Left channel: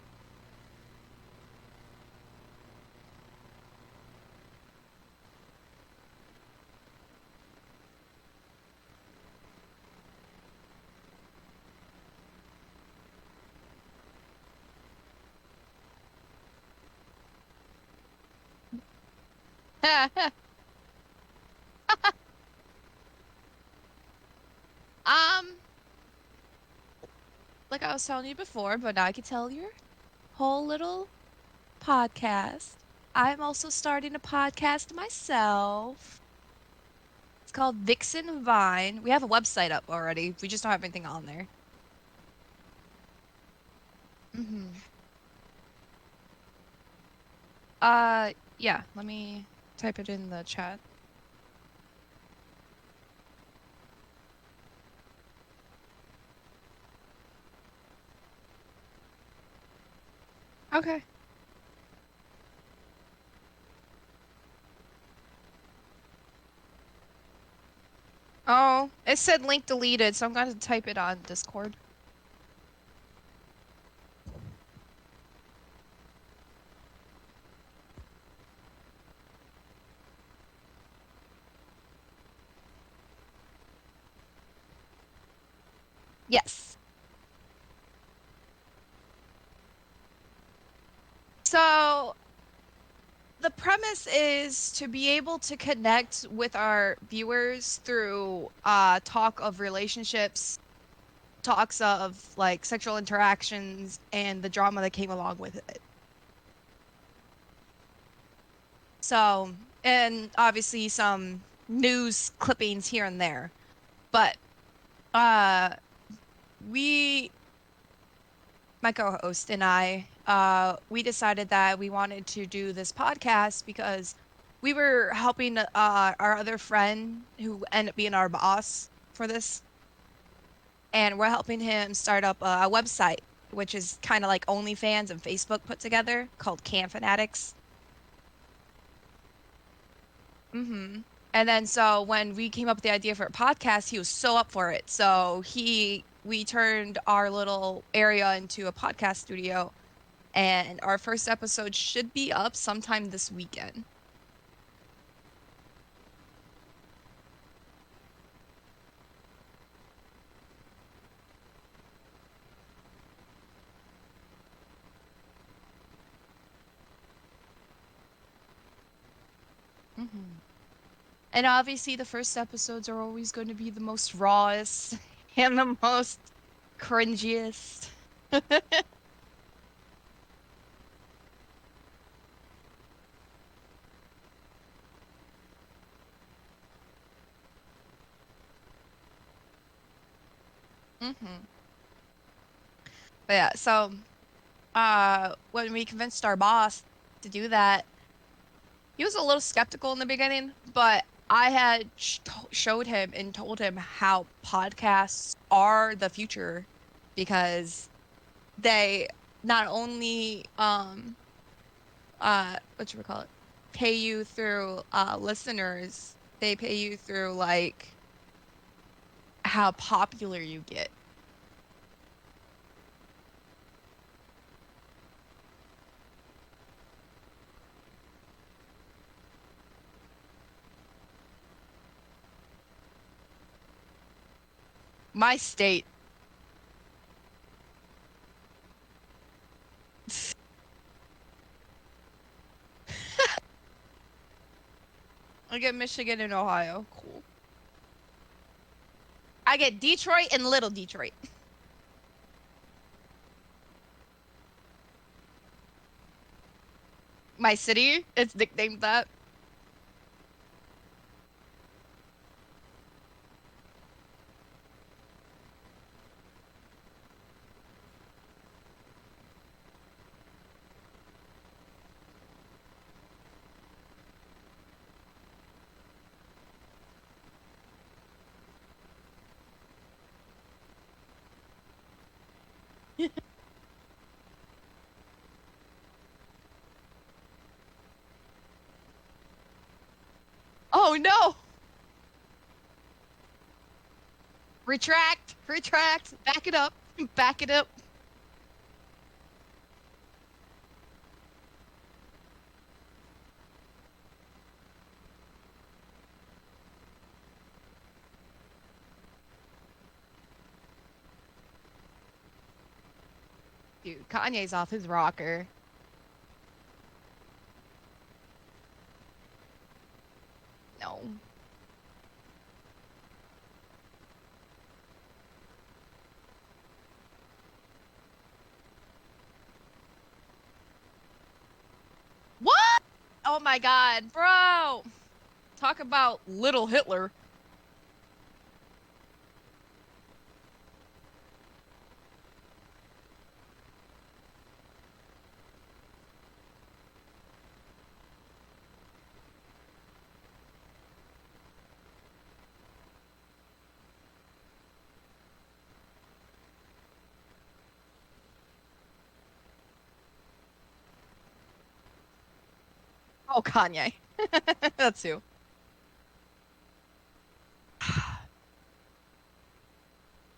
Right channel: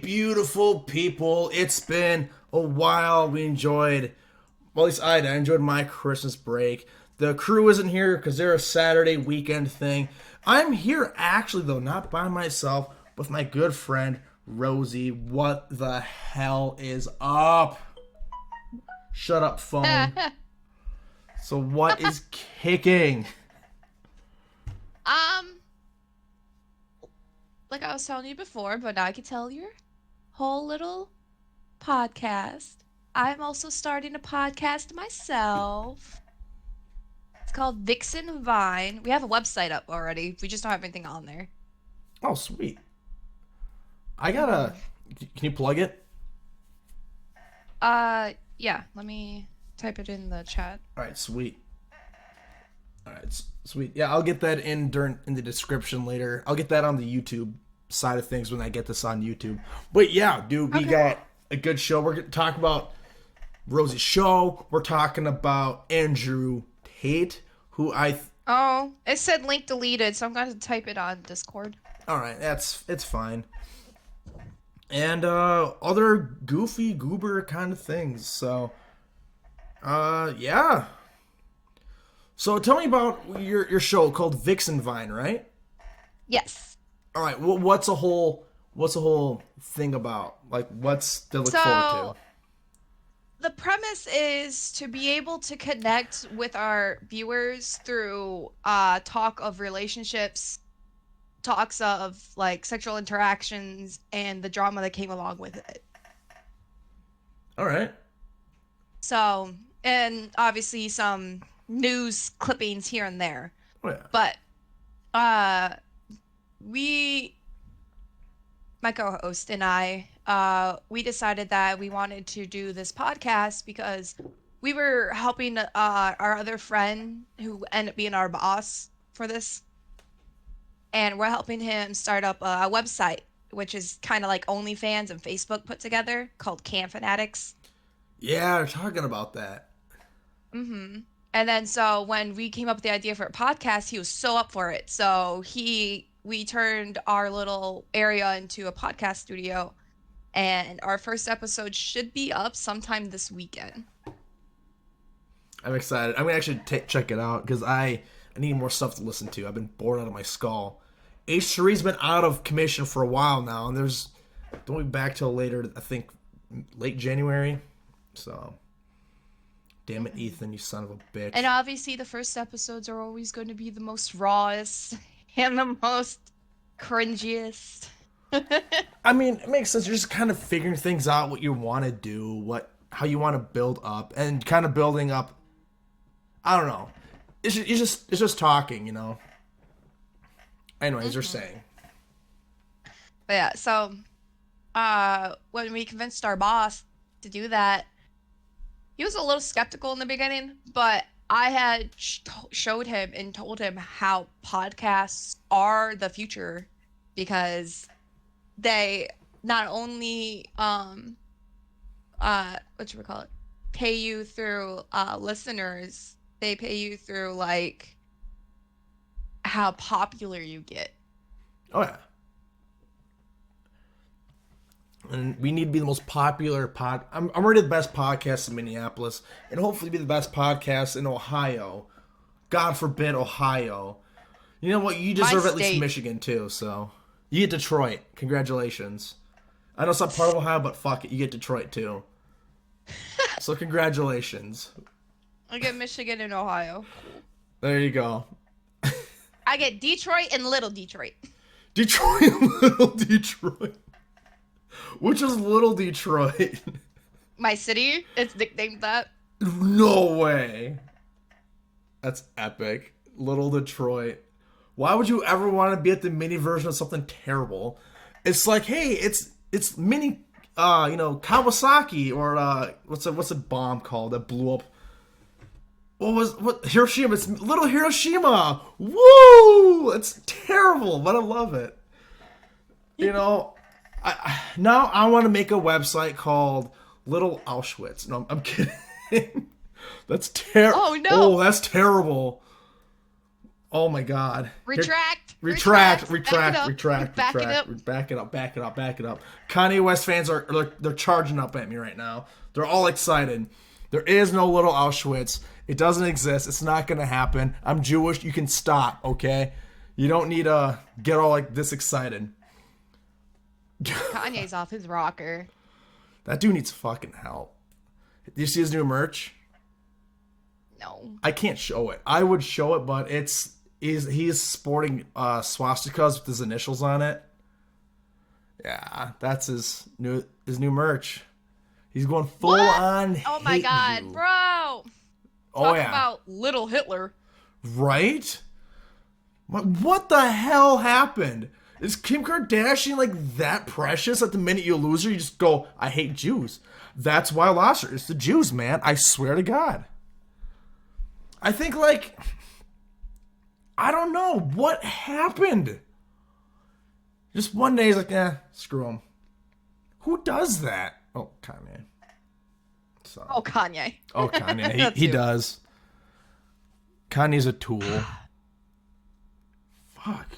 Beautiful people. It's been a while. Well, at least I enjoyed my Christmas break. The crew isn't here because they're a Saturday weekend thing. I'm here actually, though, not by myself, with my good friend, Rosie. What the hell is up? Shut up, phone. So, what is kicking? Um, like I was telling you before, but now I can tell your whole little podcast. I'm also starting a podcast myself. It's called Vixen Vine. We have a website up already. We just don't have anything on there. Oh, sweet. I gotta. hmm Can you plug it? yeah, let me type it in the chat. Alright, sweet. All right, sweet. Yeah, I'll get that in the description later. I'll get that on the YouTube side of things when I get this on YouTube. But yeah, dude, we Okay. got a good show. We're gonna talk about Rosie's show. We're talking about Andrew Tate, who Oh, it said link deleted, so I'm going to type it on Discord. all right, it's fine. And other goofy goober kind of things. So yeah. So tell me about your show called Vixen Vine, right? Yes. All right. What's the whole thing about? Like, what's to look forward to? So the premise is to be able to connect with our viewers through talk of relationships, talks of like sexual interactions, and the drama that came along with it. All right. So, and obviously some news clippings here and there. Oh, yeah. But uh we my co-host and we decided that we wanted to do this podcast because we were helping our other friend who ended up being our boss for this, and we're helping him start up a website, which is kind of like OnlyFans and Facebook put together, called Can Fanatics. Yeah, we're talking about that. hmm And then so when we came up with the idea for a podcast, he was so up for it. So we turned our little area into a podcast studio, and our first episode should be up sometime this weekend. I'm excited. I'm gonna actually check it out because I need more stuff to listen to. I've been bored out of my skull. H3's been out of commission for a while now, and there's don't be back till later. I think late January. So, damn it, hmm Ethan, you son of a And bitch. obviously, the first episodes are always going to be the most rawest and the most cringiest. I mean, it makes sense. You're just kind of figuring things out, what you want to do, how you want to build up, and kind of building up. I don't know. It's just talking, you know. Anyways, you're hmm saying. But yeah, so when we convinced our boss to do that, he was a little skeptical in the beginning, but I had showed him and told him how podcasts are the future because they not only what you would call it, pay you through listeners, they pay you through like how popular you get. Oh yeah. And we need to be the most popular I'm already the best podcast in Minneapolis, and hopefully be the best podcast in Ohio. God forbid Ohio. You know what? You My deserve at least state. Michigan too. So you get Detroit. Congratulations. I know it's not part of Ohio, but fuck it, you get Detroit too. So congratulations. I get Michigan and Ohio. Cool. There you go. I get Detroit and Little Detroit. Detroit, Little Detroit. Which is Little Detroit? My city, it's nicknamed that. No way. That's epic. Little Detroit. Why would you ever want to be at the mini version of something terrible? It's like, hey, it's mini, Kawasaki or what's a bomb called that blew up? What Hiroshima? It's Little Hiroshima. Woo! It's terrible, but I love it. You know, now I want to make a website called Little Auschwitz. No, I'm kidding. That's terrible. Oh no! Oh, that's terrible. Oh my God. Retract, Retract, back it retract, up, retract, back it up. retract. Back it up, back it up, back it up. Kanye West fans they're charging up at me right now. They're all excited. There is no little Auschwitz. It doesn't exist. It's not gonna happen. I'm Jewish. You can stop, okay? You don't need to get all like this excited. Kanye's off his rocker. That dude needs fucking help. Do you see his new merch? No. I can't show it. I would show it, but he's sporting swastikas with his initials on it. Yeah, that's his new merch. He's going full on. Oh my hate God, you. bro! Oh, Talk yeah. about little Hitler. Right? What the hell happened? Is Kim Kardashian like that precious that the minute you lose her, you just go, I hate Jews? That's why I lost her. It's the Jews, man. I swear to God. I think, like, I don't know. What happened? Just one day he's like, screw him. Who does that? Oh, Kanye. So. Oh, Kanye. Oh, Kanye. That's he you. does. Kanye's a tool. Fuck.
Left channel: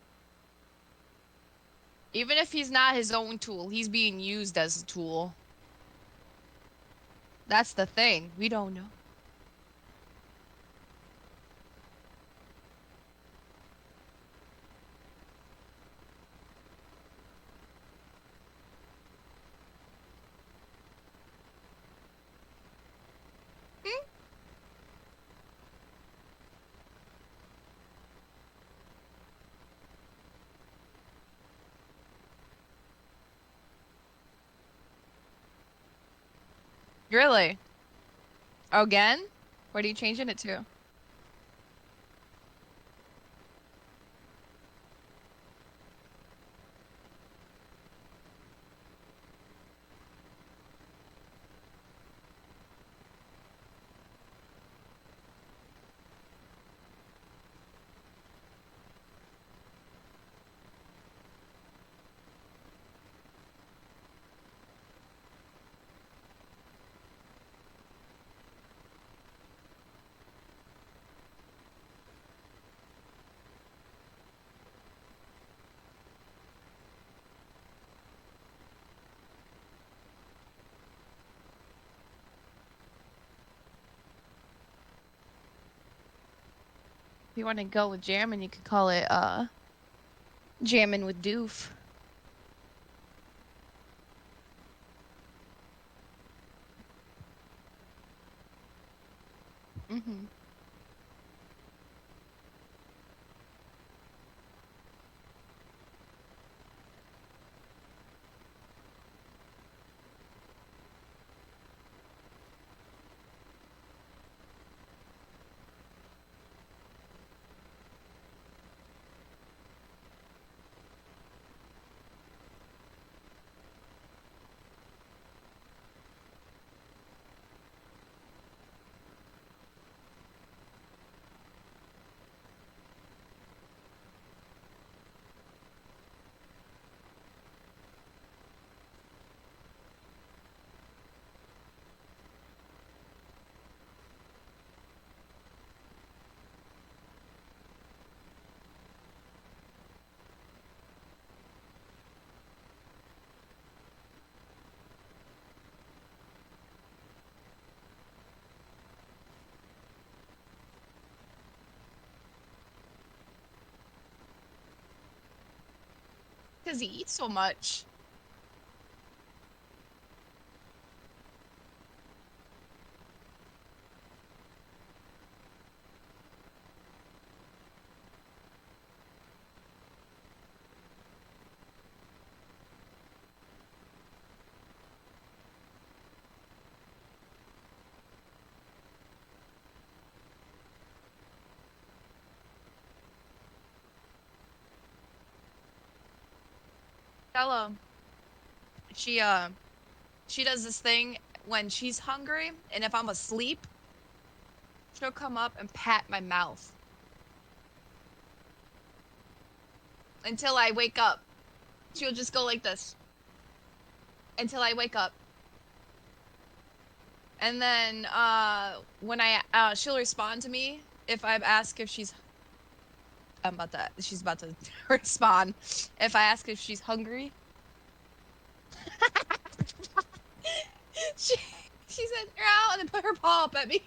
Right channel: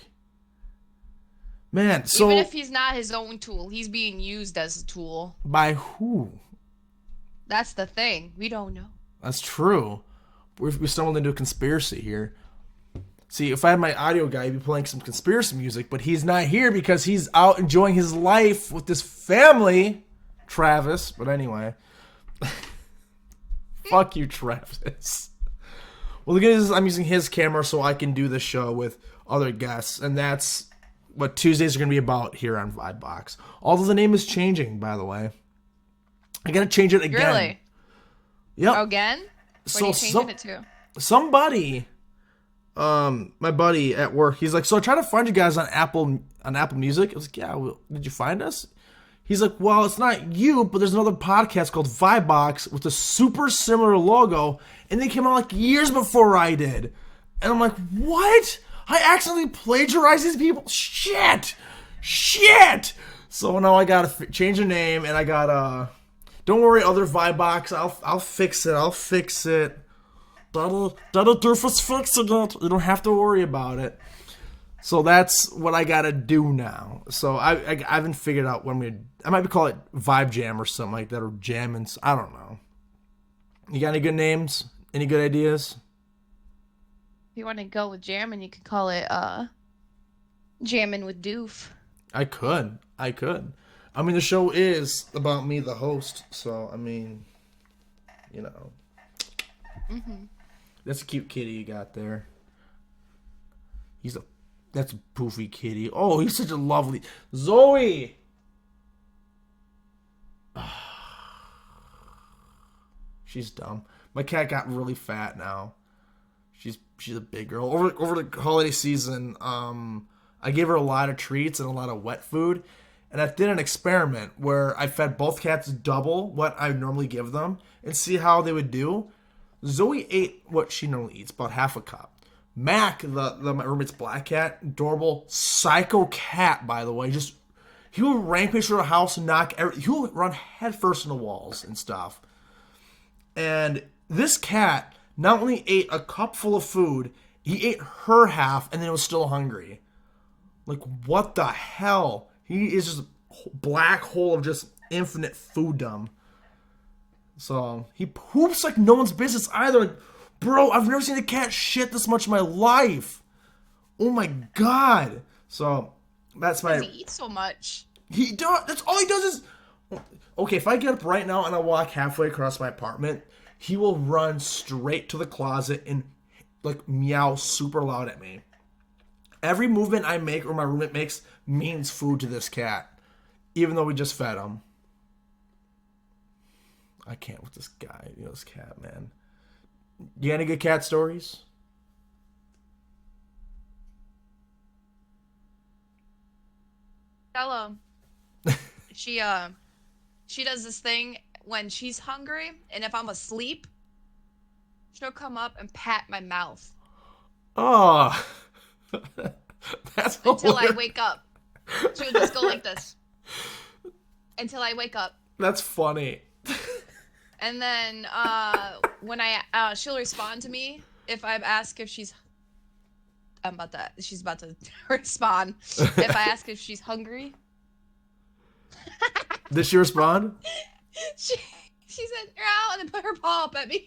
Man, so... Even if he's not his own tool, he's being used as a tool. By who? That's the thing. We don't know. That's true. We stumbled into a conspiracy here. See, if I had my audio guy, he'd be playing some conspiracy music, but he's not here because he's out enjoying his life with this family, Travis. But anyway. Fuck you, Travis. Well, the good news is I'm using his camera so I can do the show with other guests, and that's what Tuesdays are going to be about here on Vibebox. Although the name is changing, by the way. I got to change it again. Really? Yep. Again? What are you changing it to? Somebody, my buddy at work, he's like, so I tried to find you guys on Apple Music. I was like, yeah, well, did you find us? He's like, well, it's not you, but there's another podcast called Vibebox with a super similar logo, and they came out like years before I did. And I'm like, what? I accidentally plagiarized these people? Shit! So now I gotta change the name, and I gotta... Don't worry, other Vibebox. I'll fix it. That'll do for fixing it. You don't have to worry about it. So that's what I gotta do now. So I haven't figured out what I'm gonna. I might call it Vibe Jam or something like that, or Jammin'. I don't know. You got any good names? Any good ideas? If you want to go with jamming, you could call it Jammin' with Doof. I could. I mean, the show is about me, the host. So I mean, you know. Mm-hmm. That's a cute kitty you got there. That's a poofy kitty. Oh, he's such a lovely Zoe. She's dumb. My cat got really fat now. She's a big girl. Over the holiday season, I gave her a lot of treats and a lot of wet food, and I did an experiment where I fed both cats double what I normally give them and see how they would do. Zoe ate what she normally eats, about half a cup. Mac, my roommate's black cat, adorable, psycho cat, by the way, he will rampage through the house and he will run headfirst in the walls and stuff. And this cat not only ate a cup full of food, he ate her half and then was still hungry. Like, what the hell? He is just a black hole of just infinite fooddom. So, he poops like no one's business either. Like, bro, I've never seen a cat shit this much in my life. Oh my god. So, that's my... Because he eats so much. He does. That's all he does is... Okay, if I get up right now and I walk halfway across my apartment, he will run straight to the closet and, like, meow super loud at me. Every movement I make or my roommate makes means food to this cat. Even though we just fed him. I can't with this guy, this cat, man. You got any good cat stories? Stella, she does this thing when she's hungry, and if I'm asleep, she'll come up and pat my mouth. Oh, that's until hilarious. I wake up. She'll just go like this until I wake up. That's funny. And then when she'll respond to me if I ask if she's She's about to respond. If I ask if she's hungry, Did she respond? she she said meow and then put her paw up at me.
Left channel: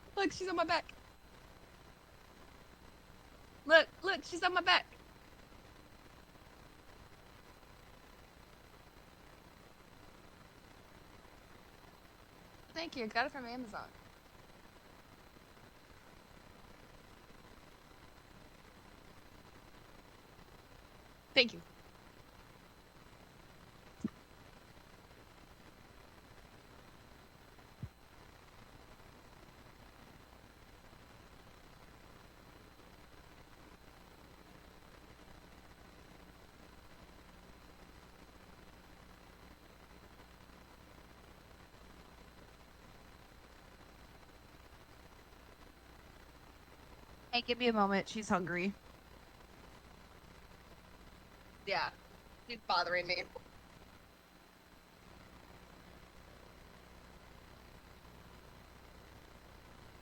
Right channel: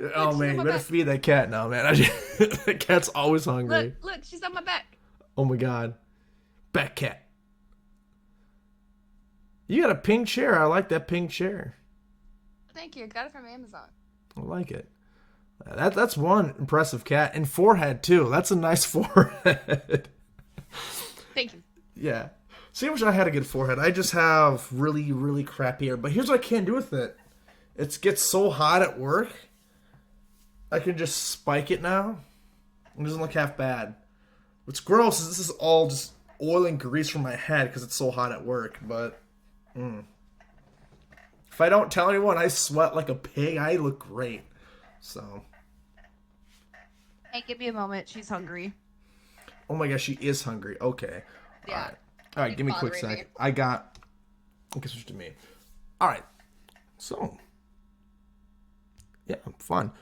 Look, Oh she's man, on you my better back. feed that cat now, man. That cat's always hungry. Look, she's on my back. Oh my god. Bat cat. You got a pink chair. I like that pink chair. Thank you. Got it from Amazon. I like it. That's one impressive cat. And forehead, too. That's a nice forehead. Thank you. Yeah. See, I wish I had a good forehead. I just have really, really crappy hair. But here's what I can't do with it. It gets so hot at work. I can just spike it now. It doesn't look half bad. What's gross is this is all just oil and grease from my head because it's so hot at work. But if I don't tell anyone I sweat like a pig, I look great. So. Hey, give me a moment. She's hungry. Oh my gosh, she is hungry. Okay. Yeah. All right, give me a quick bothering me. second. I got. Okay, switch to me. All right. So. Yeah, fun.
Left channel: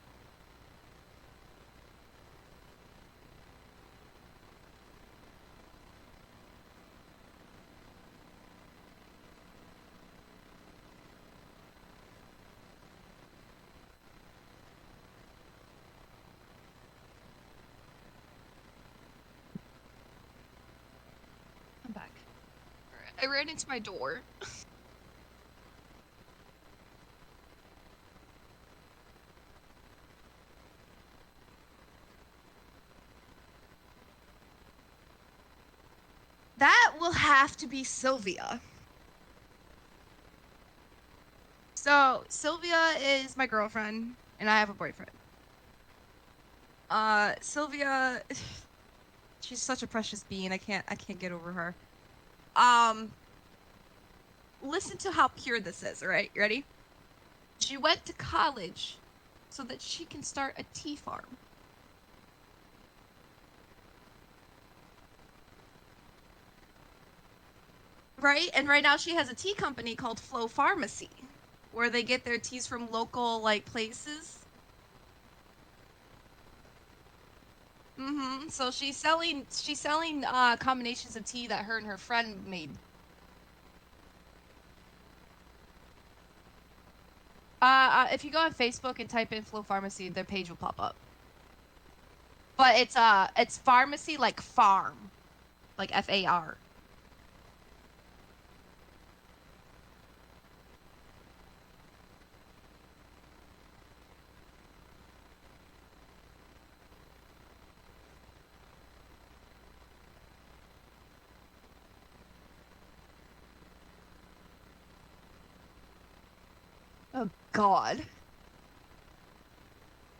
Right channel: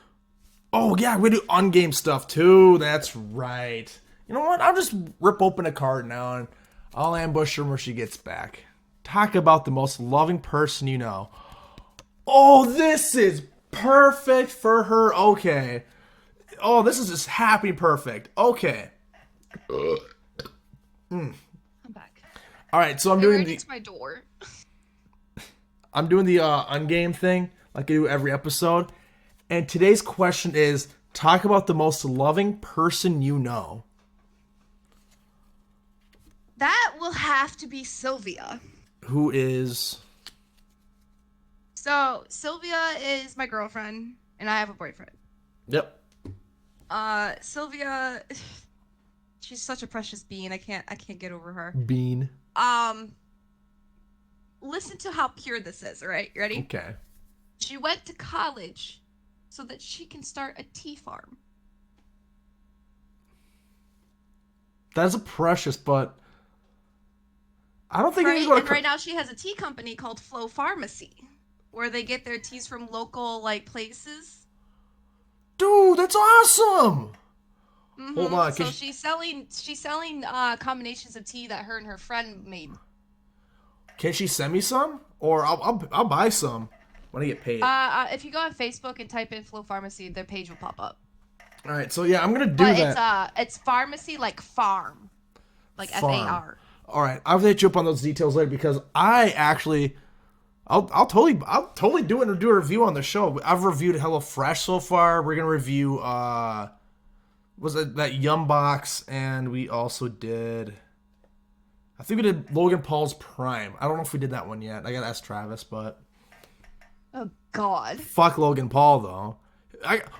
Oh yeah, we do on-game stuff too. That's right. You know what? I'll just rip open a card now and I'll ambush her when she gets back. Talk about the most loving person you know. Oh, this is perfect for her. Okay. Oh, this is just happy perfect. Okay. I'm back. All right, so I'm I doing ran the into my door. on-game thing like I do every episode. And today's question is talk about the most loving person you know. That will have to be Sylvia. Who is So Sylvia is my girlfriend, and I have a boyfriend. Yep. Sylvia, she's such a precious being. I can't get over her. Bean. Listen to how pure this is. All right, you ready? Okay. She went to college so that she can start a tea farm. That's a precious, but I don't think Right, and right now she has a tea company called Flow Pharmacy, where they get their teas from local places. Dude, that's awesome. Mm-hmm. Hold on, So she's selling combinations of tea that her and her friend made. Can she send me some, or I'll buy some when I get paid? If you go on Facebook and type in Flow Pharmacy, their page will pop up. All right, so yeah, I'm gonna do But that. it's pharmacy like farm, like Farm. FAR. All right, I'll hit you up on those details later because I actually, I'll totally do a review on the show. I've reviewed HelloFresh so far. We're gonna review was it that Yum Box, and we also did. I think we did Logan Paul's Prime. I don't know if we did that one yet. I gotta ask Travis, but Oh God. fuck Logan Paul though.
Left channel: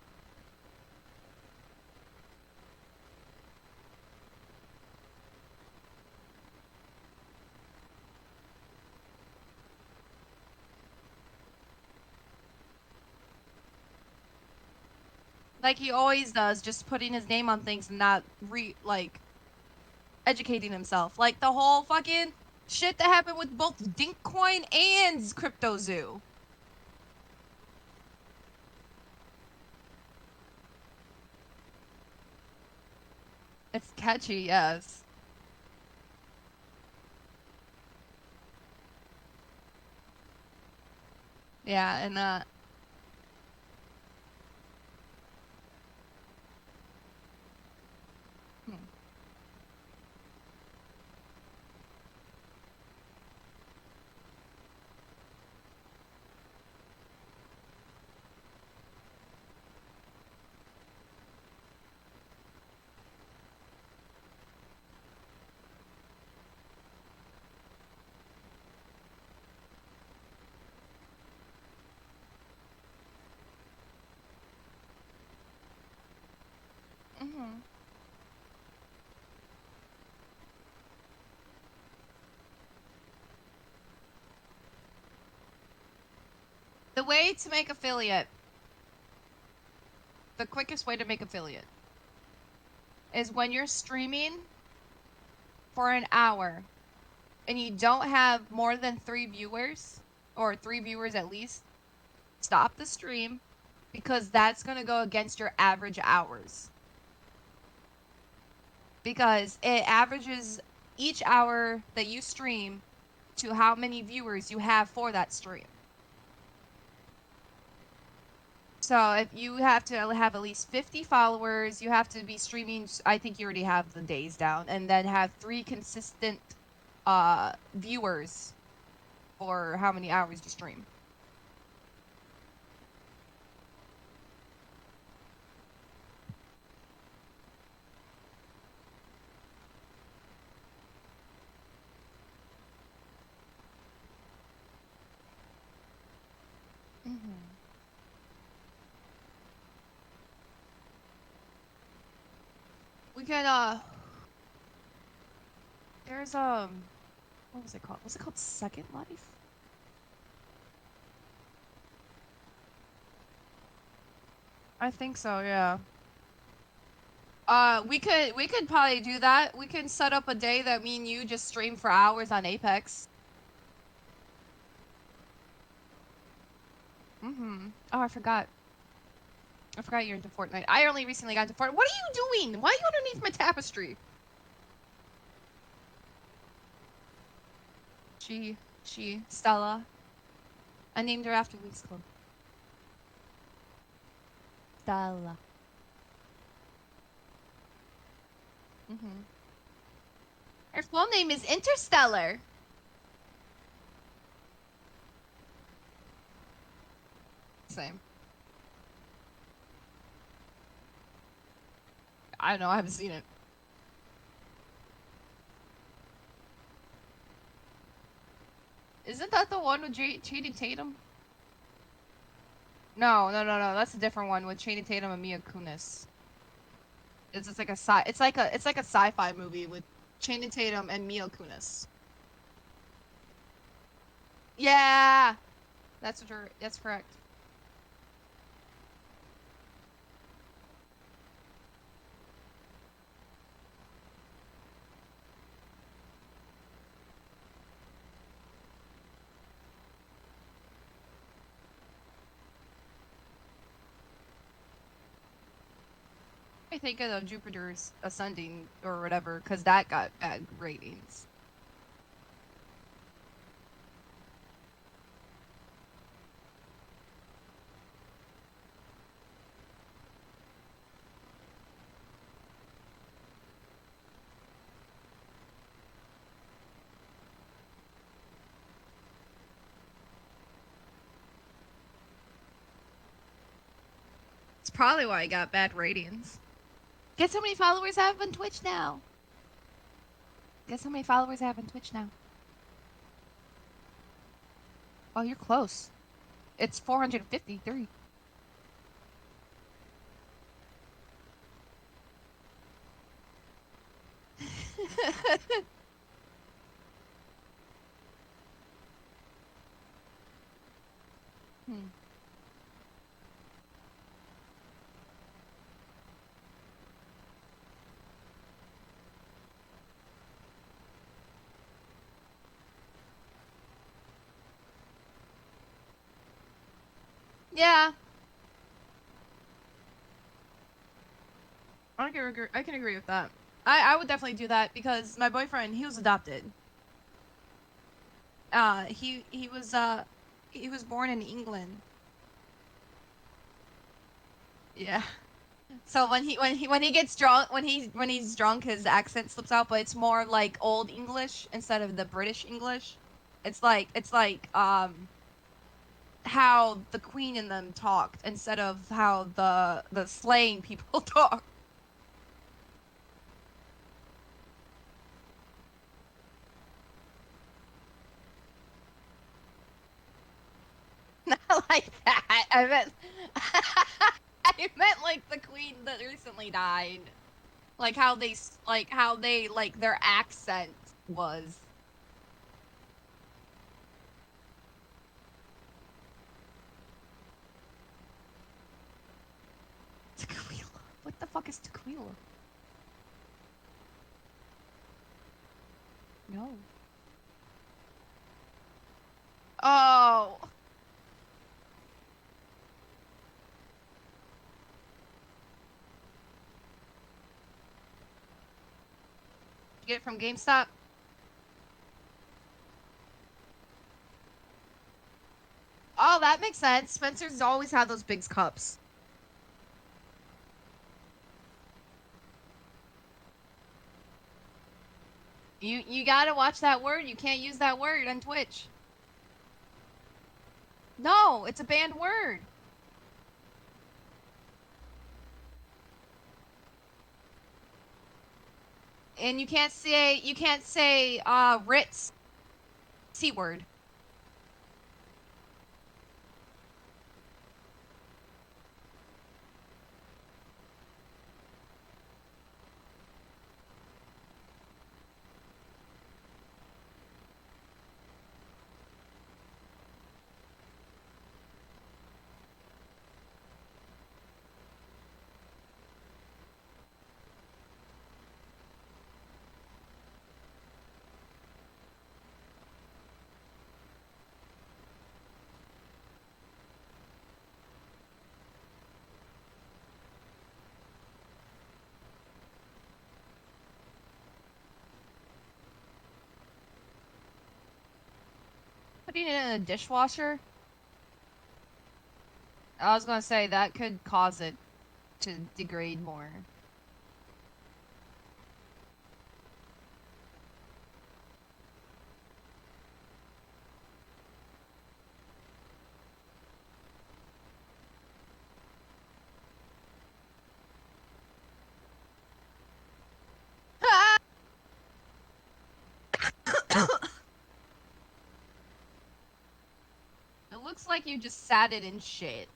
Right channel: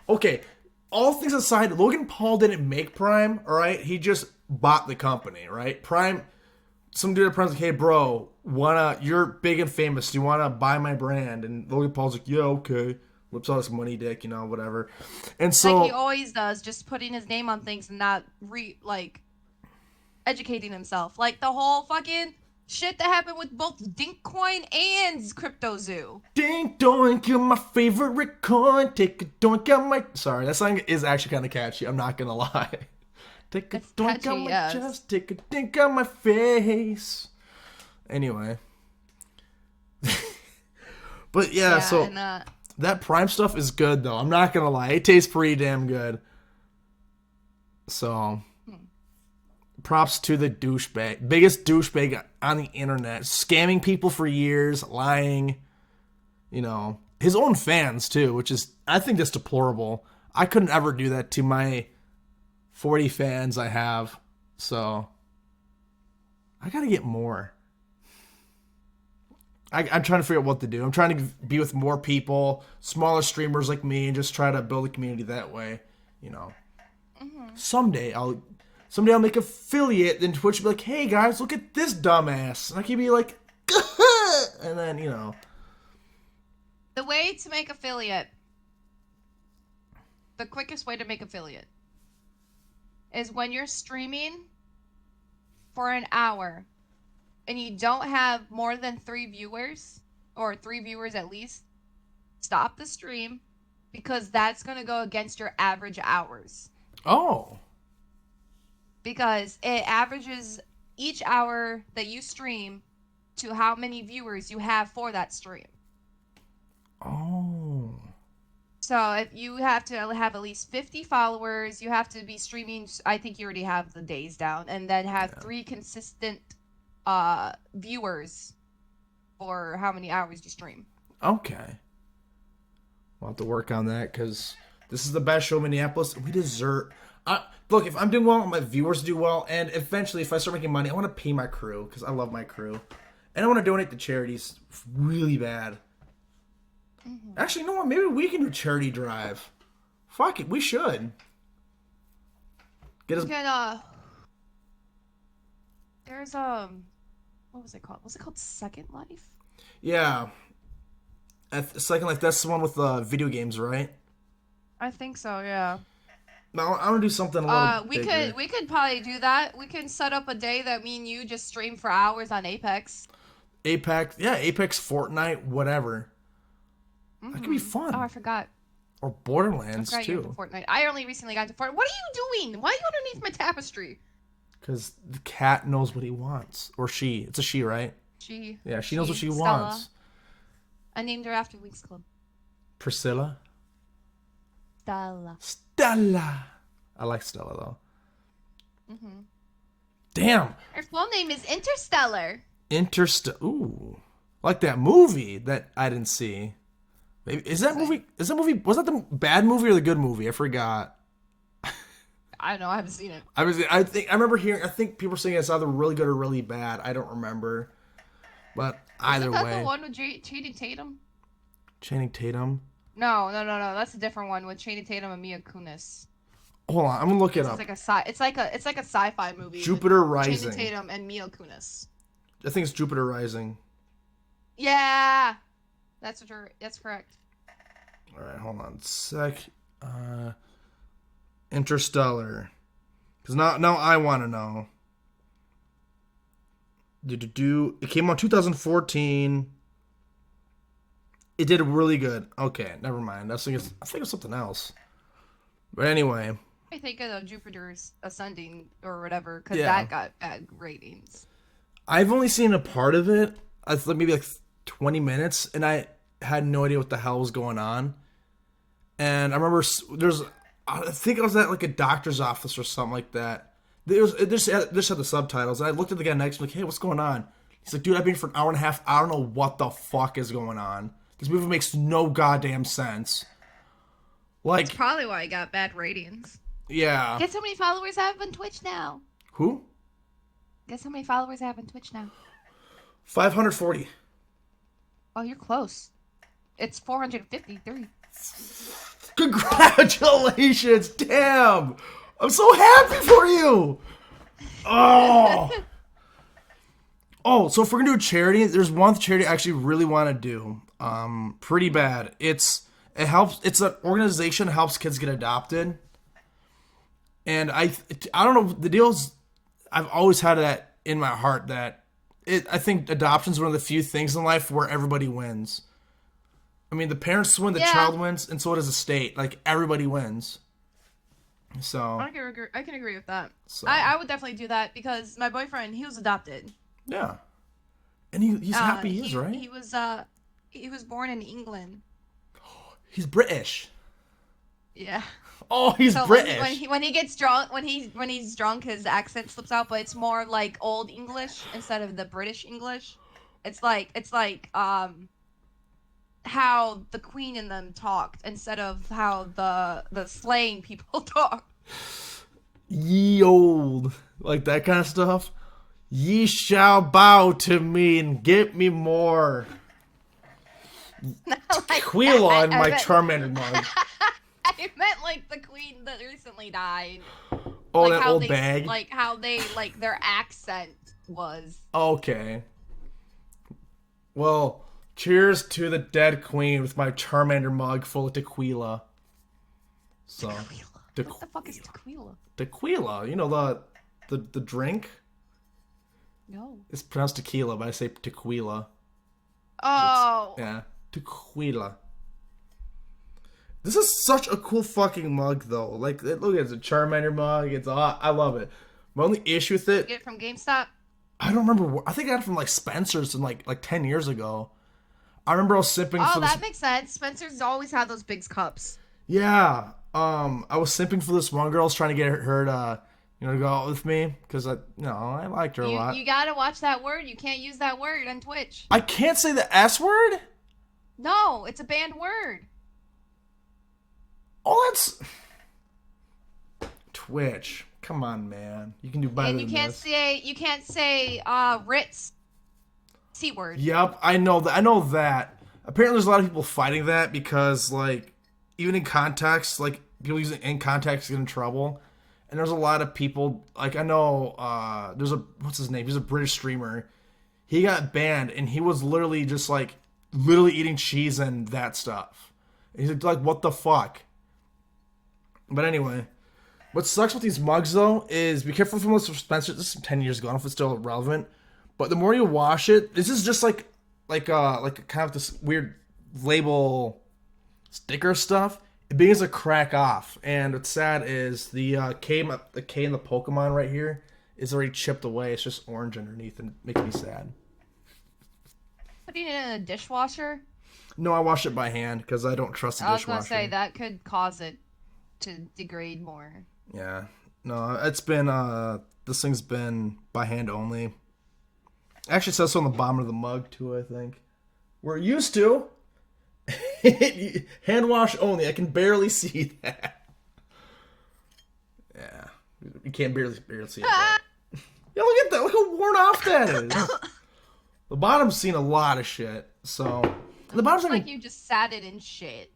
Okay. All things aside, Logan Paul didn't make Prime. All right, he just bought the company. Right, Prime. Some dude at Prime's like, hey bro, you're big and famous. Do you wanna buy my brand? And Logan Paul's like, yeah, okay. Whips out his money dick, whatever. And so Like he always does, just putting his name on things and not educating himself. Like the whole fucking shit that happened with both Dinkcoin and CryptoZoo. Dink doink, you're my favorite coin. Take a doink out my. Sorry, that song is actually kind of catchy. I'm not gonna lie. Take a It's doink catchy, out my yes. chest. Take a dink out my face. Anyway. But yeah, so and that Prime stuff is good though. I'm not gonna lie. It tastes pretty damn good. So. Props to the douchebag. Biggest douchebag on the internet. Scamming people for years, lying. His own fans too, which is, I think that's deplorable. I couldn't ever do that to my 40 fans I have. So, I gotta get more. I'm trying to figure out what to do. I'm trying to be with more people, smaller streamers like me, and just try to build a community that way. Someday I'll make affiliate, then Twitch will be like, hey guys, look at this dumbass. And I can be like, and then, the way to make affiliate, the quickest way to make affiliate is when you're streaming for an hour and you don't have more than 3 viewers, or 3 viewers at least, stop the stream, because that's going to go against your average hours. Oh. Because it averages each hour that you stream to how many viewers you have for that stream. Oh. So if you have to have at least 50 followers, you have to be streaming. I think you already have the days down, and then have 3 consistent viewers for how many hours you stream. Okay. We'll have to work on that because this is the best show in Minneapolis. We deserve. Look, if I'm doing well, my viewers do well, and eventually, if I start making money, I want to pay my crew because I love my crew, and I want to donate to charities really bad. Mm-hmm. Actually, you know what? Maybe we can do a charity drive. Fuck it, we should. Get us. There's what was it called? Was it called Second Life? Yeah. Second Life. That's the one with video games, right? I think so. Yeah. No, I want to do something a little bigger. We could probably do that. We can set up a day that me and you just stream for hours on Apex. Apex, Fortnite, whatever. Mm-hmm. That could be fun. Oh, I forgot. Or Borderlands, I forgot too. you're into Fortnite. I only recently got into Fortnite. What are you doing? Why are you underneath my tapestry? Because the cat knows what he wants. Or she. It's a she, right? She. Yeah, she knows what she Stella. wants. I named her after Winx Club. Priscilla? Stella. Stella. I like Stella, though. Mm-hmm. Damn. Her full name is Interstellar. Ooh. Like that movie that I didn't see. Is that movie, was that the bad movie or the good movie? I forgot. I don't know. I haven't seen it. I think people were saying it's either really good or really bad. I don't remember. But either way. Isn't that the one with Channing Tatum? Channing Tatum? No. That's a different one with Channing Tatum and Mila Kunis. Hold on, I'm gonna look it up. It's like a sci-fi movie. Jupiter Rising. Channing Tatum and Mila Kunis. I think it's Jupiter Rising. Yeah, that's correct. All right, hold on a sec. Interstellar. Because now I want to know. It came out 2014. It did really good. Okay, never mind. I think it's something else. But anyway. I think of Jupiter's Ascending or whatever, because that got bad ratings. I've only seen a part of it. Maybe like 20 minutes, and I had no idea what the hell was going on. And I remember I think I was at like a doctor's office or something like that. It just had the subtitles. And I looked at the guy next to me like, hey, what's going on? He's like, dude, I've been here for an hour and a half. I don't know what the fuck is going on. This movie makes no goddamn sense. Like, that's probably why I got bad ratings. Yeah. Guess how many followers I have on Twitch now? Who? Guess how many followers I have on Twitch now? 540. Oh, you're close. It's 453. Congratulations! Damn! I'm so happy for you! Oh! So if we're gonna do a charity, there's one charity I actually really want to do. Pretty bad. It's an organization that helps kids get adopted. And I don't know, the deal is, I've always had that in my heart that I think adoption is one of the few things in life where everybody wins. I mean, the parents win, the child wins, and so does the state. Like, everybody wins. So I can agree with that. So. I would definitely do that because my boyfriend, he was adopted. Yeah. And he's happy he is, right? He was born in England. He's British. Yeah. Oh, he's British. When he gets drunk, when he's drunk, his accent slips out, but it's more like old English instead of the British English. It's like how the Queen and them talked instead of how the slang people talk. Ye old, like that kind of stuff. Ye shall bow to me and get me more. Not like Tequila on my Charmander mug. I meant like the Queen that recently died. Oh, like that how old they bag? like how they like their accent was. Okay. Well, cheers to the dead queen with my Charmander mug full of tequila. So, tequila. What the fuck is tequila? Tequila, you know the drink? No. It's pronounced tequila, but I say tequila. Oh. Yeah, tequila. This is such a cool fucking mug, though. Like, look, it's a Charmander mug. It's I love it. My only issue with Did you it, get it from GameStop? I don't remember. I think I got it from like Spencer's in like 10 years ago. I remember I was simping Oh, for this. that makes sense. Spencer's always had those big cups. Yeah. I was simping for this one girl. I was trying to get her to, to go out with me because I liked her a lot. You gotta watch that word. You can't use that word on Twitch. I can't say the S word. No, it's a banned word. Oh, that's Twitch. Come on, man. You can do better And you than can't this. say Ritz C word. Yep, I know that. I know that. Apparently, there's a lot of people fighting that because, like, even in context, like people using it in context get in trouble. And there's a lot of people. Like, I know. There's a what's his name? He's a British streamer. He got banned, and he was literally just like, literally eating cheese and that stuff. And he's like, what the fuck? But anyway, what sucks with these mugs though is be careful from what's Spencer. This is 10 years ago. I don't know if it's still relevant. But the more you wash it, this is just like kind of this weird label sticker stuff. It begins to crack off, and what's sad is the K in the Pokemon right here is already chipped away. It's just orange underneath, and making me sad. Putting it in a dishwasher. No, I wash it by hand because I don't trust the I was dishwasher. gonna say that could cause it to degrade more. Yeah, no, it's been this thing's been by hand only. Actually, it says so on the bottom of the mug too. I think we're used to hand wash only. I can barely see that. Yeah, you can't barely see it. Yeah, look at that. Look how worn off that is. The bottom's seen a lot of shit. So the bottom's Looks like you just sat it in shit.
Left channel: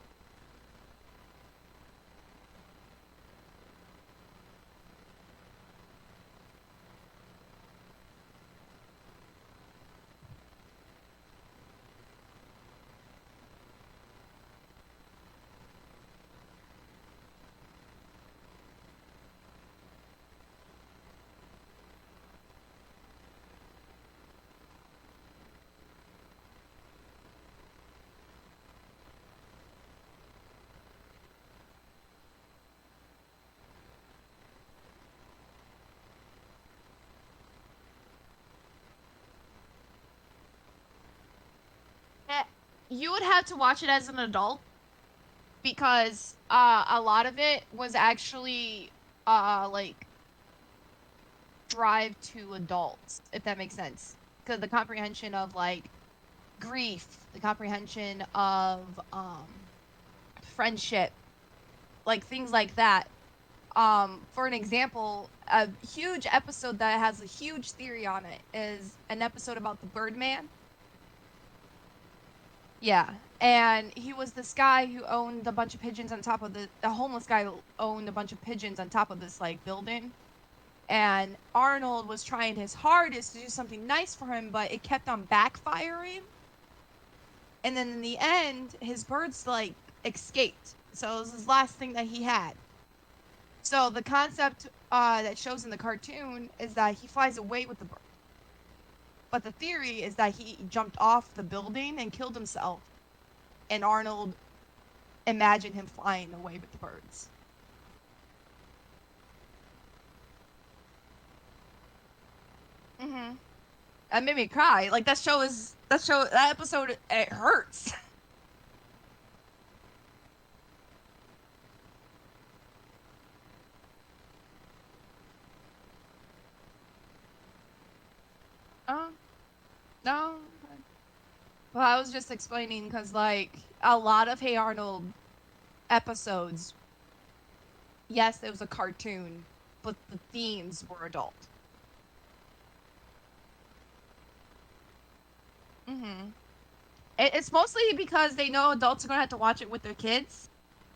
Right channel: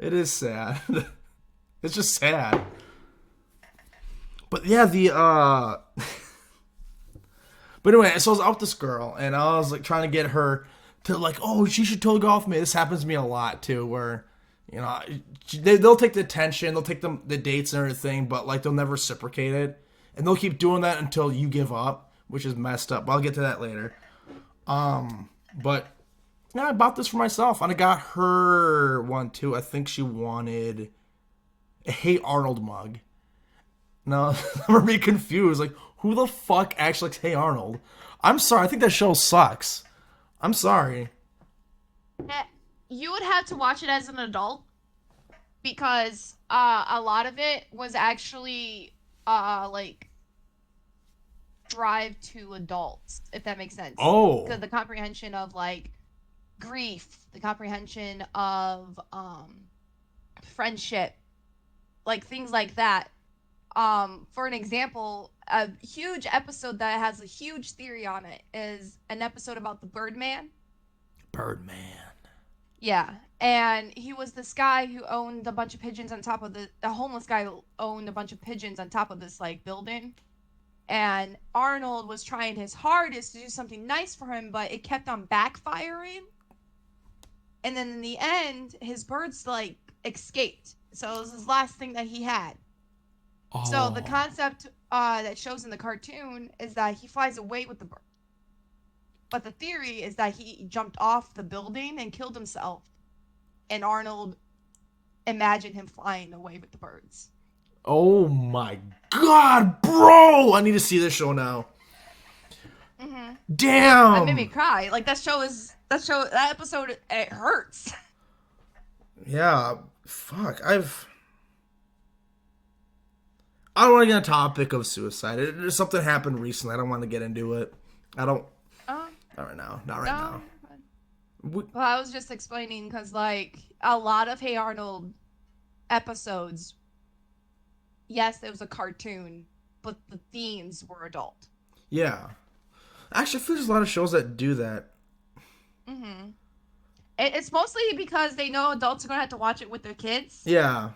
It is sad. It's just sad. But yeah, But anyway, so I was out with this girl, and I was like trying to get her to like, oh, she should totally go off me. This happens to me a lot too, where, they'll take the attention, they'll take the dates and everything, but like they'll never reciprocate it, and they'll keep doing that until you give up, which is messed up. But I'll get to that later. But yeah, I bought this for myself, and I got her one too. I think she wanted a Hey Arnold mug. No, I'm gonna be confused. Like, who the fuck actually likes Hey Arnold? I'm sorry. I think that show sucks. I'm sorry. You would have to watch it as an adult because a lot of it was actually like drive to adults, if that makes sense. Oh. Because the comprehension of like grief, the comprehension of friendship, like things like that. For an example, a huge episode that has a huge theory on it is an episode about the Birdman. Birdman. Yeah, and he was this guy who owned a bunch of pigeons on top of the homeless guy who owned a bunch of pigeons on top of this like building. And Arnold was trying his hardest to do something nice for him, but it kept on backfiring. And then in the end, his birds like escaped. So it was his last thing that he had. Oh. So the concept that shows in the cartoon is that he flies away with the bird. But the theory is that he jumped off the building and killed himself. And Arnold imagined him flying away with the birds. Oh my god, bro! I need to see this show now. Mm-hmm. Damn! That made me cry. Like that episode, it hurts. Yeah, fuck. I don't want to get on the topic of suicide. Something happened recently. I don't want to get into it. I don't. Not right now. Not right now. Well, I was just explaining because, like, a lot of Hey Arnold episodes, yes, it was a cartoon, but the themes were adult. Yeah. Actually, I feel there's a lot of shows that do that. Mm-hmm. It's mostly because they know adults are going to have to watch it with their kids. Yeah.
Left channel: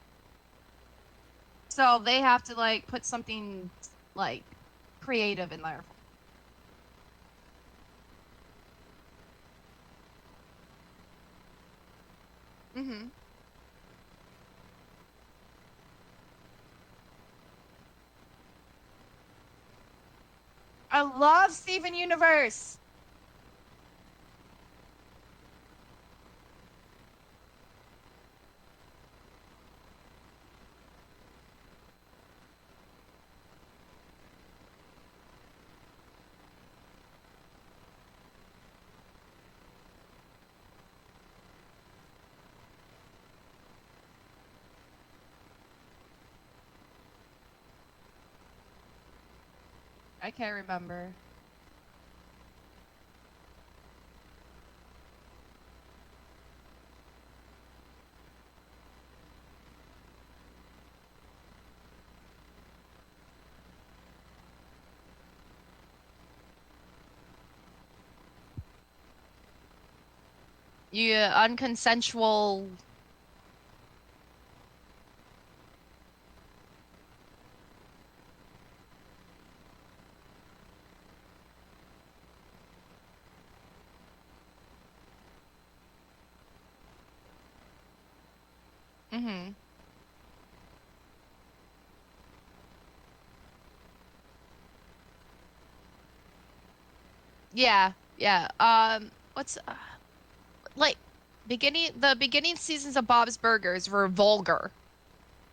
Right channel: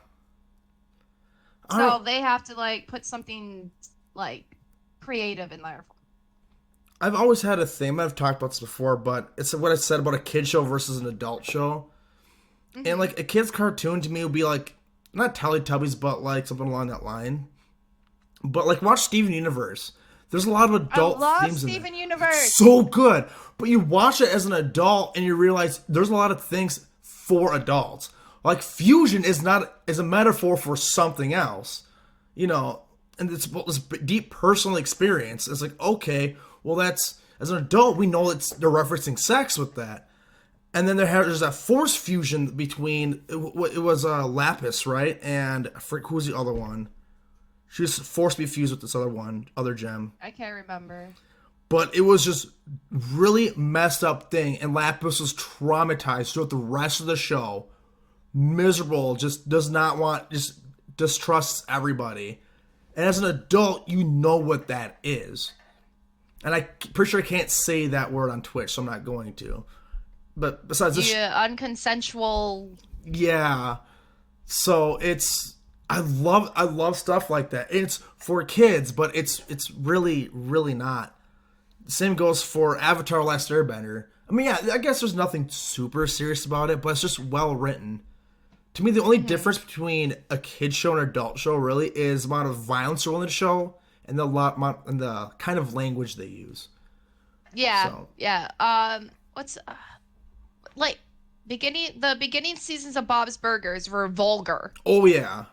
So they have to, like, put something, like, creative in there. I've always had a thing. I've talked about this before, but it's what I said about a kid show versus an adult show. Mm-hmm. And like a kid's cartoon to me would be like not Teletubbies, but like something along that line. But like watch Steven Universe. There's a lot of adult. I love Steven Universe. So good, but you watch it as an adult and you realize there's a lot of things for adults. Like fusion is a metaphor for something else, you know, and it's this deep personal experience. It's like, okay, well, that's as an adult we know they're referencing sex with that, and then there's that force fusion between it was Lapis, right, and I forget who's the other one. She was forced to be fused with this other gem. I can't remember. But it was just really messed up thing, and Lapis was traumatized throughout the rest of the show. Miserable, just does not want, just distrusts everybody. And as an adult, you know what that is. And I'm pretty sure I can't say that word on Twitch, so I'm not going to. But besides this, Yeah, unconsensual. yeah. So it's I love stuff like that. It's for kids, but it's really really not. Same goes for Avatar: Last Airbender. I mean, yeah, I guess there's nothing super serious about it, but it's just well written. To me, the only difference between a kid show and an adult show really is the amount of violence in the show and the kind of language they use. Yeah, So, yeah. What's like the beginning seasons of Bob's Burgers were vulgar, oh yeah,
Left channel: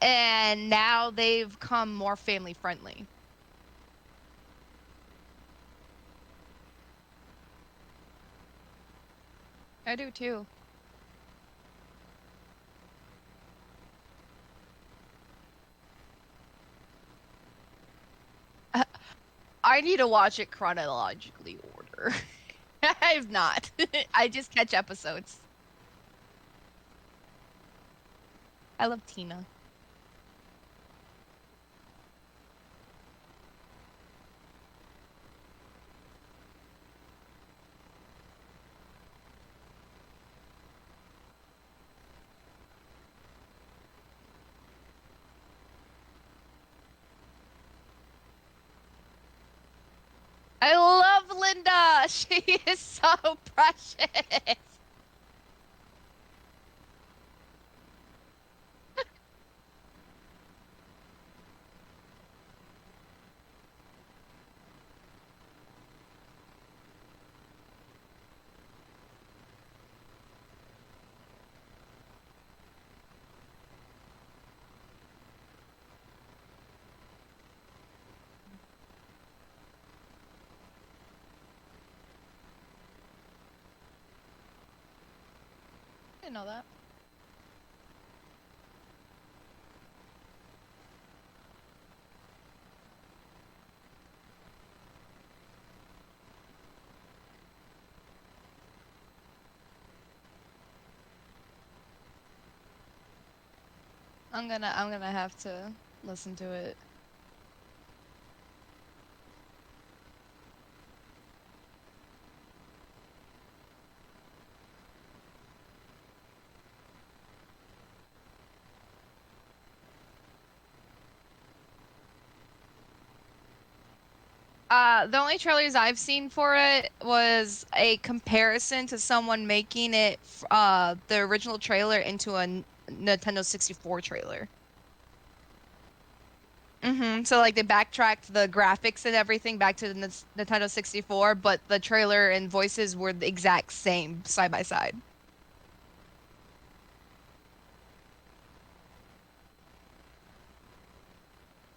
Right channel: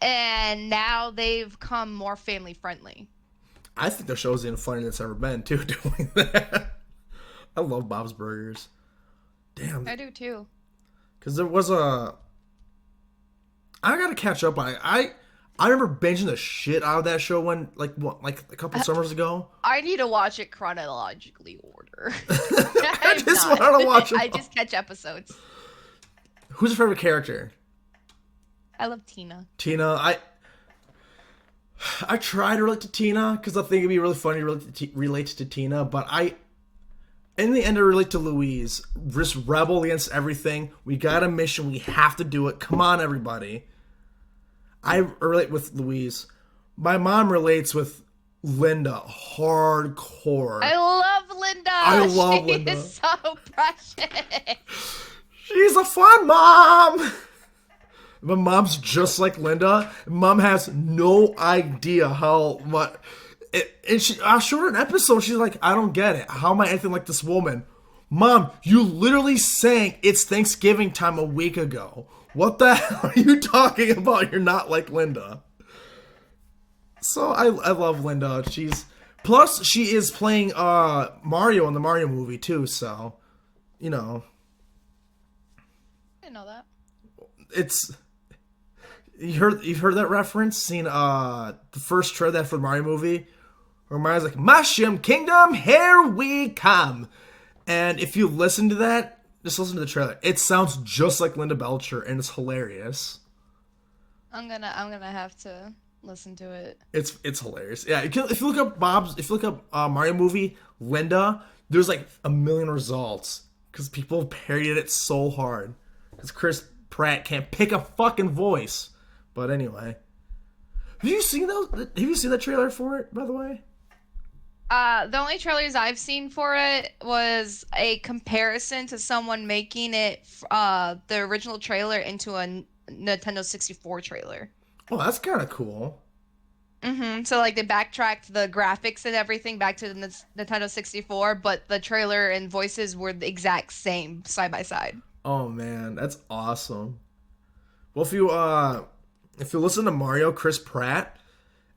and now they've come more family friendly. I think the show's even funnier than it's ever been too. Doing that, I love Bob's Burgers. Damn, I do too. because there was I gotta catch up on it. I remember binging the shit out of that show when like a couple summers ago. I need to watch it chronologically order. I I'm just not. want to watch it. I just catch episodes. Who's your favorite character? I love Tina. Tina. I try to relate to Tina because I think it'd be really funny to relate to Tina, but in the end, I relate to Louise. Just rebel against everything. We got a mission. We have to do it. Come on, everybody. I relate with Louise. My mom relates with Linda hardcore. I love Linda. I love she Linda. is so precious. She's a fun mom. My mom's just like Linda. Mom has no idea how much. And I showed her an episode. She's like, I don't get it. How am I anything like this woman? Mom, you literally sang "It's Thanksgiving Time" a week ago. What the hell are you talking about? You're not like Linda. So I love Linda. Plus she is playing Mario in the Mario movie too. So, you know, I didn't know that. it's. You've heard that reference? Seen the first trailer for the Mario movie? Where Mario's like, Mushroom Kingdom, here we come. And if you listen to that, just listen to the trailer. It sounds just like Linda Belcher, and it's hilarious. I'm gonna have to listen to it. It's hilarious. Yeah, if you look up Mario movie Linda, there's like a million results because people parodied it so hard. Because Chris Pratt can't pick a fucking voice. But anyway, have you seen those? Have you seen that trailer for it? By the way. The only trailers I've seen for it was a comparison to someone making it, the original trailer into a Nintendo 64 trailer. Oh, that's kind of cool. So like they backtracked the graphics and everything back to the Nintendo 64, but the trailer and voices were the exact same side by side. Oh man, that's awesome. Well, if you listen to Mario, Chris Pratt,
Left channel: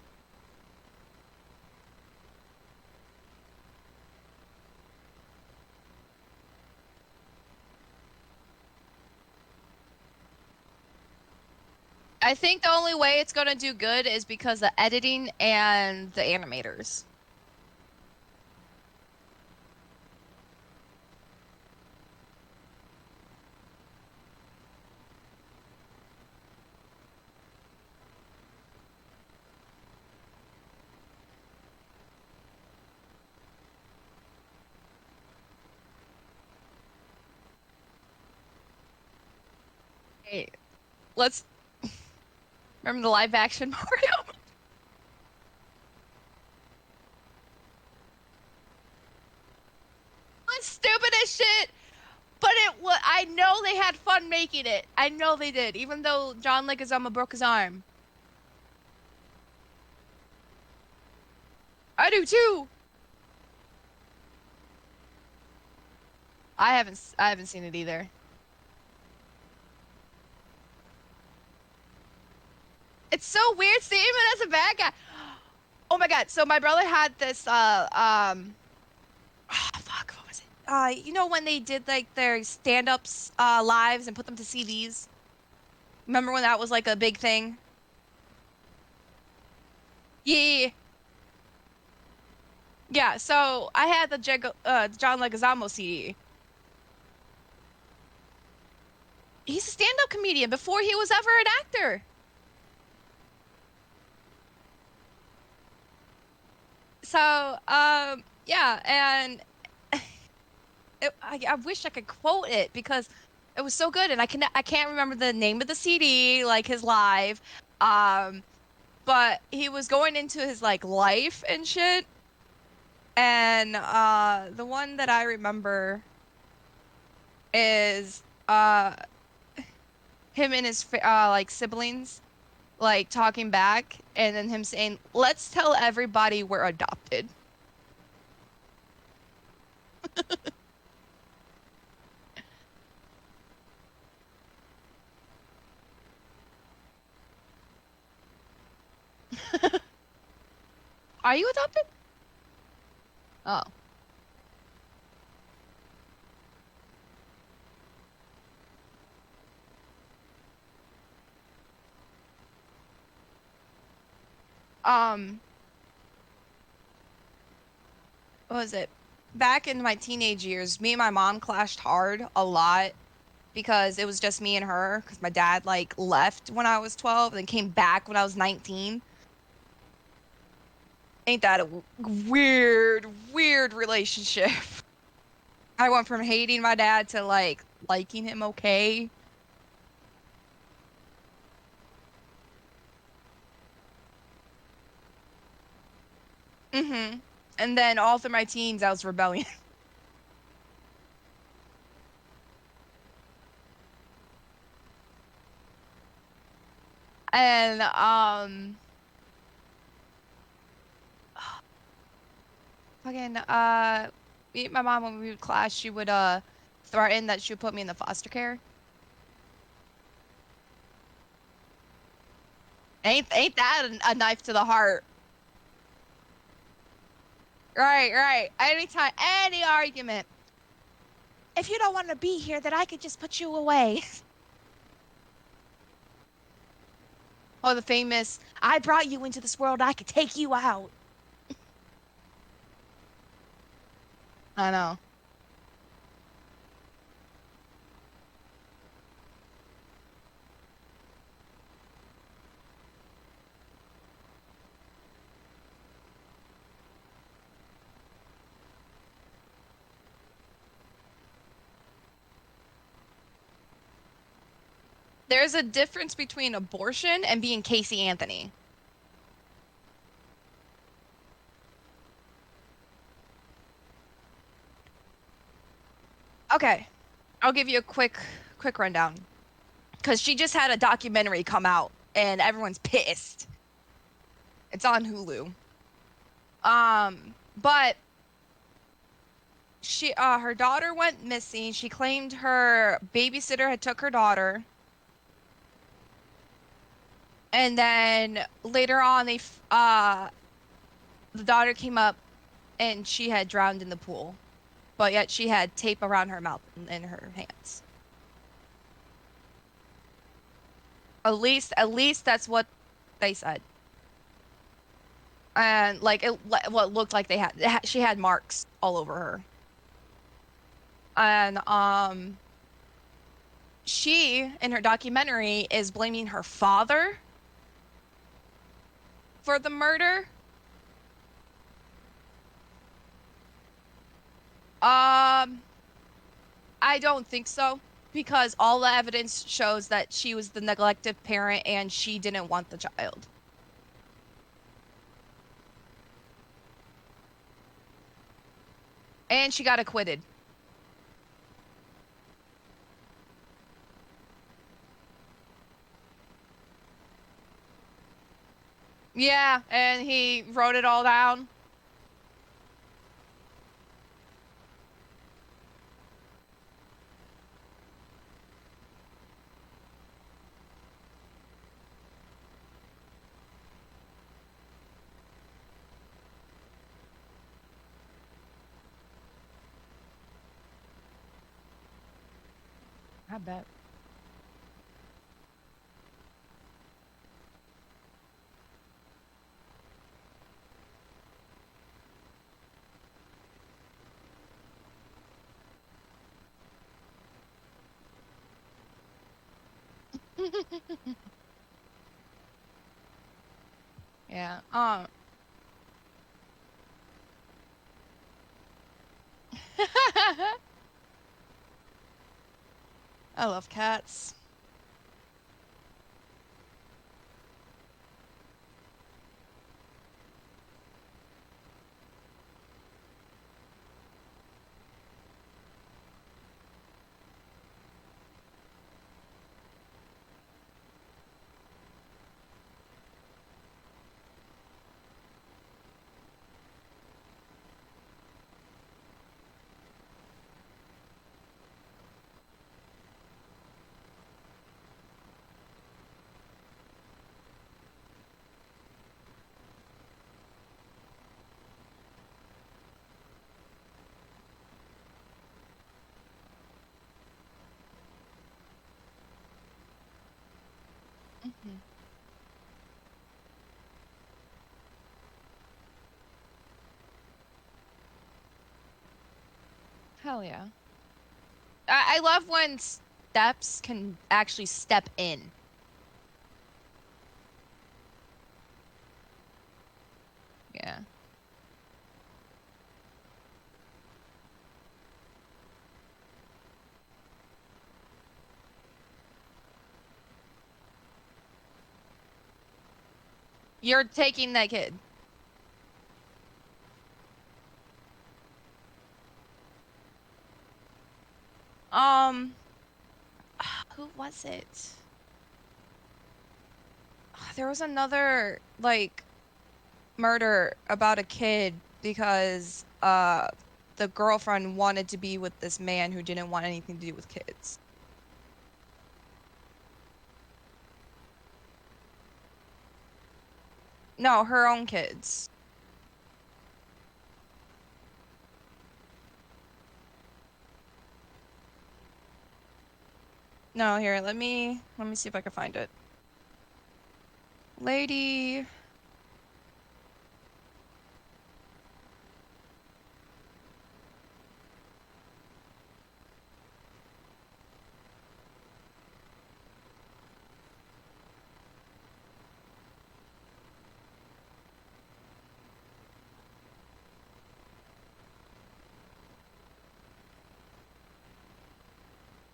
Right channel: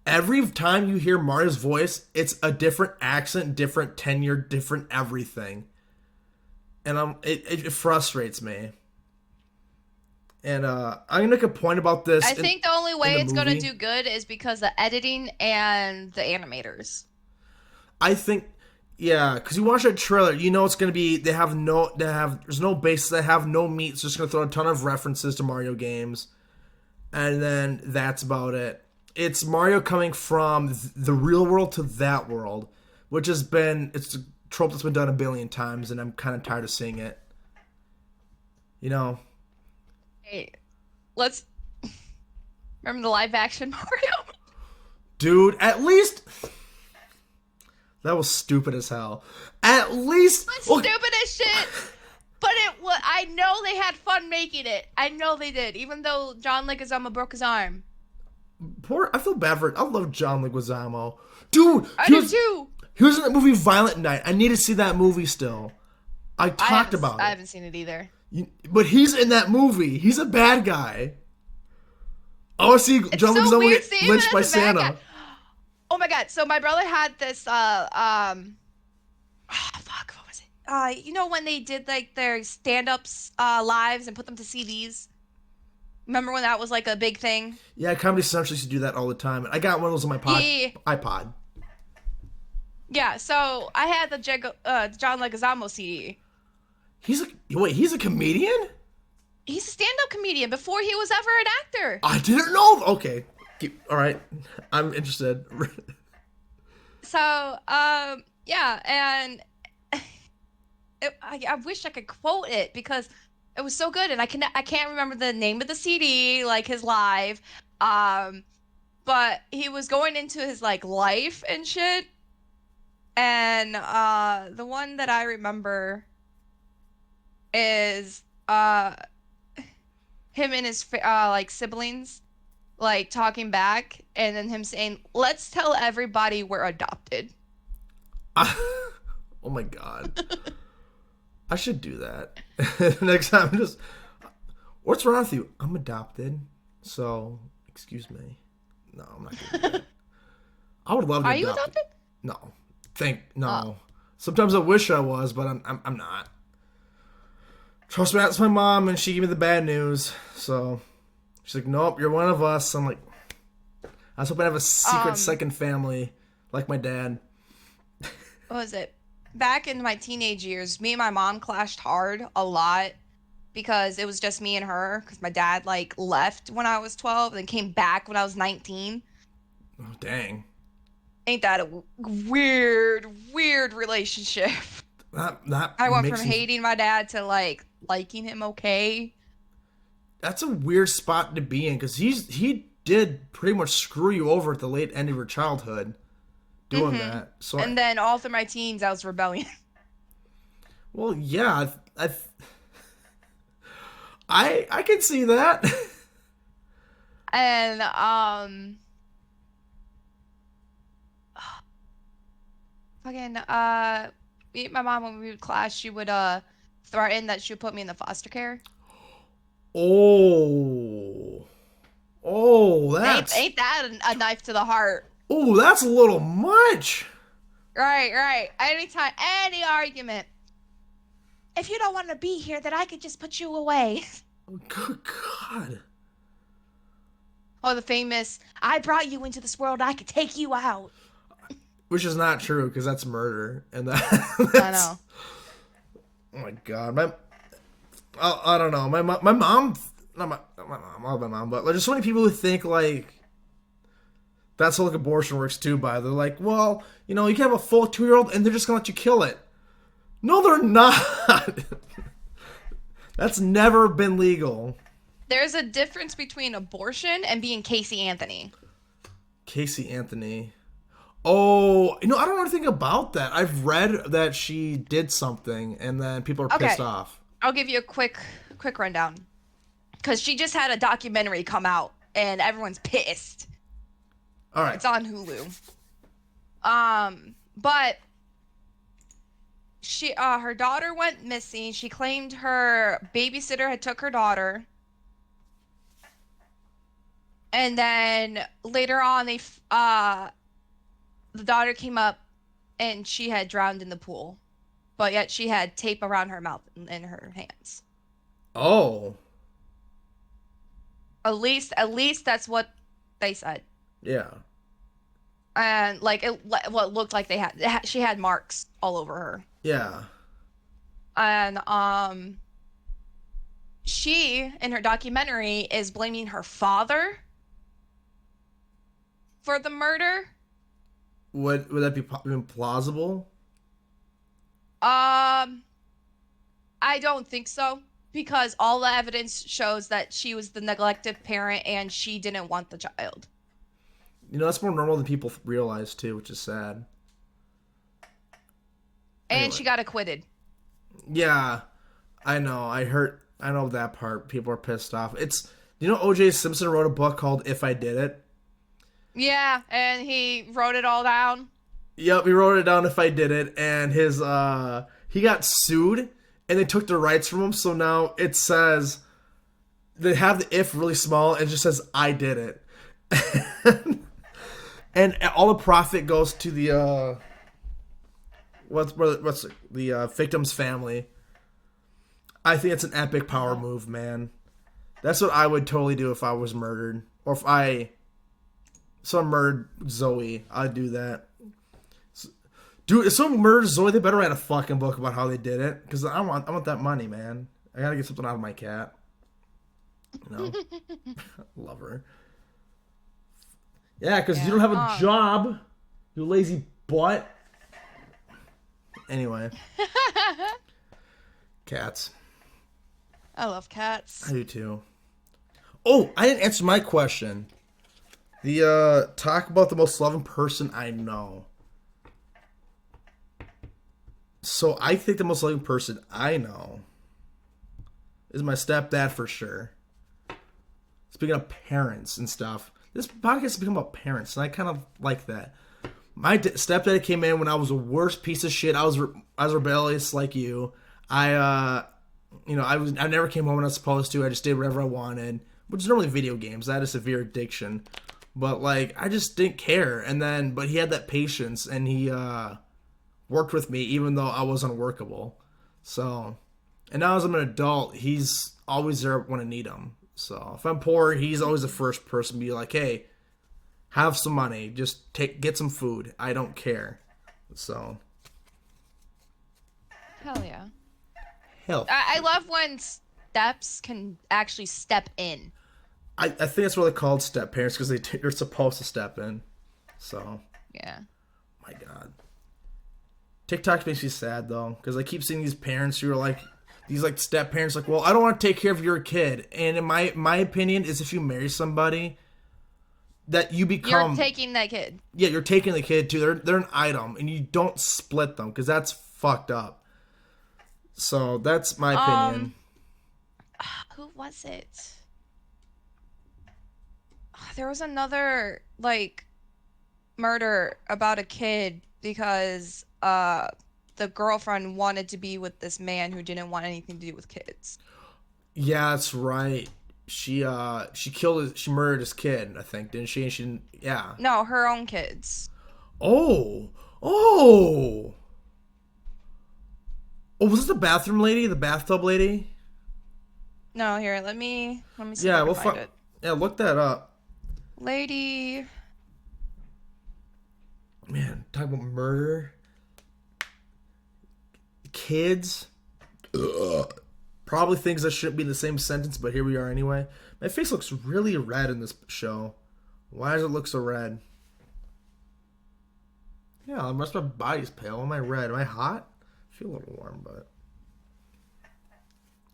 every time you hear Mario's voice, it's a different accent, different tenure, different everything. And it frustrates me. And I'm gonna make a point about this. I think the only way it's gonna movie. do good is because the editing and the animators. I think, yeah, because you watch that trailer, you know it's gonna be there's no basis, they have no meat. It's just gonna throw a ton of references to Mario games, and then that's about it. It's Mario coming from the real world to that world, which it's a trope that's been done a billion times, and I'm kind of tired of seeing it. You know. Hey, let's remember the live action Mario. Dude, at least that was stupid as hell. At least Stupid as shit. But I know they had fun making it. I know they did, even though John Leguizamo broke his arm. I feel bad for it. I love John Leguizamo. Dude, I do too. He was in that movie Violent Night. I need to see that movie still. I talked about it. I haven't seen it either. But he's in that movie. He's a bad guy. I want to see It's John so Leguizamo weird get seeing him lynched by as a bad guy. Santa. Oh my God. So my brother had this fuck, what was it? You know when they did like their stand-ups lives and put them to CDs? Remember when that was like a big thing? Yeah, Comedy Central used to do that all the time. I got one of those on my Yeah, yeah, yeah. iPod. Yeah, so I had the John Leguizamo CD. He's a comedian? He's a stand-up comedian before he was ever an actor. I didn't know. Okay, all right. I'm interested. So, yeah, and I wish I could quote it because it was so good, and I can't remember the name of the CD, like his live, um, but he was going into his like life and shit, and the one that I remember is him and his like siblings like talking back, and then him saying, "Let's tell everybody we're adopted." Oh my god, I should do that next time. Just what's wrong with you? I'm adopted, so excuse me. No, I'm not gonna do that. I would love to Are be you adopted. adopted? No, Oh. no. Sometimes I wish I was, but I'm not. Trust me, that's my mom, and she gave me the bad news. So she's like, "Nope, you're one of us." I'm like, I was hoping to have a secret Um, second family, like my dad. what was it? Back in my teenage years, me and my mom clashed hard a lot because it was just me and her because my dad like left when I was 12 and then came back when I was 19. Oh dang, Ain't that a weird relationship? that I went from makes me. hating my dad to like liking him okay. That's a weird spot to be in because he did pretty much screw you over at the late end of your childhood doing Hmm. that. So And then all through my teens, I was rebellion. well, yeah, I can see that. And fucking my mom when we would clash, she would threaten that she would put me in the foster care. Oh, oh, Ain't that a knife to the heart? that's a little much. Right, right. Anytime, any argument. If you don't want to be here, then I could just put you away. Good God. Oh, the famous, I brought you into this world, I could take you out. Which is not true because that's murder, and I that's know. oh my God, I don't know my mom, not my mom, I love my mom, but like, there's so many people who think like that's how like abortion works too. They're like, well, you can have a full 2-year old and they're just gonna let you kill it. No, they're not. That's never been legal. There's a difference between abortion and being Casey Anthony. Casey Anthony. Oh, I don't know anything about that. I've read that she did something and then people are pissed Okay, off. I'll give you a quick rundown. Because she just had a documentary come out and everyone's pissed. All right. It's on Hulu. But her daughter went missing. She claimed her babysitter had took her daughter. And then later on the daughter came up and she had drowned in the pool. But yet she had tape around her mouth and her hands. Oh, At least that's what they said. yeah. And like what looked like she had marks all over her. Yeah. And she in her documentary is blaming her father for the murder. Would that be even plausible? Um, I don't think so because all the evidence shows that she was the neglected parent and she didn't want the child. That's more normal than people realize too, which is sad. And Anyway. she got acquitted. Yeah, I know. I know that part. People are pissed off. O.J. Simpson wrote a book called "If I Did It." Yeah, and he wrote it all down. Yep, he wrote it down. If I did it, and he got sued and they took the rights from him. So now it says they have the if really small. And it just says I did it, and all the profit goes to the what's the victim's family. I think it's an epic power move, man. That's what I would totally do if I was murdered, or if someone murdered Zoe. I'd do that. Dude, if someone murders Zoe, they better write a fucking book about how they did it, because I want that money, man. I gotta get something out of my cat. You know, love her. Yeah, because you don't have a job, you lazy butt. Anyway, cats. I love cats. I do too. Oh, I didn't answer my question. The talk about the most loving person I know. So I think the most loving person I know is my stepdad for sure. Speaking of parents and stuff, this podcast has become about parents, and I kind of like that. My stepdad came in when I was the worst piece of shit. I was rebellious like you. I never came home when I was supposed to. I just did whatever I wanted, which is normally video games. I had a severe addiction, but like I just didn't care. But he had that patience, and he worked with me even though I was unworkable. So, and now as I'm an adult, he's always there when I need him. So if I'm poor, he's always the first person to be like, "Hey, have some money. Just get some food. I don't care." So, Hell yeah. hell, I love when steps can actually step in. I think that's what they're called, step parents, because they're supposed to step in. So, Yeah. my God, TikTok makes me sad though, because I keep seeing these parents who are like, these like step parents, like, well, I don't want to take care of your kid, and in my opinion is if you marry somebody, that you become, You're taking that kid. yeah, you're taking the kid too. They're an item, and you don't split them because that's fucked up. So that's my opinion. Who was it? There was another like murder about a kid because the girlfriend wanted to be with this man who didn't want anything to do with kids. Yeah, that's right. She murdered his kid, I think, didn't she? And she didn't, yeah. No, her own kids. Oh, oh, oh! Was this the bathroom lady, the bathtub lady? No, here, let me see if I can find it. Yeah, look that up. Lady. Man, talk about murder. Kids. Ugh. Probably things that shouldn't be in the same sentence, but here we are anyway. My face looks really red in this show. Why does it look so red? Yeah, unless my body's pale. Am I red? Am I hot? I feel a little warm, but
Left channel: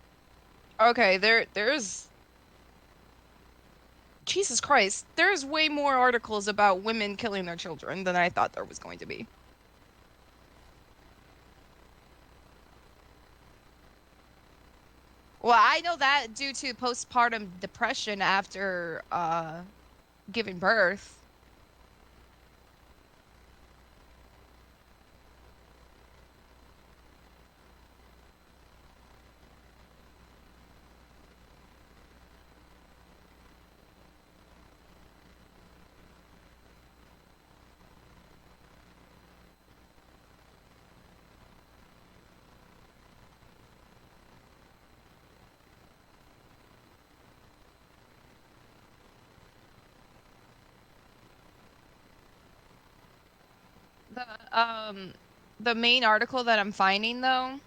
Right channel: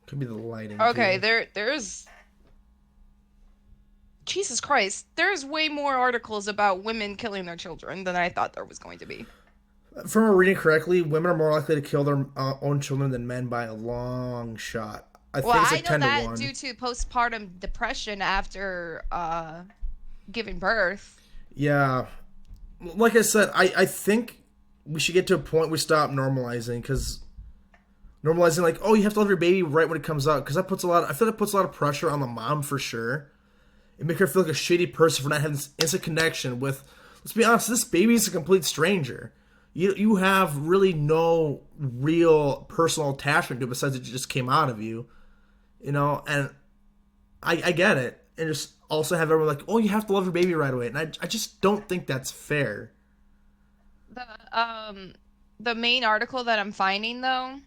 could be the lighting. Okay, too. there's Jesus Christ. There's way more articles about women killing their children than I thought there was going to be. If I'm reading correctly, women are more likely to kill their own children than men by a long shot. I like know that due to postpartum depression after giving birth. Yeah. Like I said, I think we should get to a point we stop normalizing, because normalizing like, oh, you have to love your baby right when it comes out, because I feel that puts a lot of pressure on the mom for sure. It makes her feel like a shitty person for not having this instant connection with, let's be honest, this baby is a complete stranger. You have really no real personal attachment to it besides it just came out of you. You know, and I get it. And just also have everyone like, oh, you have to love your baby right away. And I just don't think that's fair. The main article that I'm finding though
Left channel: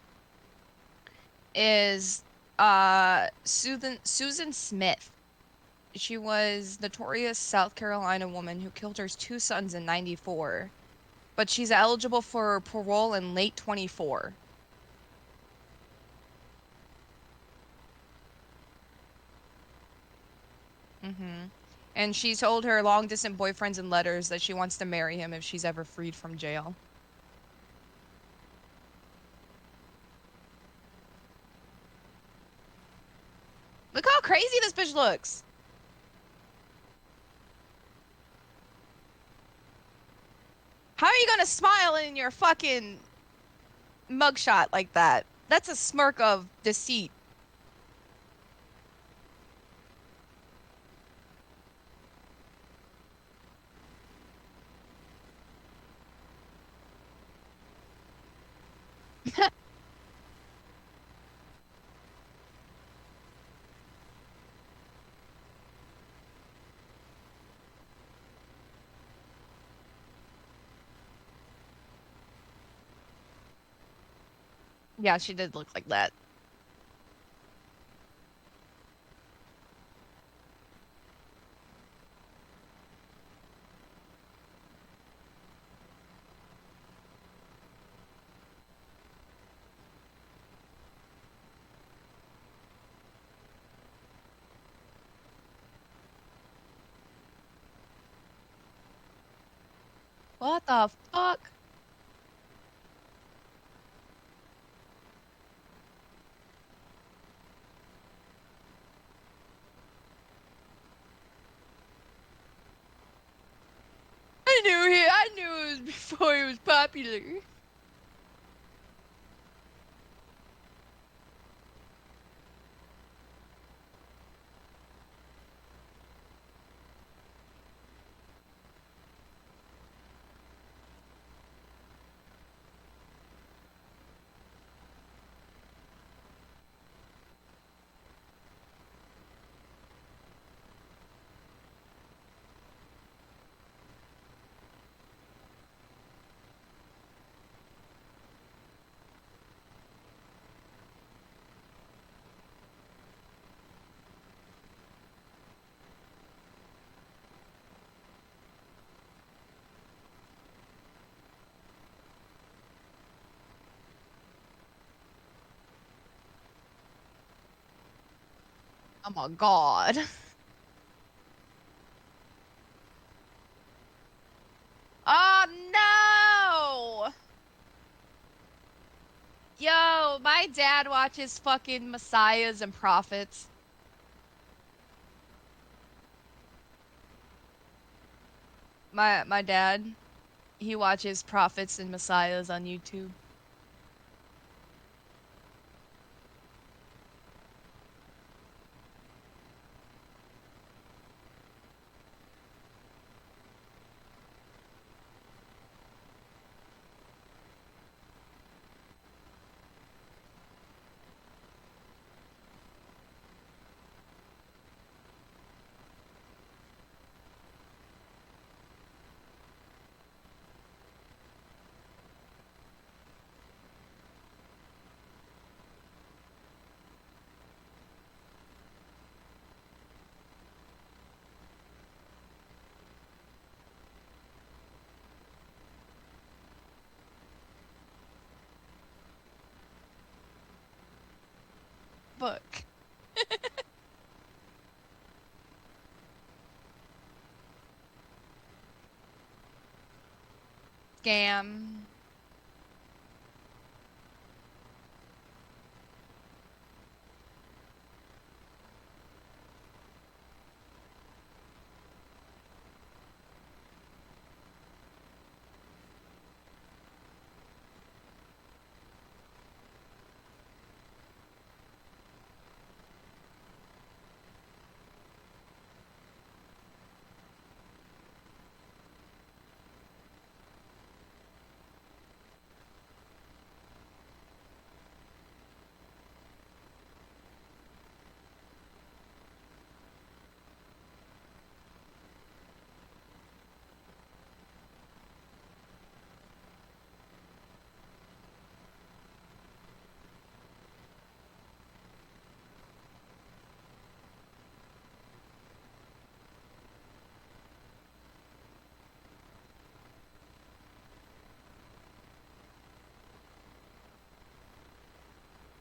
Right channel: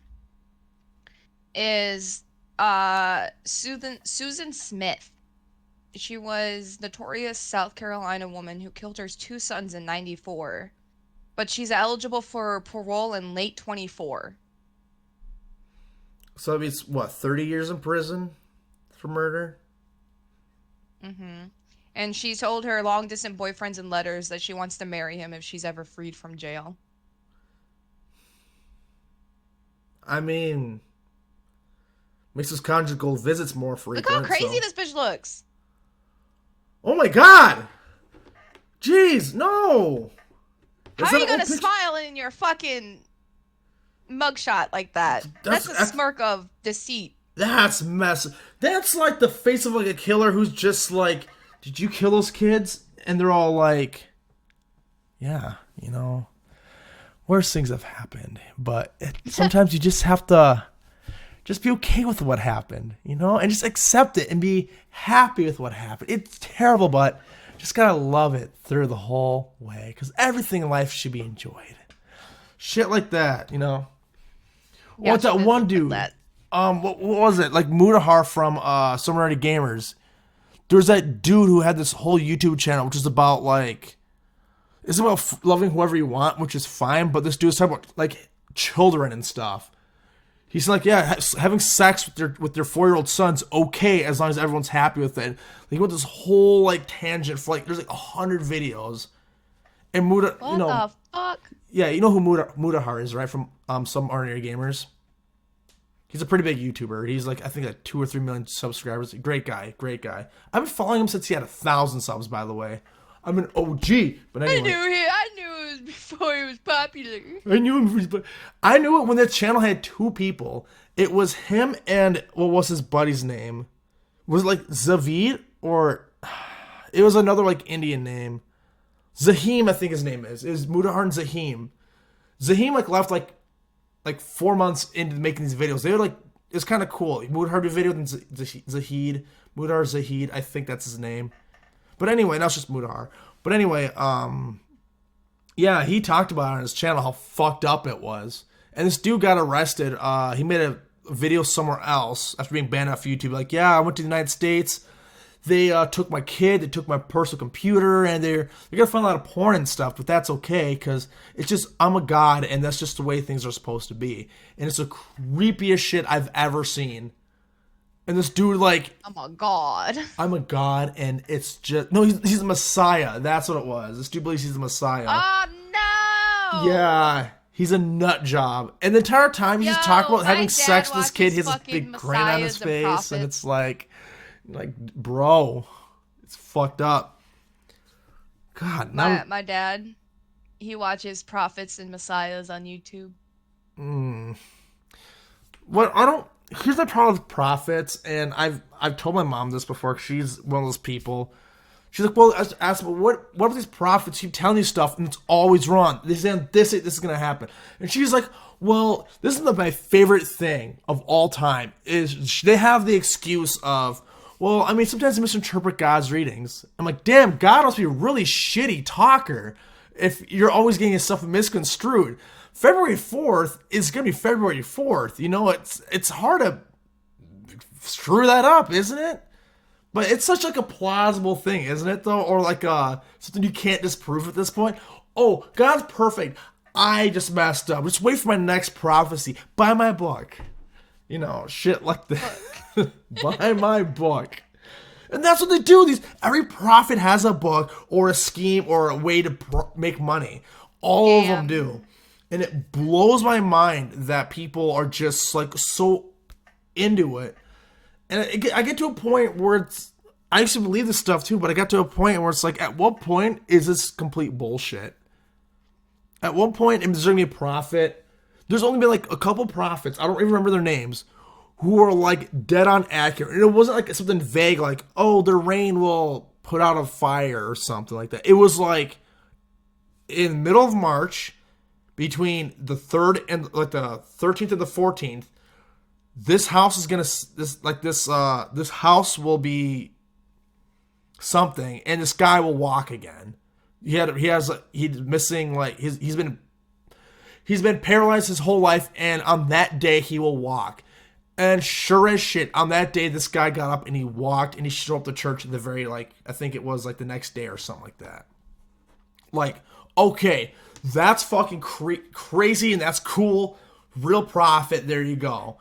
is Susan Smith. She was notorious South Carolina woman who killed her two sons in 94. But she's eligible for parole in late 24. So that means, what, 30 years in prison for murder? Mm-hmm. And she told her long-distance boyfriends in letters that she wants to marry him if she's ever freed from jail. I mean, makes his conjugal visits more frequent. Look how crazy this bitch looks. Oh my god! Jeez, no! How are you gonna smile in your fucking... mugshot like that. That's That's a smirk of deceit. that's mess. That's like the face of like a killer who's just like, did you kill those kids? And they're all like, yeah, you know, worse things have happened. But sometimes you just have to just be okay with what happened, you know, and just accept it and be happy with what happened. It's terrible, but just gotta love it through the whole way, because everything in life should be enjoyed. Shit like that, you know. Yeah, What's she that did one look like dude? that. What was it? Like Mudahar from Summer Night Gamers. There was that dude who had this whole YouTube channel, which is about like, it's about loving whoever you want, which is fine. But this dude's talking about like children and stuff. He's like, yeah, having sex with their 4-year-old son's okay as long as everyone's happy with it. Like, he went this whole like tangent for like there's like 100 videos, and Muda, you What know, the fuck? yeah, you know who Mudahar is, right? From some ordinary gamers. He's a pretty big YouTuber. He's like, I think like 2 or 3 million subscribers. Great guy, great guy. I've been following him since he had 1,000 subs, by the way. I'm an OG. But anyway, I knew it was before it was popular. I knew him. I knew it when the channel had 2 people. It was him and what was his buddy's name? Was it like Zavid or it was another like Indian name? Zahim, I think his name is. It was Mudahar and Zahim. Zahim like left like 4 months into making these videos. They were like, it's kind of cool. Mudahar did a video with Zahid. Mudahar Zahid, I think that's his name. But anyway, now it's just Mudahar. But anyway, yeah, he talked about it on his channel how fucked up it was. And this dude got arrested. He made a video somewhere else after being banned off YouTube. Like, yeah, I went to the United States. They took my kid, they took my personal computer, and they're gonna find a lot of porn and stuff, but that's okay, because it's just, I'm a god, and that's just the way things are supposed to be. And it's the creepiest shit I've ever seen. And this dude, like, Oh my god. I'm a god, and it's just, no, he's the Messiah, that's what it was. This dude believes he's the Messiah. Oh no! Yeah, he's a nut job. And the entire time he's Yo, just talking about my having dad sex with this kid, watches he has this big fucking grin on his Messiahs and face, Prophets. and it's like, bro, it's fucked up. God, My dad, he watches Prophets and Messiahs on YouTube. what I don't. Here's the problem with prophets, and I've told my mom this before. 'Cause she's one of those people. She's like, well, I asked, well, what are these prophets keep telling you stuff, and it's always wrong. They say this is gonna happen, and she's like, well, this is my favorite thing of all time. Is they have the excuse of, well, I mean, sometimes they misinterpret God's readings. I'm like, damn, God must be a really shitty talker if you're always getting his stuff misconstrued. February 4th is going to be February 4th. You know, it's hard to screw that up, isn't it? But it's such like a plausible thing, isn't it, though? Or like something you can't disprove at this point. Oh, God's perfect. I just messed up. Just wait for my next prophecy. Buy my book. You know, shit like that. Buy my book. And that's what they do. Every prophet has a book or a scheme or a way to make money. All of them do. And it blows my mind that people are just like so into it. And I get to a point where it's, I used to believe this stuff too, but I got to a point where it's like, at what point is this complete bullshit? At one point, is there going to be a prophet? There's only been like a couple prophets, I don't even remember their names, who are like dead on accurate. And it wasn't like something vague like, oh, the rain will put out a fire or something like that. It was like in the middle of March, between the 3rd and like the 13th and the 14th, this house is gonna this house will be something, and this guy will walk again. He's missing like he's been paralyzed his whole life, and on that day he will walk. And sure as shit, on that day this guy got up and he walked, and he showed up to church the very like I think it was like the next day or something like that. Like, okay, that's fucking crazy, and that's cool. Real prophet, there you go.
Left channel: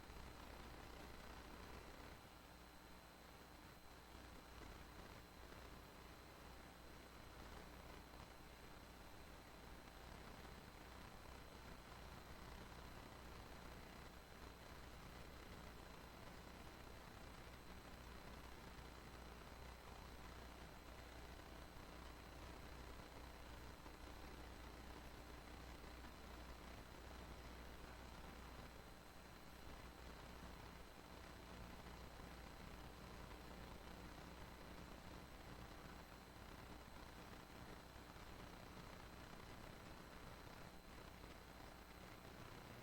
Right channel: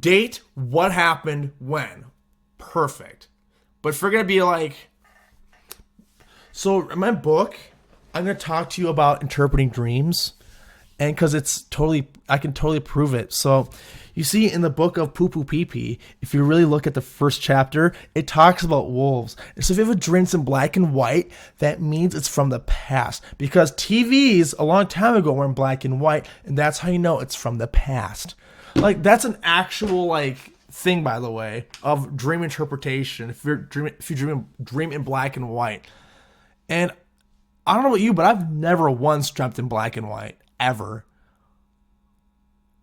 Date, what happened, when. Perfect. But if we're going to be like... So, in my book, I'm going to talk to you about interpreting dreams. And because it's totally... I can totally prove it. So, You see, in the book of Poo Poo Pee Pee, if you really look at the first chapter, it talks about wolves. And so if you have a dream in black and white, that means it's from the past. Because TVs a long time ago were in black and white, and that's how you know it's from the past. Like, that's an actual, like, thing, by the way, of dream interpretation. If you dream in black and white. And I don't know about you, but I've never once dreamt in black and white. Ever.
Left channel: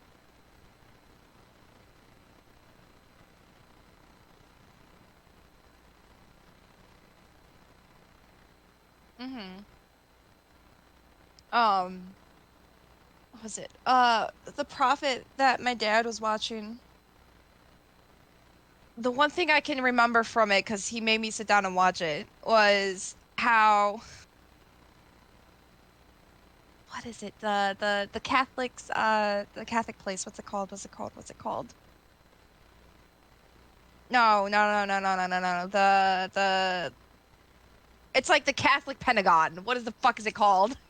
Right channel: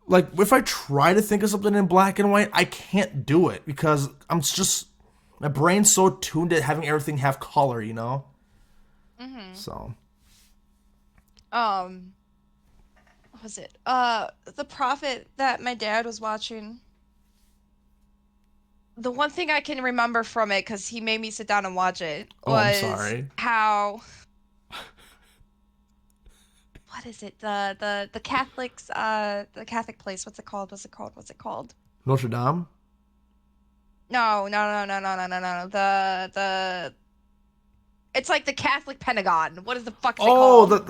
Like, if I try to think of something in black and white, I can't do it because my brain's so tuned to having everything have color, you know? So. What was it? The Prophet that my dad was watching. The one thing I can remember from it, because he made me sit down and watch it, Oh, I'm was sorry. how what is it? The Catholics the Catholic place. What's it called? What's it called? What's it called? Notre Dame? No, no, no, no, no, no, no, no. The it's like the Catholic Pentagon. What is the fuck is it Oh, called? what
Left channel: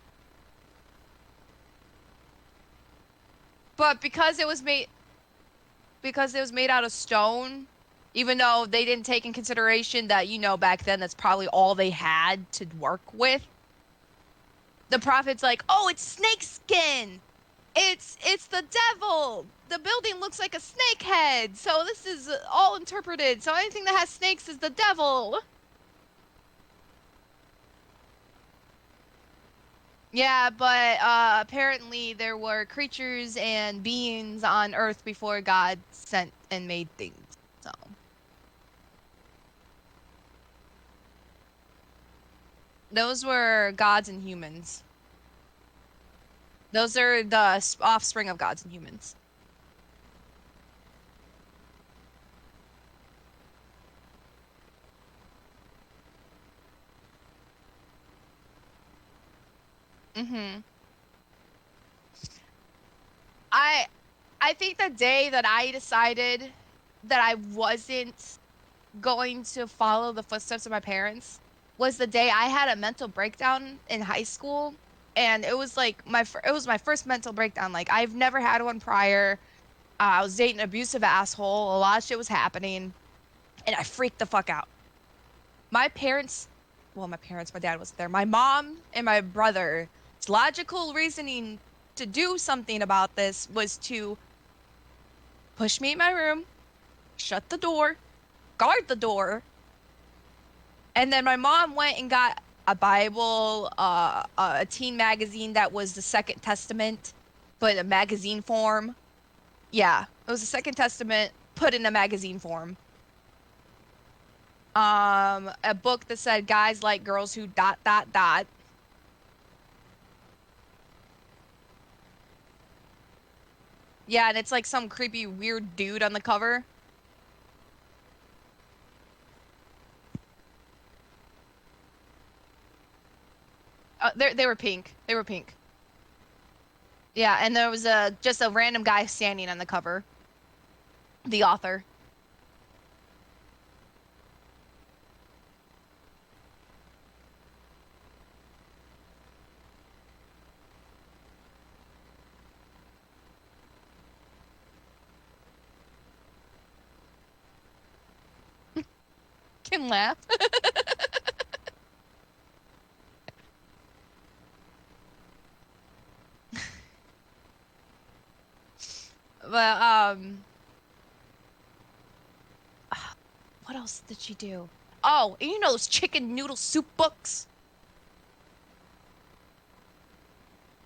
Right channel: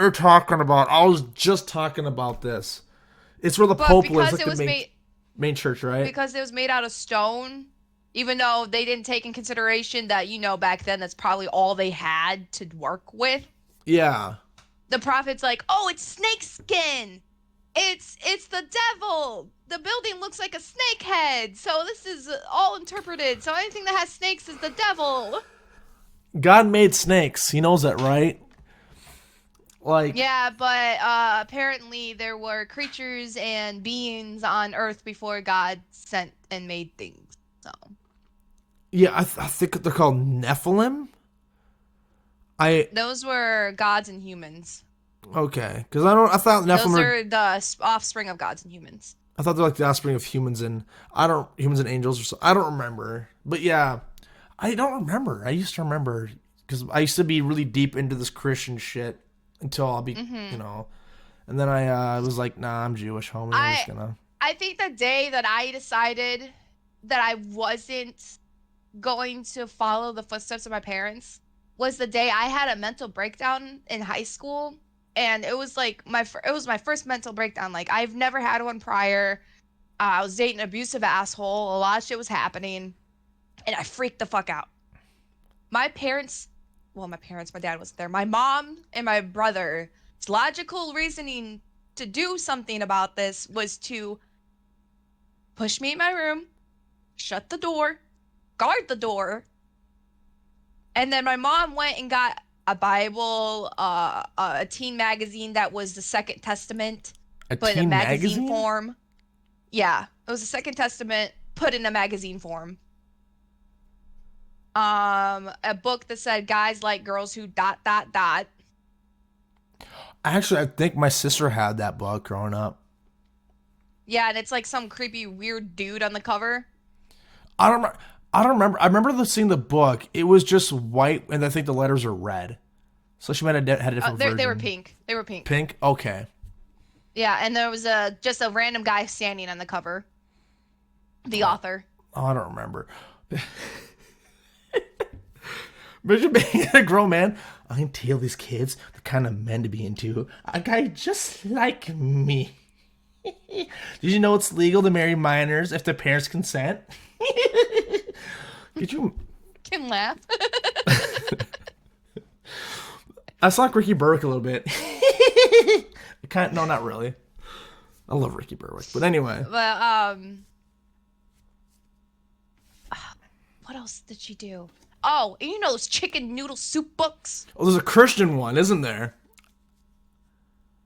you're talking about. I was just talking about this. It's where the But Pope lives, because like it the was made main church, right? because it was made out of stone, even though they didn't take in consideration that, back then that's probably all they had to work with. Yeah. The prophet's like, "Oh, it's snake skin. It's the devil. The building looks like a snake head. So this is all interpreted. So anything that has snakes is the devil." God made snakes. He knows that, right? Like, Yeah, but apparently there were creatures and beings on Earth before God sent and made things. So yeah, I think they're called Nephilim. I those were gods and humans. Okay, because I thought Those Nephilim are the offspring of gods and humans. I thought they're like the offspring of humans and humans and angels or so. I don't remember, but yeah, I don't remember. I used to remember because I used to be really deep into this Christian shit until I'll be, and then I was like, nah, I'm Jewish, homie. I'm just I gonna. I think the day that I decided that I wasn't going to follow the footsteps of my parents was the day I had a mental breakdown in high school, and it was like it was my first mental breakdown. Like, I've never had one prior. I was dating an abusive asshole. A lot of shit was happening, and I freaked the fuck out. My parents, well, my dad wasn't there. My mom and my brother's logical reasoning to do something about this was to push me in my room, shut the door, guard the door, and then my mom went and got a Bible, a teen magazine that was the Second Testament, A but in a teen magazine magazine? form. Yeah, it was the Second Testament put in a magazine form. A book that said guys like girls who dot dot dot. Actually, I think my sister had that book growing up. Yeah, and it's like some creepy weird dude on the cover. I don't. I don't remember. I remember seeing the book. It was just white, and I think the letters are red. So she might have had a different version. They were pink. They were pink. Pink. Okay. Yeah, and there was just a random guy standing on the cover. The author. Oh, I don't remember. Imagine being a grown man. I can tell these kids the kind of men to be into. A guy just like me. Did you know it's legal to marry minors if their parents consent? Could you? Can laugh. I saw Ricky Burke a little bit. No, not really. I love Ricky Burke, but anyway. But what else did she do? Oh, and those chicken noodle soup books? Oh, there's a Christian one, isn't there?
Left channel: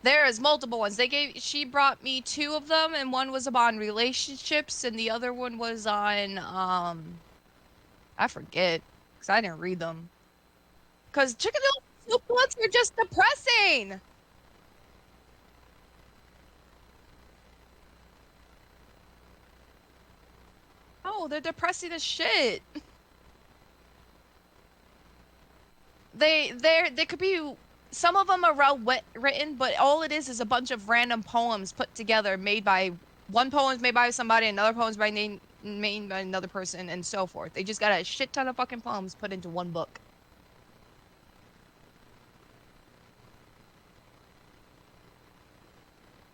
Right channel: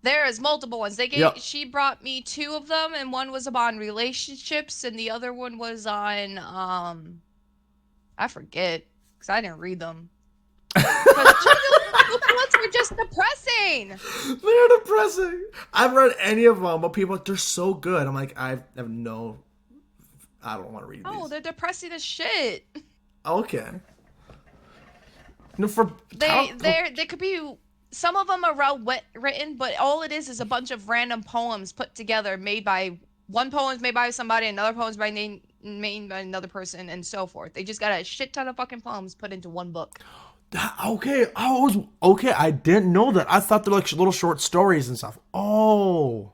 There is multiple ones. Yep. She brought me two of them, and one was on relationships, and the other one was on I forget because I didn't read them. Because chicken noodle ones were just depressing. They're depressing. I haven't read any of them, but people are like, they're so good. I'm like, I have no. I don't want to read Oh, these. they're depressing as shit. Okay. No, They could be. Some of them are well written, but all it is a bunch of random poems put together, made by one poem's made by somebody, another poem's made by another person, and so forth. They just got a shit ton of fucking poems put into one book. Okay. I didn't know that. I thought they're like little short stories and stuff. Oh.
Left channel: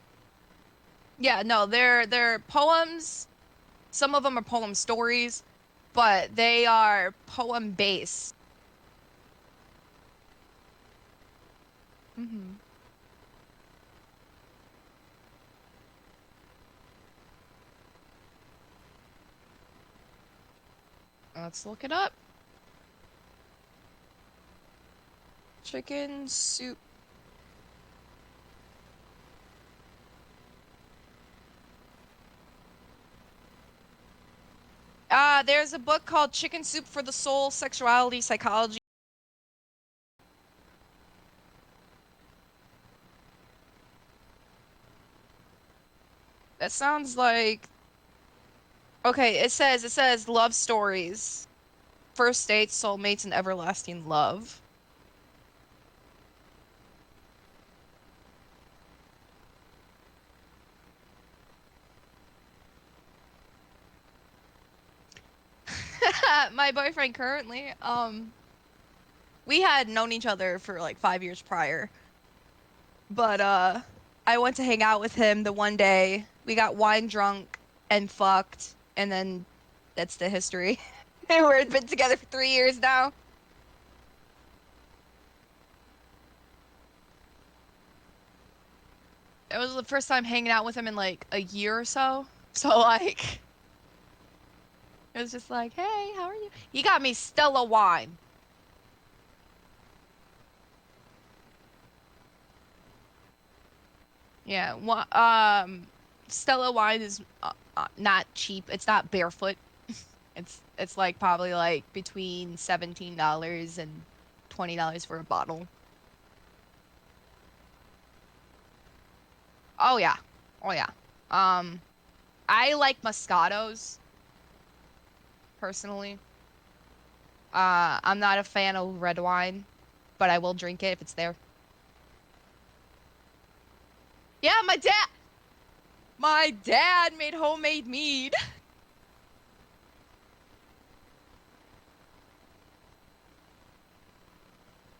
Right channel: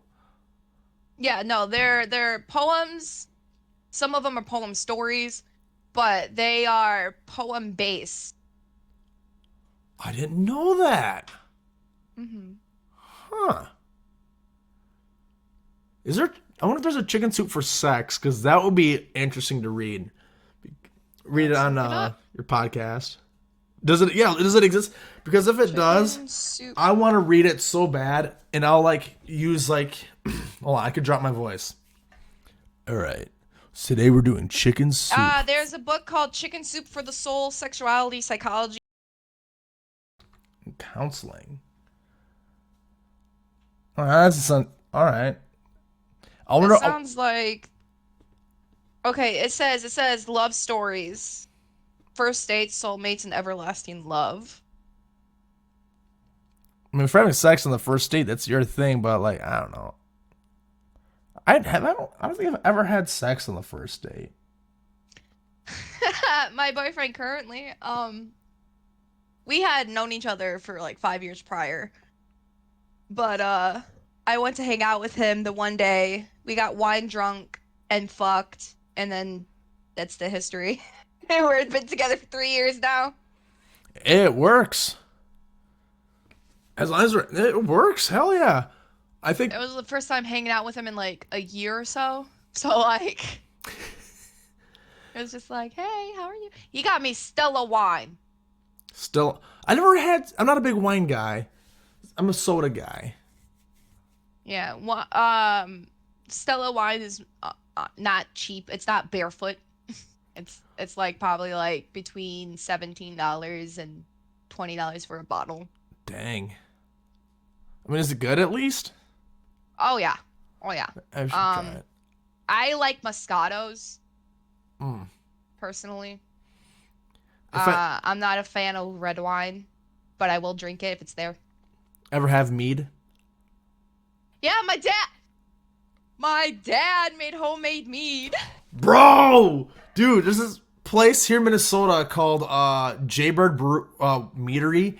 Yeah, no, they're poems. Some of them are poem stories, but they are poem based. I didn't know that. Hmm. Huh. Is there? I wonder if there's a chicken soup for sex, because that would be interesting to read. Read it Let's on look it up. your podcast. Does it? Yeah. Does it exist? Because if it does, Chicken soup. I want to read it so bad, and I'll like use like. Hold on, I could drop my voice. All right. So today we're doing chicken soup There's a book called Chicken Soup for the Soul, Sexuality, Psychology. counseling. All right, that's all right. I It wonder. Oh, sounds like okay, it says love stories, first dates, soulmates, and everlasting love. I mean, if we're having sex on the first date, that's your thing. But like, I don't know. I don't think I've ever had sex on the first date. My boyfriend currently, we had known each other for like 5 years prior, but I went to hang out with him the one day. We got wine drunk and fucked, and then that's the history. We've been together for 3 years now. It works. As long as it works, hell yeah. I think It was the first time hanging out with him in like a year or so. So like it was just like, hey, how are you? He got me Stella wine. still, I never had. I'm not a big wine guy. I'm a soda guy. Yeah, Stella wine is not cheap. It's not barefoot. It's like probably like between $17 and $20 for a bottle. Dang. I mean, is it good at least? Oh yeah. Oh yeah. I should try Um, it. I like Moscatos Mm. personally. If I I'm not a fan of red wine, but I will drink it if it's there. ever have mead, Yeah, my dad made homemade mead. bro, dude, there's this place here in Minnesota called Jaybird Meadery.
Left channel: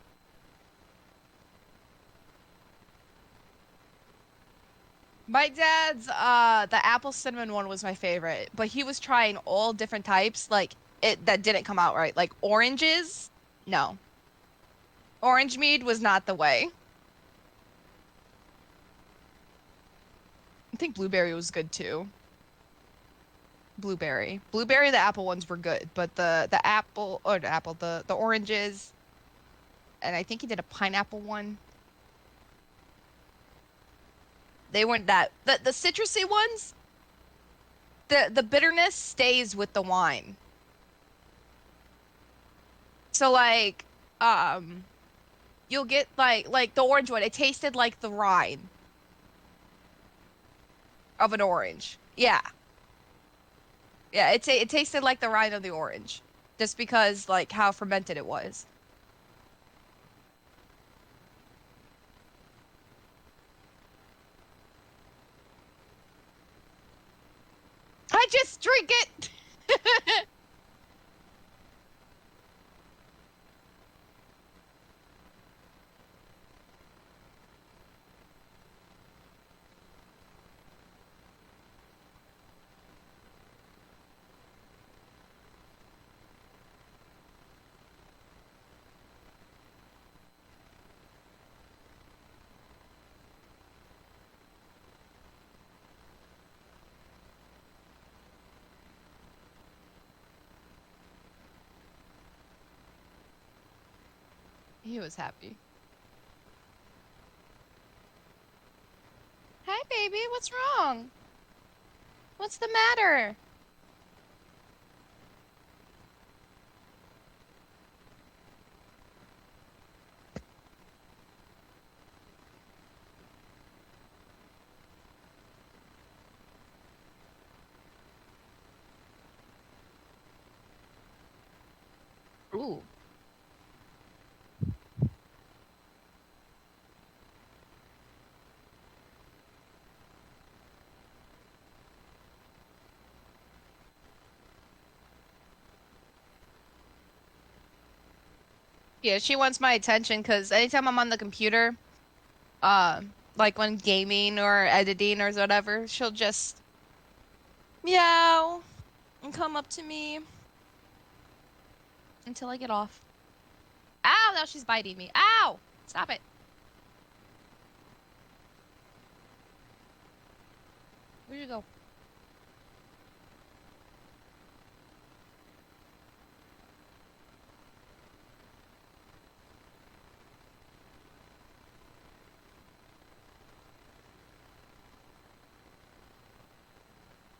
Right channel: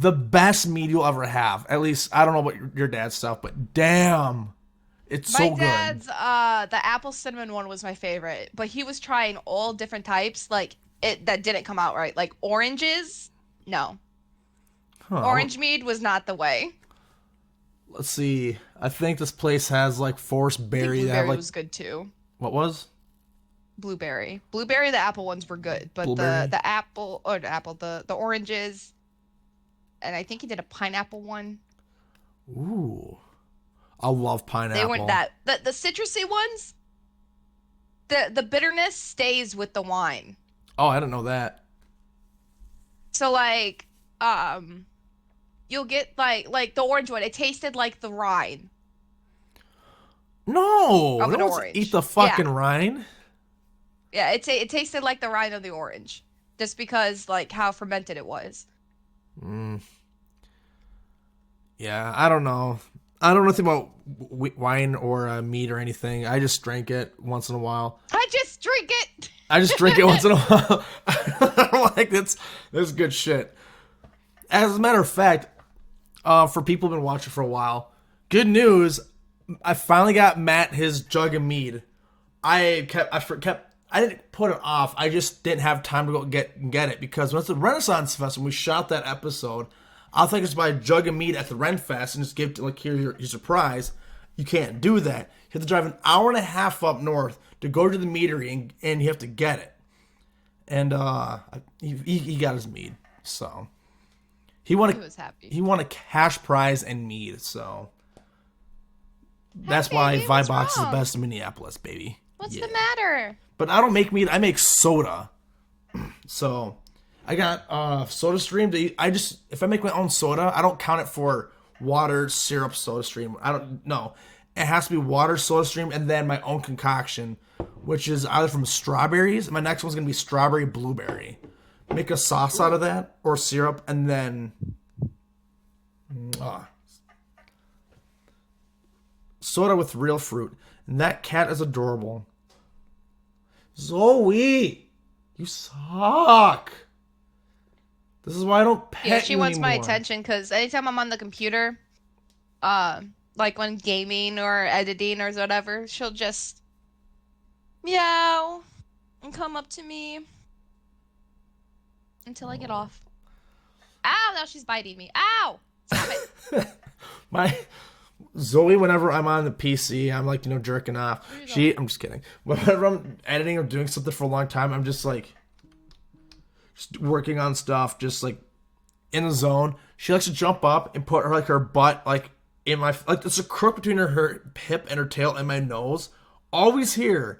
The best mead you'll ever have. At least I don't know about your dad's stuff, but damn, it's My so good. dad's the apple cinnamon one was my favorite, but he was trying all different types like it that didn't come out right. Like oranges? No. Huh. Orange mead was not the way. Let's see. I think this place has like forest I think berry. They have blueberry like was good too. what was Blueberry. Blueberry, the apple ones were good, but the blueberry? the apple or the apple, the oranges, and I think he did a pineapple one. Ooh, I love They weren't pineapple. that the citrusy ones, the bitterness stays with the wine. Oh, I didn't know that. So like um you'll get like the orange one, it tasted like the rind No, of no an one's eat orange. the Yeah. fucking rind. Yeah, it tasted like the rind of the orange just because like how fermented it was. Mm, yeah, I don't know. I don't know anything about wine or meat or anything. I just drink it once in a while. I just drink it. I just drink it once in a while. I'm like, that's good shit. As a matter of fact, for people who've been watching for a while, good news. I finally got Matt his jug of mead. I didn't put it off. I just didn't have time to go get it because when it's the Renaissance Fest and we shot that episode, I think it's buy a jug of mead at the Ren Fest and just give it like here's your surprise. You can't do that. You have to drive an hour and a half up north to go to the meadery and you have to get it. And he got his mead, so He was happy. he won a cash prize and mead. So Hi, that's why baby. What's Vibox is the wrong? best in Minneapolis, baby. What's Yeah. the matter? But I don't make mead. I make soda. So I got Soda Stream. I just if I make my own soda, I don't count it for water, syrup, Soda Stream. I don't know. It has to be water, Soda Stream, and then my own concoction, which is either from strawberries. My next one's gonna be strawberry blueberry. Make a sauce out of that or syrup, and then uh, soda with real fruit. And that cat is adorable. Zoe, you suck. This is why I don't Yeah, pet she you wants my anymore. attention because anytime I'm on the computer, uh, Like when gaming or editing or whatever, she'll just meow and come up to me until I get off. Ow, now she's biting me. Ow! Stop it. My Zoe, whenever I'm on the PC, I'm like, jerking off. Where you going? I'm just kidding. Whenever I'm editing or doing something for a long time, I'm just like, just working on stuff, just like in the zone. She likes to jump up and put her butt like in my like it's a crook between her hip and her tail and my nose, always here.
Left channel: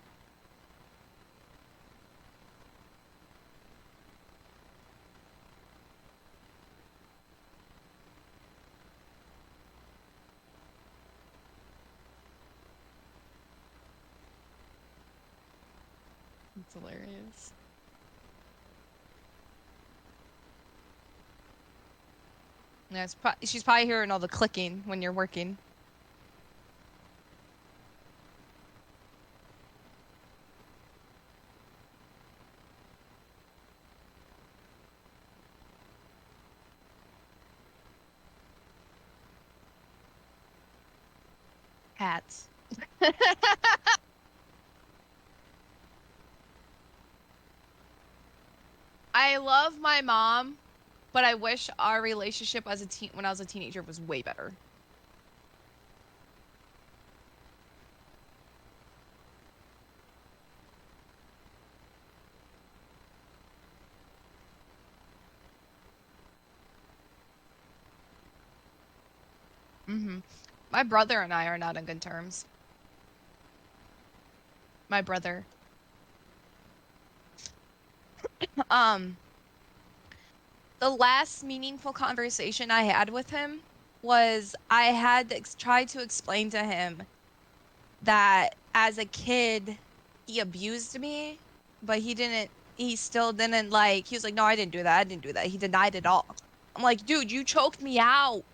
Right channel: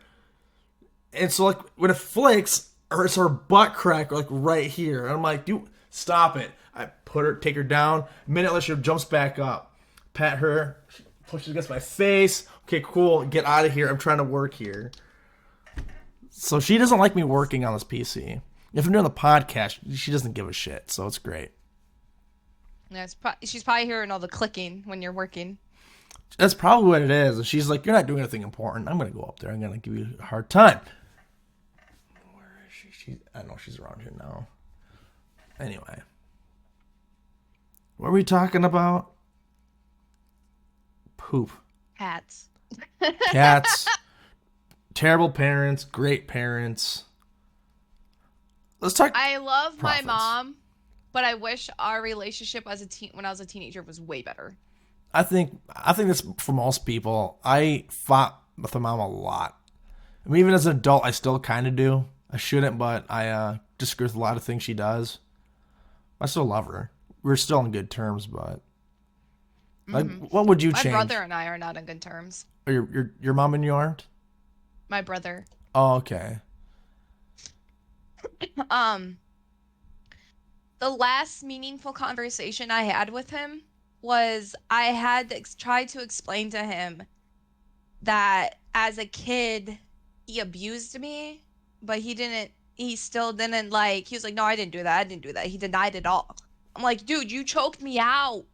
And so like when it flicks, it's her butt crack like right here. And I'm like, dude, stop it. I take her down. A minute later, she jumps back up. Pat her, she pushes against my face. Okay, cool. Get out of here. I'm trying to work here. So she doesn't like me working on this PC. If I'm doing the podcast, she doesn't give a shit. So it's great. Yeah, she's probably hearing all the clicking when you're working. That's probably what it is. And she's like, you're not doing anything important. I'm going to go up there. I'm going to give you a hard time. Where is she? I know she's around here now. Anyway. What were we talking about? Poop. Cats. Cats. Terrible parents. Great parents. Let's talk. I love my profits. mom, but I wish our relationship as when I was a teenager was way better. I think that's for most people. I fought with my mom a lot. I mean, even as an adult, I still kind of do. I shouldn't, but I disagree with a lot of things she does. I still love her. We're still on good terms, but like, what would you change? My brother and I are not on good terms. Or your mom and you aren't? My brother. Oh, okay. The last meaningful conversation I had with him was I had to try to explain to him that as a kid he abused me, but he still didn't like, he was like, no, I didn't do that. He denied it all. I'm like, dude, you choked me out.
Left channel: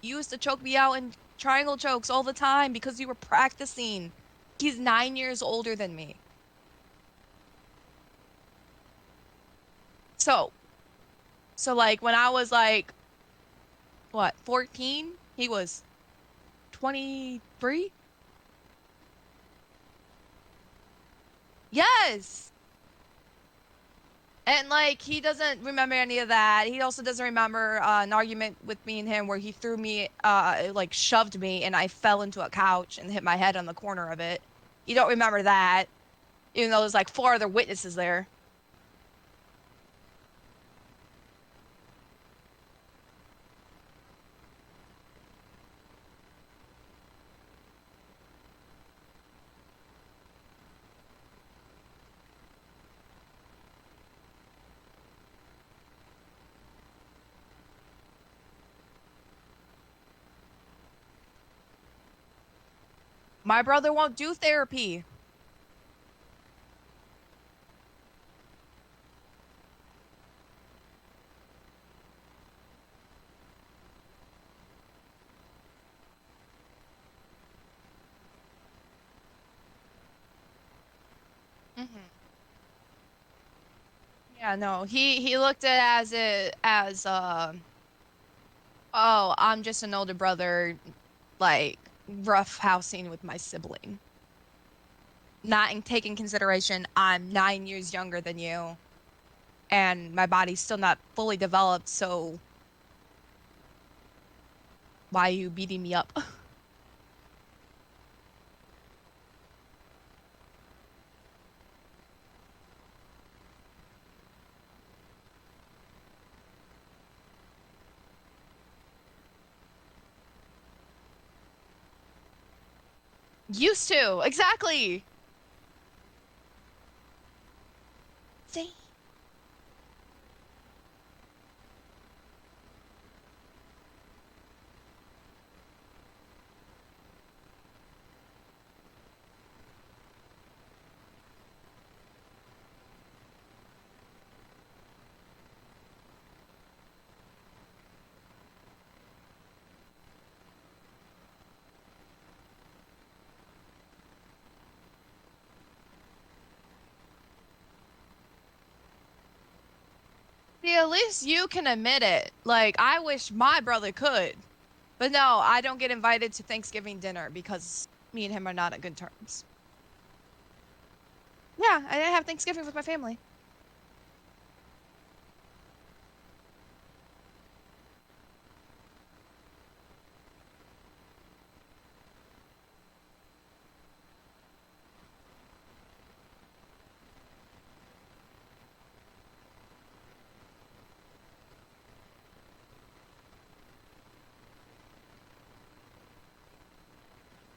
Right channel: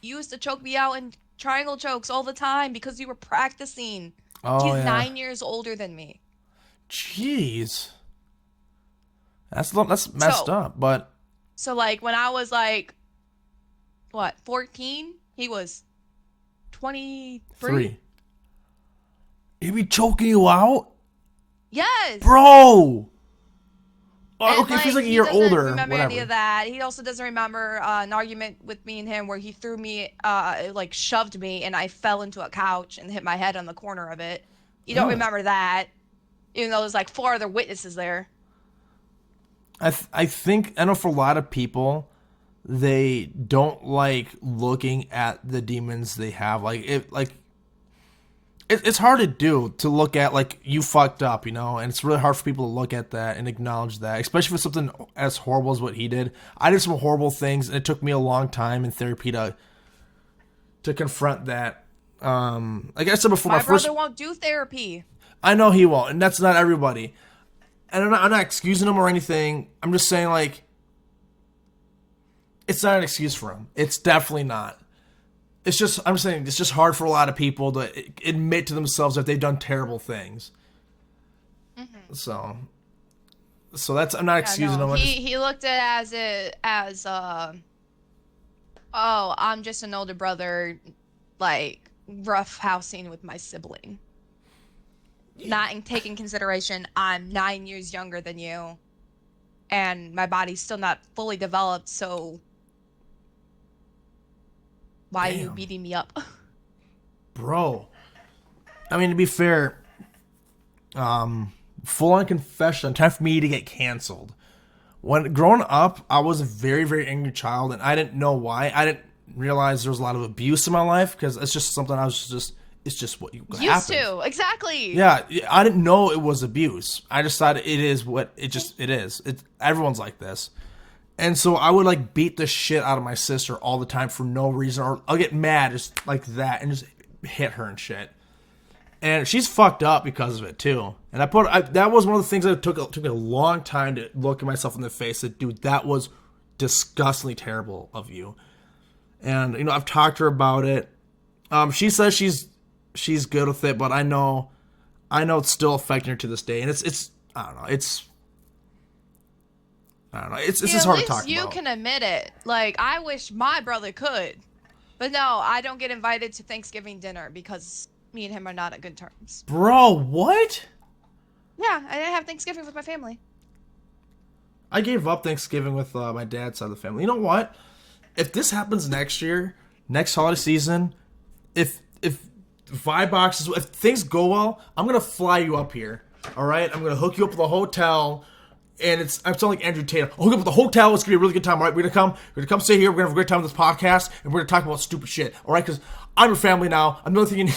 You used to choke me out in triangle chokes all the time because you were practicing. Oh, He's yeah. 9 years older than me. Jeez. That's messed up, but So like when I was like, what, 14? He was 23? He be choking you out? Yes. Bro! Oh, And okay, like, feels like he you're doesn't older. remember any Whatever. of that. He also doesn't remember an argument with me and him where he threw me, like shoved me and I fell into a couch and hit my head on the corner of it. You don't Oh. remember that, even though there's like 4 other witnesses there. I think, I know for a lot of people, they don't like looking at the demons they have. It's hard to do, to look at, like, you fucked up, and it's really hard for people to look at that and acknowledge that, especially for something as horrible as what he did. I did some horrible things, and it took me a long time in therapy to confront that. Like I said before, My brother won't do therapy. I know he won't, and that's not everybody. And I'm not excusing him or anything. I'm just saying, like, it's not an excuse for him. It's definitely not. I'm saying it's just hard for a lot of people to admit to themselves that they've done terrible things. Mm-hmm. So that's, I'm not excusing him. He looked at it as oh, I'm just an older brother, like rough housing with my sibling. Not in taking consideration I'm 9 years younger than you, and my body's still not fully developed, so why are you beating me up? Bro. I mean, to be fair, full on confession, time for me to get canceled. When growing up, I was a very, very angry child, and I didn't know why. I didn't realize there was a lot of abuse in my life, because it's just something it's just what you used to. Exactly. Yeah, I didn't know it was abuse. I just thought it is what it is. Everyone's like this. And so I would like beat the shit out of my sister all the time for no reason, or I'll get mad just like that and just hit her and shit. And she's fucked up because of it too. And that was one of the things that took me a long time to look at myself in the face. That, dude, that was disgustingly terrible of you. And I've talked to her about it. She says she's good with it, but I know it's still affecting her to this day. And it's I don't know. It's just hard to talk about. At least you can admit it. Like, I wish my brother could. But no, I don't get invited to Thanksgiving dinner because me and him are not at good terms. Bro, what? Yeah, I didn't have Thanksgiving with my family. I gave up Thanksgiving with my dad's side of the family. You know what? If this happens next year, next holiday season, if vibe boxes, if things go well, I'm gonna fly you up here. All right, I'm gonna hook you up with a hotel, and I'm sounding like Andrew Tate. I'll hook you up with the hotel. It's gonna be a really good time. All right, we're gonna come stay here. We're gonna have a great time with this podcast, and we're gonna talk about stupid shit. All right, because I'm your family now. I'm the only thing you need.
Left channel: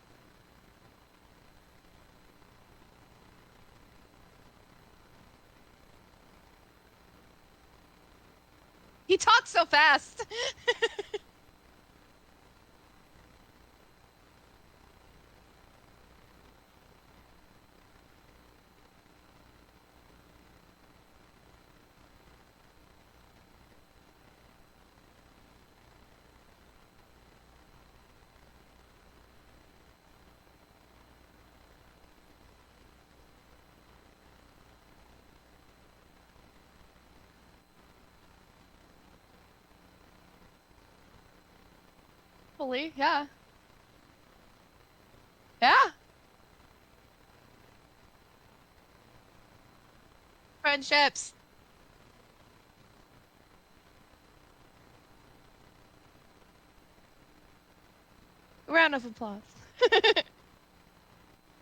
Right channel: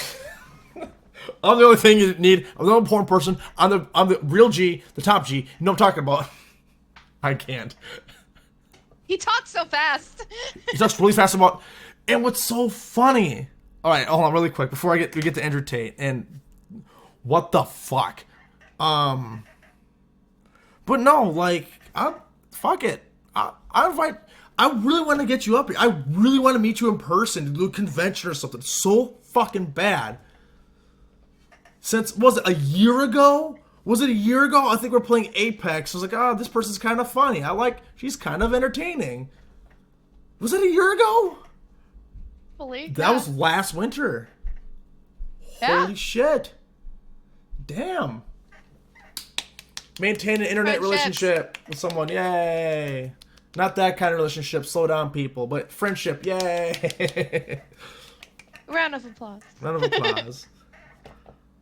I'm the only thing you need. I'm the only important person. I'm the real G, the top G. You know what I'm talking about. I can't. He talks so fast. He talks really fast about. And what's so funny? All right, hold on, really quick before we get to Andrew Tate and what the fuck. But no, like, fuck it. I invite. I really want to get you up here. I really want to meet you in person to do a convention or something. So fucking bad. Since, was it a year ago? Was it a year ago? I think we're playing Apex. I was like, oh, this person's kind of funny. She's kind of entertaining. Was it a year ago? That was last winter. Yeah. Holy shit. Damn. Maintain an internet relationship with someone. Yay. Not that kind of relationship. Slow down, people. But friendship. Yay. Round of applause. Round of applause.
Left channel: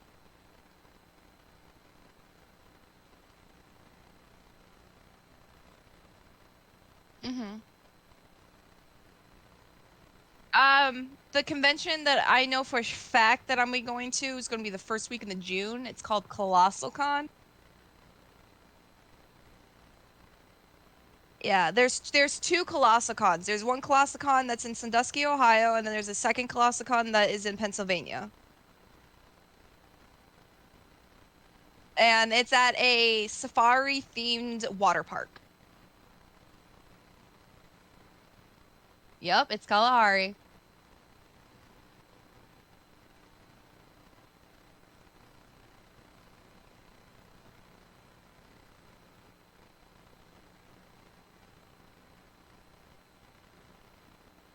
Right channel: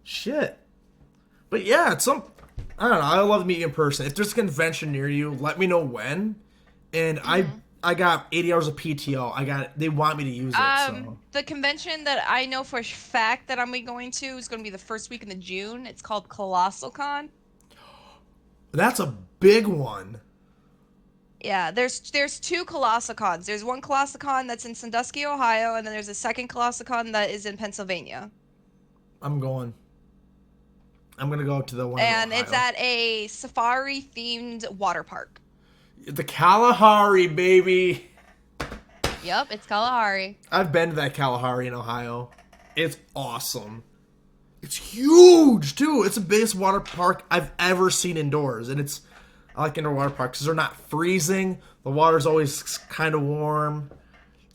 Shit. But yeah, I don't know. I love to meet you in person. If there's a convention near you, let me know when. And I got 80 hours of PTO. They want me to use it. So. The convention that I know for a fact that I'm going to is going to be the first week in the June. It's called Colossal Con. That's a big one. Yeah, there's two Colossal Cons. There's one Colossal Con that's in Sandusky, Ohio, and then there's a second Colossal Con that is in Pennsylvania. I'm going to go to the one. And it's at a safari-themed water park. The Kalahari, baby. Yep, it's Kalahari. I've been to that Kalahari in Ohio. It's awesome. It's huge, too. It's the biggest water park I've ever seen indoors. And I like indoor water parks because they're not freezing. The water's always kind of warm.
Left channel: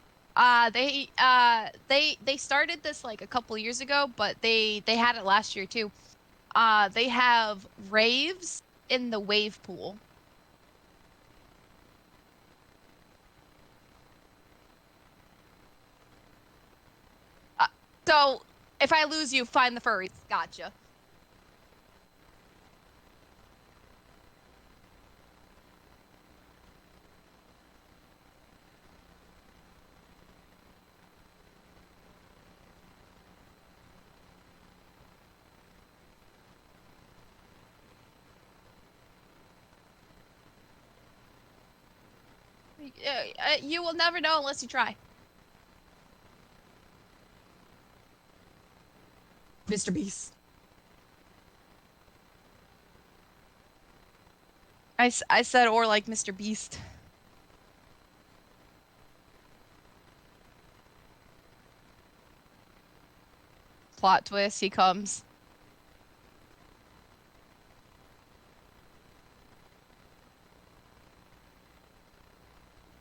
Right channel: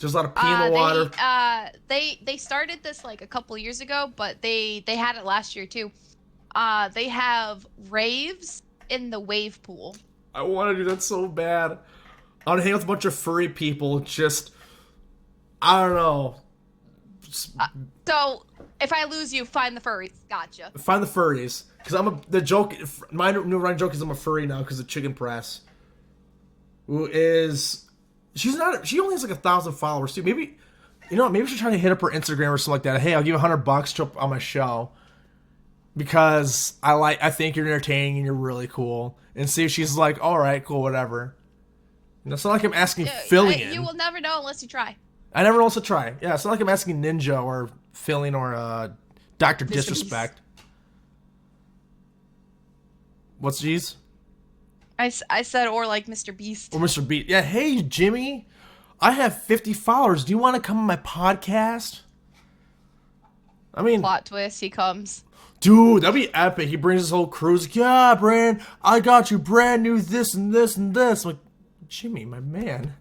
There's a lot of pee in the water. They started this like a couple years ago, but they had it last year, too. They have raves in the wave pool. I want to do that so bad. I want to hang with a bunch of furry people. I don't know. So if I lose you, find the furries. Gotcha. Find the furries. Because my new running joke is I'm a furry now because of Chicken Press. Who is, she only has like 1,000 followers too. Maybe she's trying to hit up her Instagram or something like that. Hey, I'll give you $100 to on my show. Because I think you're entertaining and you're really cool. And see if she's like, all right, cool, whatever. And it's not like I'm asking Fillion. You will never know unless you try. I never know unless I try. Yeah, it's not like I'm asking Ninja or Fillion or Dr. Disrespect. Beast. What's G's? I said, or like Mr. Beast. Or Mr. Beast. Yeah, hey, Jimmy. I have 50 followers. Do you want to come on my podcast? I mean... Plot twist, he comes. Dude, that'd be epic. He brings his whole crew. He's like, yeah, Brand, I got you brand new this and this and this. I'm like, Jimmy, my man.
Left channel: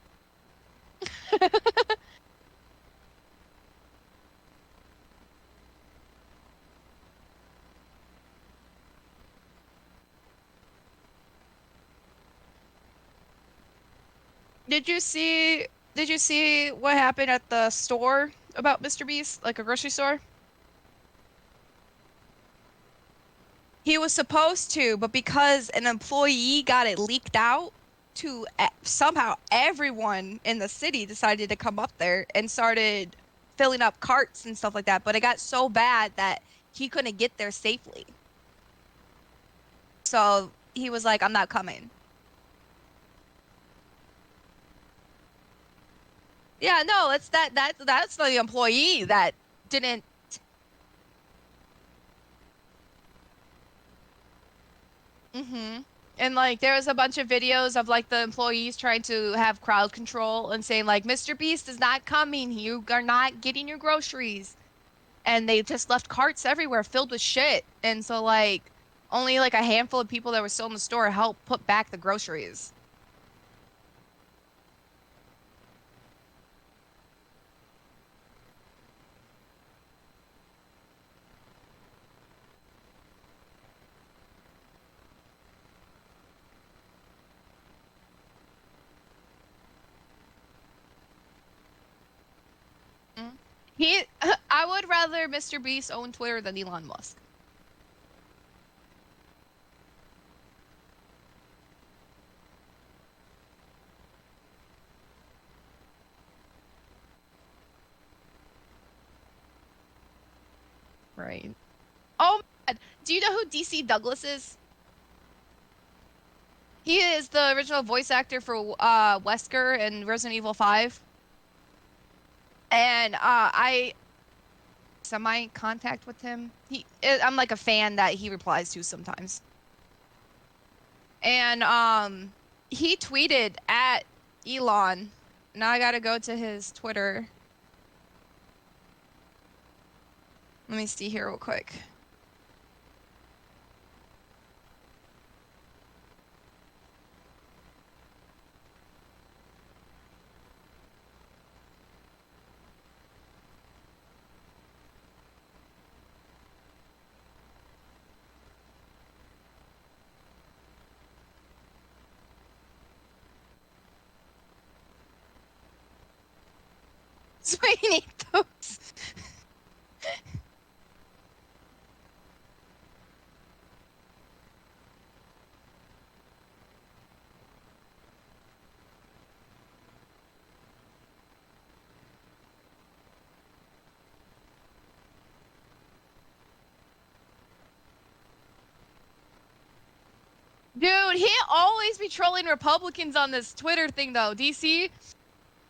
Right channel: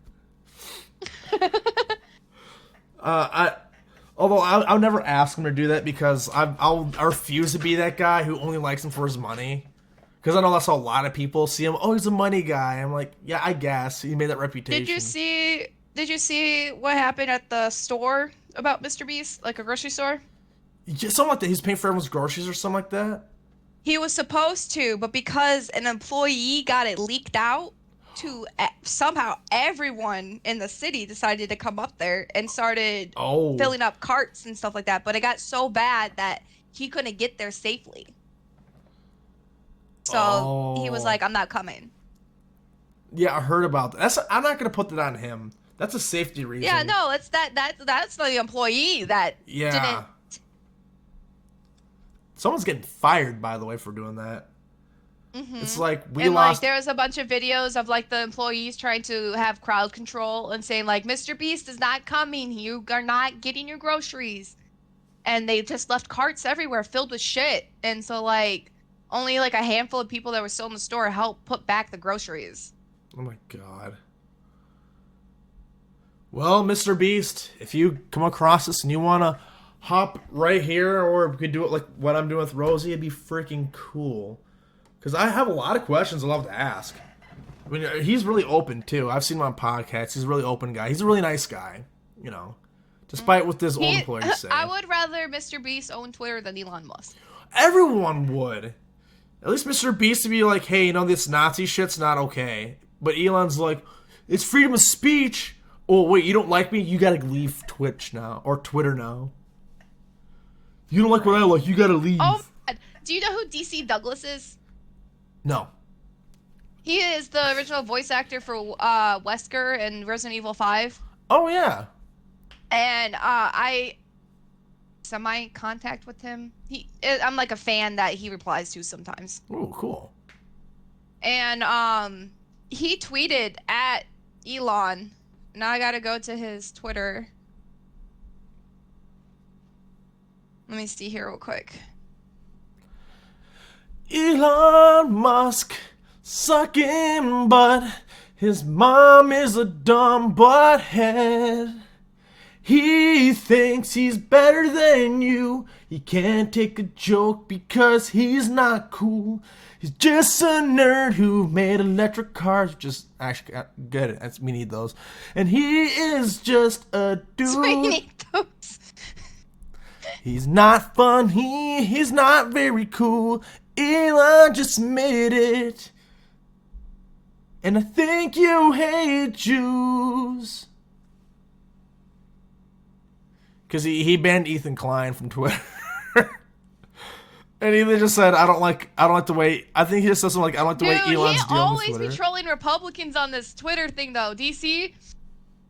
Although I'll never ask him to do that because I refuse to be that guy who only likes him for his money. Because I know that's how a lot of people see him. Oh, he's a money guy. I'm like, yeah, I guess he made that reputation. Did you see what happened at the store about Mr. Beast, like a grocery store? Yeah, something like that. He's paying for everyone's groceries or something like that. He was supposed to, but because an employee got it leaked out to somehow everyone in the city decided to come up there and started filling up carts and stuff like that. But it got so bad that he couldn't get there safely. So he was like, I'm not coming. Yeah, I heard about that. I'm not going to put that on him. That's a safety reason. Yeah, no, that's the employee that didn't. Someone's getting fired, by the way, for doing that. Mm-hmm. It's like like there was a bunch of videos of like the employees trying to have crowd control and saying like, Mr. Beast is not coming. You are not getting your groceries, and they just left carts everywhere filled with shit. And so like only like a handful of people that were still in the store helped put back the groceries. Oh my god. Well, Mr. Beast, if you come across this and you want to hop right here, or we could do it like what I'm doing with Rosie, it'd be freaking cool. Because I have a lot of questions I'd love to ask. I mean, he's really open, too. I've seen him on podcasts. He's a really open guy. He's a really nice guy, you know. Despite what this old employee say. I would rather Mr. Beast own Twitter than Elon Musk. Everyone would. At least Mr. Beast would be like, hey, you know, this Nazi shit's not okay. But Elon's like, it's freedom of speech. Oh, wait, you don't like me? You gotta leave Twitch now. Or Twitter now. You don't like what I like, you gotta leave. Oh, my God. Do you know who DC Douglas is? No. He is the original voice actor for Wesker in Resident Evil 5. Oh, yeah. And I semi-contact with him. I'm like a fan that he replies to sometimes. Oh, cool. And he tweeted at Elon. Now I gotta go to his Twitter. Let me see here real quick. Elon Musk sucking butt. His mom is a dumb butthead. He thinks he's better than you. He can't take a joke because he's not cool. He's just a nerd who made electric cars. Just actually get it. We need those. And he is just a dude. So we need those. He's not funny. He's not very cool. Elon just made it. And I think you hate Jews. Because he banned Ethan Klein from Twitter. And he just said, I don't like the way, I think he just says something like, I don't like the way Elon's Dude, doing he this always be Twitter. trolling Republicans on this Twitter thing, though. DC?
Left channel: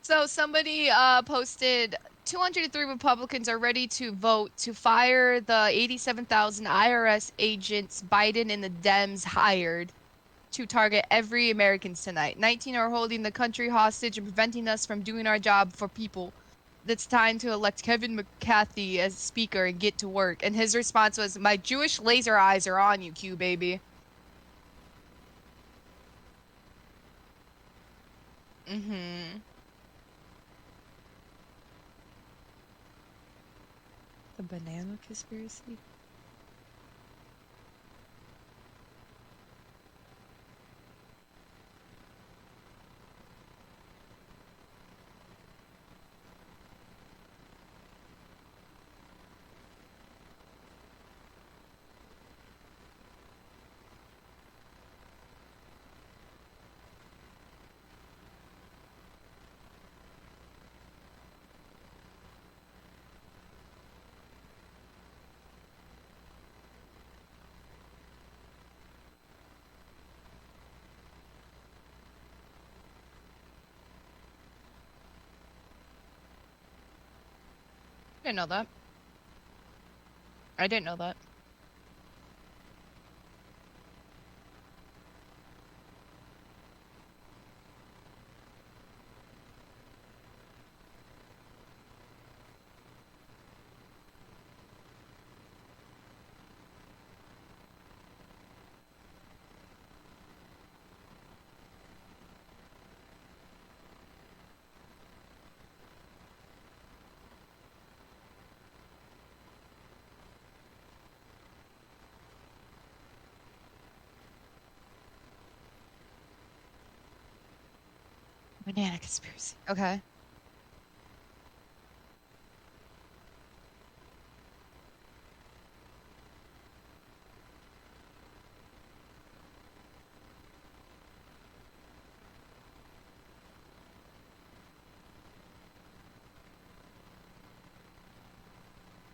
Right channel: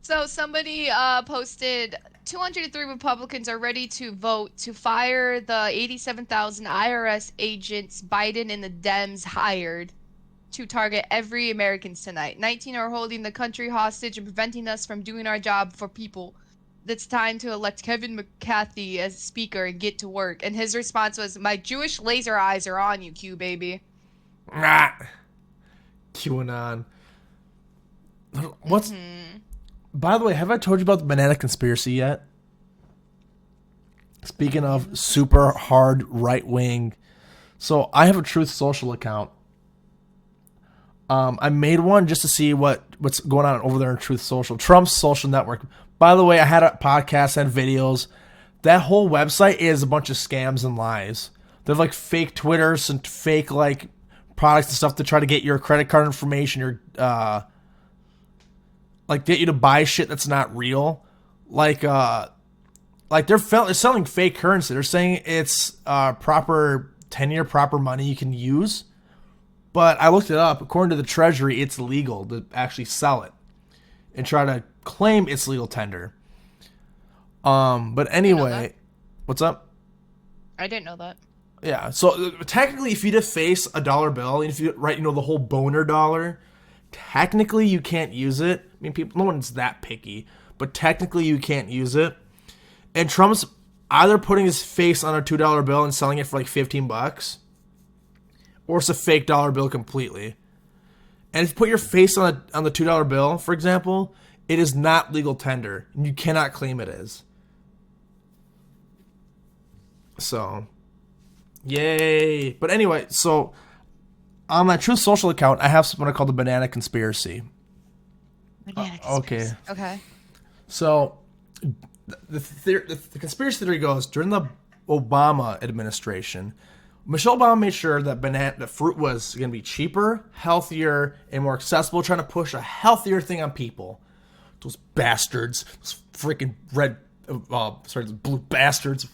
So somebody posted 203 Republicans are ready to vote to fire the 87,000 IRS agents Biden and the Dems hired to target every Americans tonight. 19 are holding the country hostage and preventing us from doing our job for people. It's time to elect Kevin McCarthy as speaker and get to work. And his response was, my Jewish laser eyes are on you, Q, baby. Ah. QAnon. What's... By the way, have I told you about the banana conspiracy yet? Speaking of super hard right-wing. So, I have a Truth Social account. I made one just to see what's going on over there in Truth Social. Trump's social network. By the way, I had a podcast and videos. That whole website is a bunch of scams and lies. They're like fake Twitters and fake like products and stuff to try to get your credit card information, your like get you to buy shit that's not real. Like they're selling fake currency. They're saying it's proper 10-year proper money you can use. But I looked it up. According to the Treasury, it's legal to actually sell it and try to claim it's legal tender. But anyway, what's up? I didn't know that. Yeah. So technically, if you deface a dollar bill, and if you write, the whole boner dollar, technically you can't use it. I mean, no one's that picky, but technically you can't use it. And Trump's either putting his face on a $2 bill and selling it for like $15, or it's a fake dollar bill completely. And if you put your face on the $2 bill, for example, it is not legal tender. You cannot claim it is. So, yay. But anyway, so on my Truth Social account, I have something called the Banana Conspiracy. Banana conspiracy. Okay. So, the conspiracy theory goes, during the Obama administration, Michelle Obama made sure that fruit was going to be cheaper, healthier, and more accessible, trying to push a healthier thing on people. Those bastards, those freaking blue bastards.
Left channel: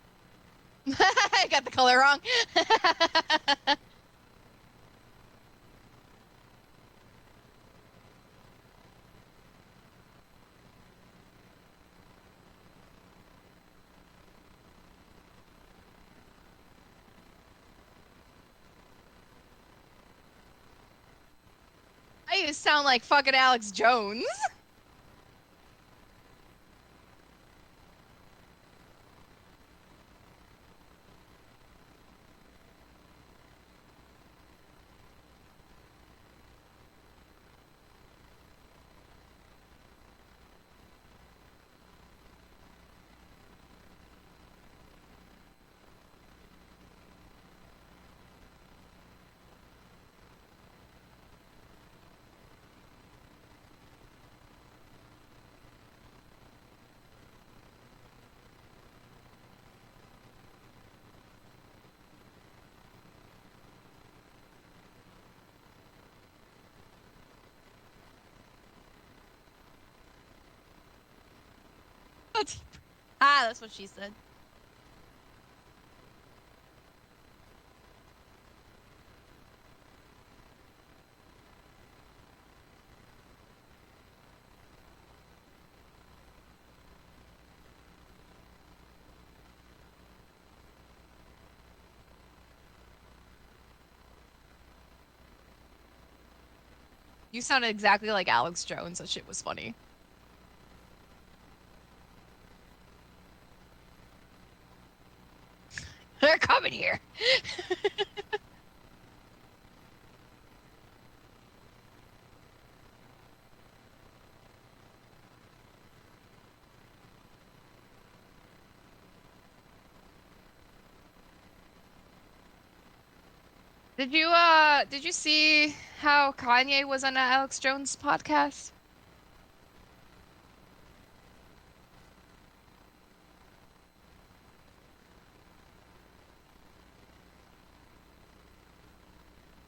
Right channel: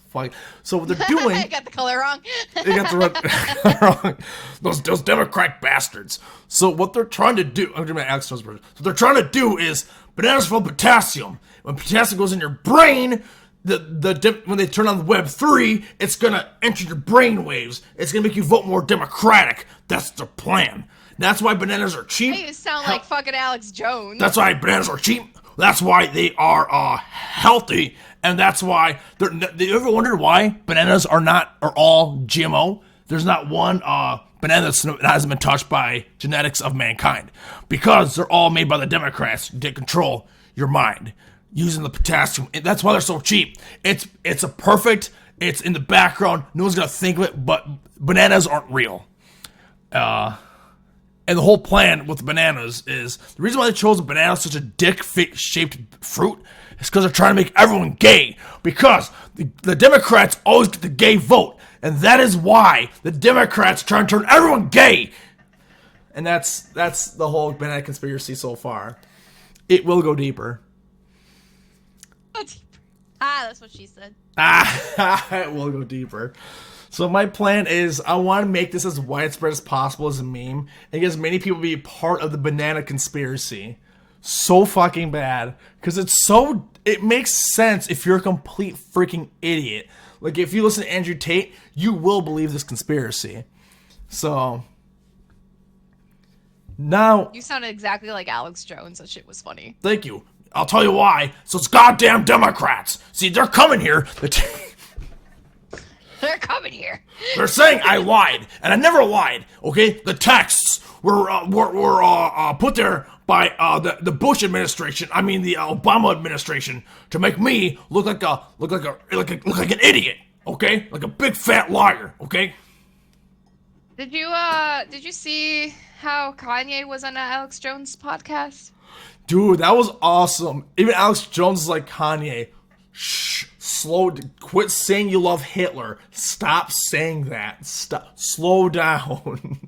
So what they're doing... I got the color wrong. They got the red wrong. Those Democrat bastards. So what they're trying to do... I'm doing my Alex Jones version. What they're trying to do is, bananas full of potassium. When potassium goes in your brain... when they turn on Web 3, it's gonna enter your brain waves. It's gonna make you vote more Democratic. That's the plan. That's why bananas are cheap. Hey, you sound like fucking Alex Jones. That's why bananas are cheap. That's why they are healthy, and that's why you ever wondered why bananas are all GMO? There's not one banana that hasn't been touched by genetics of mankind, because they're all made by the Democrats to control your mind. using the potassium. That's why they're so cheap. It's a perfect. It's in the background. No one's gonna think of it, but bananas aren't real. And the whole plan with bananas is the reason why they chose a banana such a dick-shaped fruit is because they're trying to make everyone gay. Because the Democrats always get the gay vote, and that is why the Democrats try to turn everyone gay. And that's the whole banana conspiracy so far. It will go deeper. That's what she said. It will go deeper. So my plan is I want to make this as widespread as possible as a meme and get as many people to be part of the banana conspiracy. So fucking bad. Because it makes sense if you're a complete freaking idiot. Like, if you listen to Andrew Tate, you will believe this conspiracy. So, now... You sounded exactly like Alex Jones. That shit was funny. Thank you. I'll tell you why. So it's goddamn Democrats. See, they're coming here. They're coming here. They're saying I lied, and I never lied. Okay, the texts were put there by the Bush administration. I mean the Obama administration to make me look like an idiot. Okay, like a big fat liar. Okay. Did you see how Kanye was on Alex Jones' podcast? Dude, that was awesome. Even Alex Jones is like, Kanye, shh, quit saying you love Hitler. Stop saying that. Slow down.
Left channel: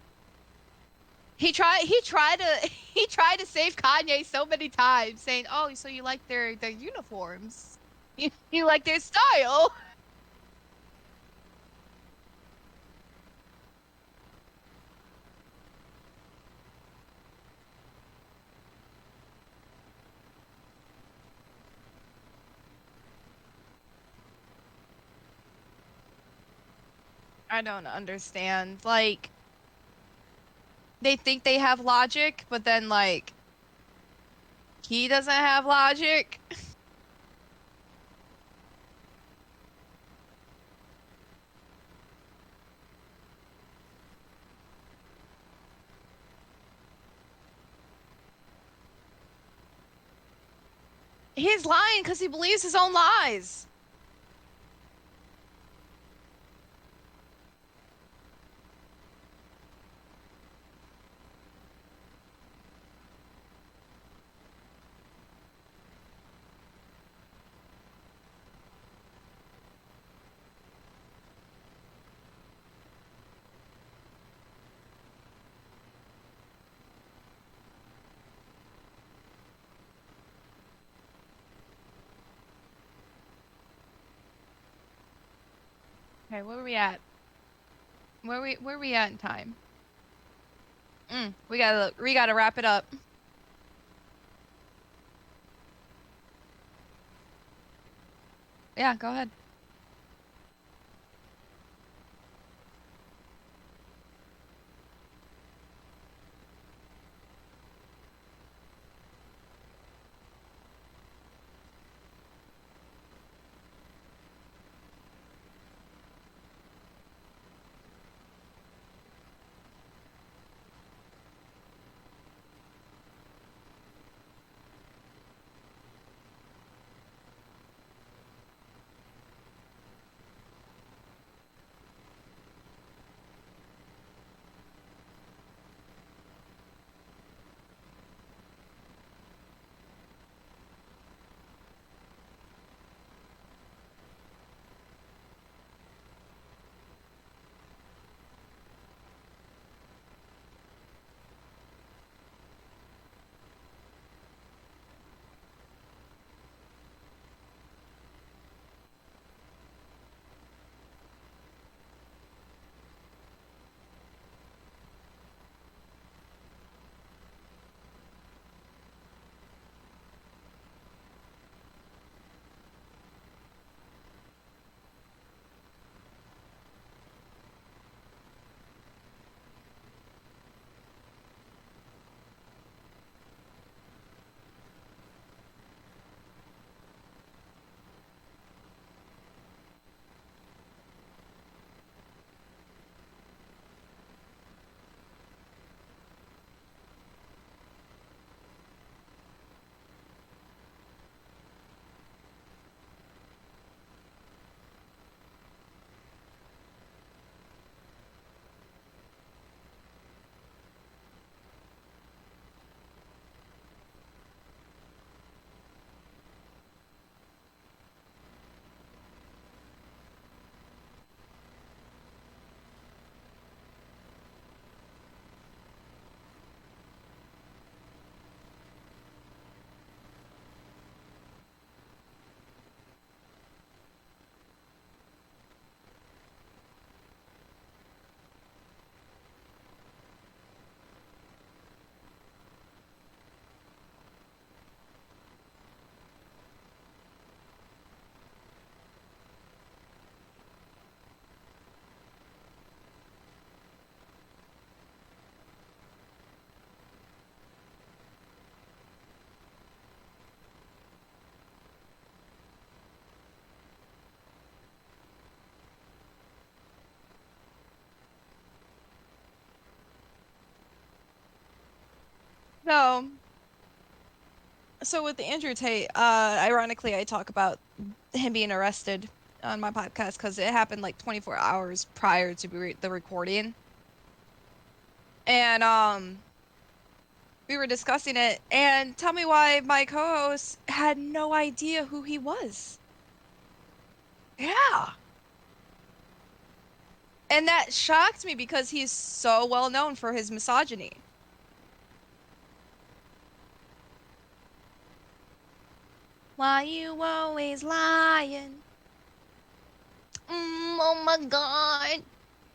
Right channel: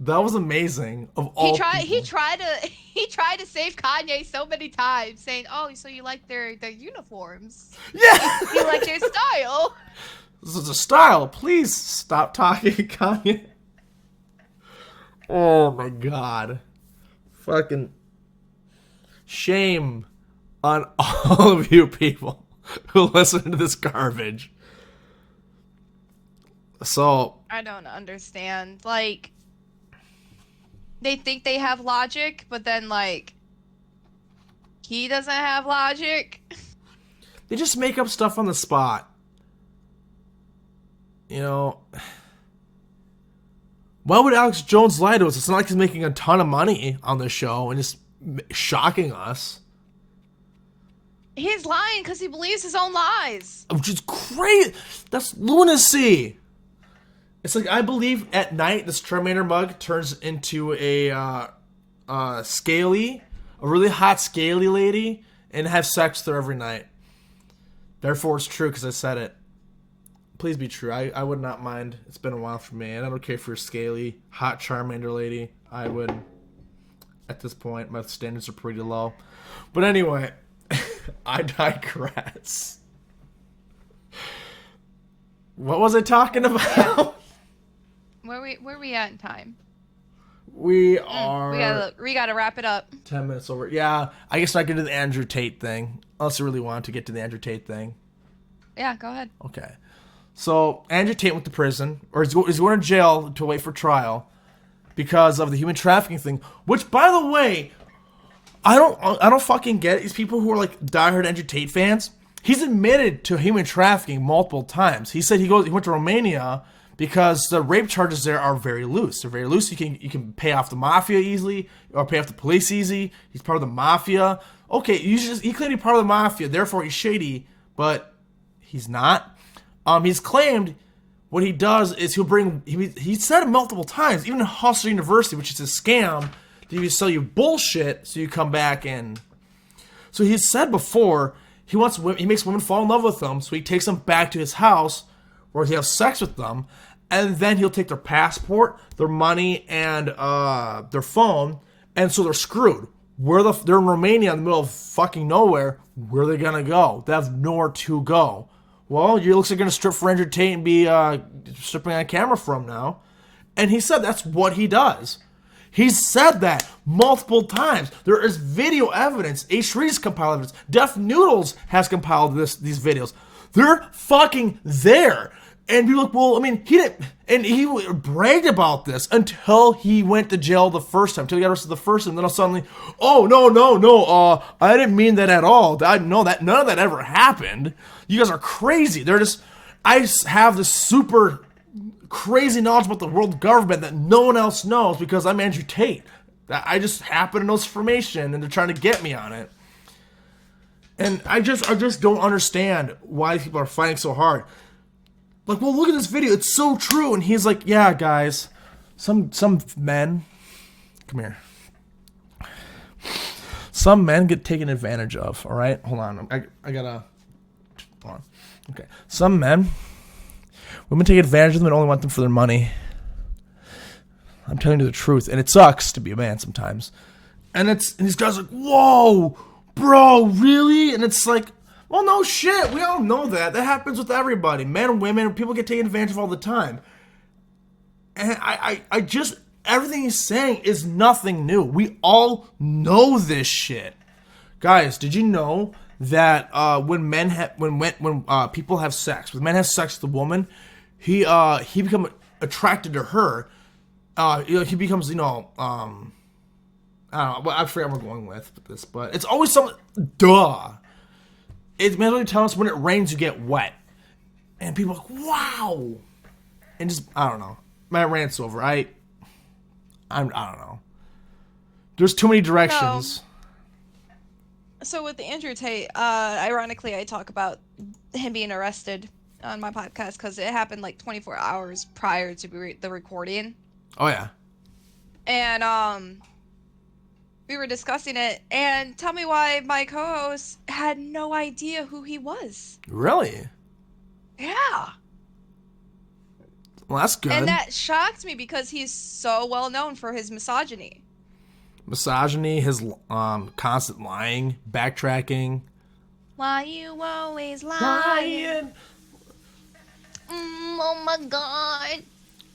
That was amazing. He tried to save Kanye so many times, saying, "Oh, so you like their uniforms? Yeah, you like their style." This is a style. Please stop talking, Kanye. Oh my god. Fucking shame on all of you people who listen to this garbage. So I don't understand. Like, they think they have logic, but then, like, he doesn't have logic. They just make up stuff on the spot. You know, why would Alex Jones lie to us? It's not like he's making a ton of money on the show and just shocking us. He's lying because he believes his own lies. Which is crazy. That's lunacy. It's like, I believe at night this Terminator mug turns into a really hot scaly lady and have sex with her every night. Therefore it's true because I said it. Please be true. I would not mind. It's been a while for me, and I don't care if you're a scaly, hot Charmander lady. I would. At this point, my standards are pretty low. But anyway, I digress. What was I talking about? Yeah. Where we at in time? We are. We gotta wrap it up. 10 minutes over. Yeah, I guess I can do the Andrew Tate thing. Unless you really want to get to the Andrew Tate thing. Yeah, go ahead. Okay. So Andrew Tate went to prison, or he's going to jail to wait for trial, because of the human trafficking thing. Which, by the way, I don't fucking get it. These people who are like diehard Andrew Tate fans. He's admitted to human trafficking multiple times. He said he went to Romania because the rape charges there are very loose. They're very loose. You can pay off the mafia easily, or pay off the police easy. He's part of the mafia. Okay, he claimed he's part of the mafia, therefore he's shady, but he's not. He's claimed what he does is he said it multiple times, even in Hustler University, which is a scam, that he sell you bullshit so you come back and... So he's said before, he makes women fall in love with them, so he takes them back to his house where he has sex with them, and then he'll take their passport, their money, and their phone, and so they're screwed. They're in Romania in the middle of fucking nowhere. Where are they gonna go? They have nowhere to go. Well, it looks like you're going to strip for Andrew Tate and be stripping on camera for him now. And he said that's what he does. He's said that multiple times. There is video evidence. H. Reed's compiled evidence. Def Noodles has compiled these videos. They're fucking there. And you're like, well, I mean, he didn't... And he bragged about this until he went to jail the first time. Until he got arrested the first time. Then suddenly, oh, no. I didn't mean that at all. None of that ever happened. You guys are crazy. I have this super crazy knowledge about the world government that no one else knows because I'm Andrew Tate. I just happen to know this information and they're trying to get me on it. And I just don't understand why people are fighting so hard. Like, well, look at this video. It's so true. And he's like, yeah, guys, some men, come here. Some men get taken advantage of. All right, hold on. I gotta. Hold on. Okay. Some men, women take advantage of them and only want them for their money. I'm telling you the truth, and it sucks to be a man sometimes. And these guys are like, whoa, bro, really? And it's like, well, no shit. We all know that. That happens with everybody. Men and women, people get taken advantage of all the time. And I just, everything he's saying is nothing new. We all know this shit. Guys, did you know that when people have sex, when men have sex with a woman, he becomes attracted to her. He becomes, I don't know. I forget what I'm going with this, but it's always something. Duh. It's mentally telling us when it rains, you get wet, and people are like, wow, and just I don't know. My rant's over. I don't know. There's too many directions. So with the Andrew Tate, ironically, I talk about him being arrested on my podcast because it happened like 24 hours prior to the recording. Oh yeah. And we were discussing it, and tell me why my co-host had no idea who he was. Really? Yeah. Well, that's good. And that shocked me because he's so well known for his misogyny. Misogyny, his constant lying, backtracking. Why you always lying? Oh my god.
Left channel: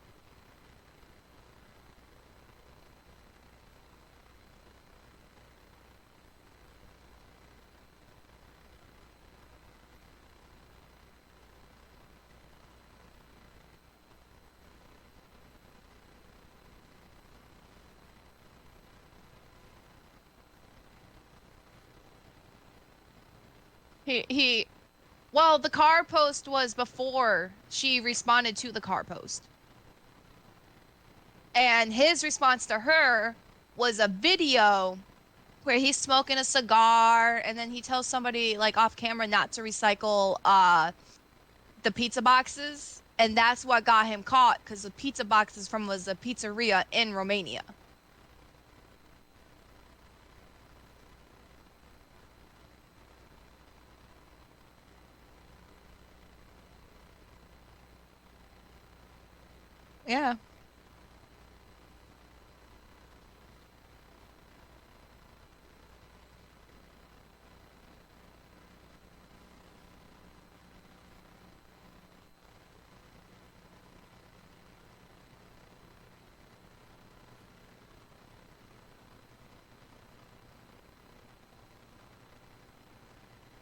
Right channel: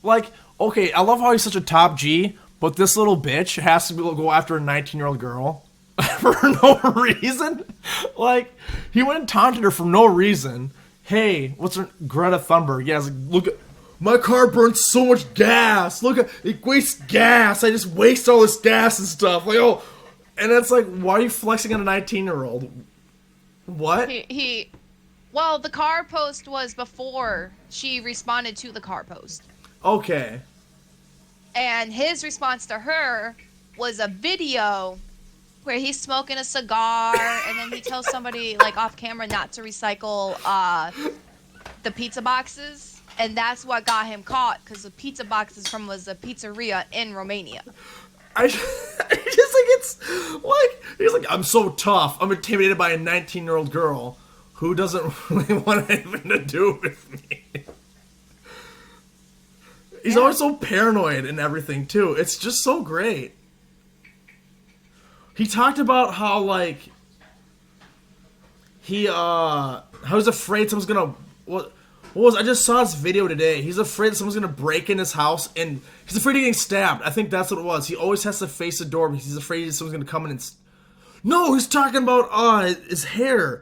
Like, okay, I love how he's such a top G, but this little bitch has to go after a 19-year-old girl for no reason. Like, he went and taunted her for no reason. Hey, what's her, Greta Thunberg? Yeah, like, look at, my car burns so much gas. Look at, it wastes gas. I just waste all this gas and stuff. Like, oh, and it's like, why are you flexing on a 19-year-old? What? Well, the car post was before she responded to the car post. Okay. And his response to her was a video where he's smoking a cigar, and then he tells somebody, like, off camera not to recycle the pizza boxes. And that's what got him caught, because the pizza boxes was a pizzeria in Romania. I just like, it's like, he's like, I'm so tough. I'm intimidated by a 19-year-old girl who doesn't really want anything to do with me. He's always so paranoid and everything, too. It's just so great. He talked about how, like, how he's afraid someone's gonna, I just saw this video today. He's afraid someone's gonna break in his house, and he's afraid of getting stabbed. I think that's what it was. He always has to face the door because he's afraid someone's gonna come in and... No, he's talking about his hair.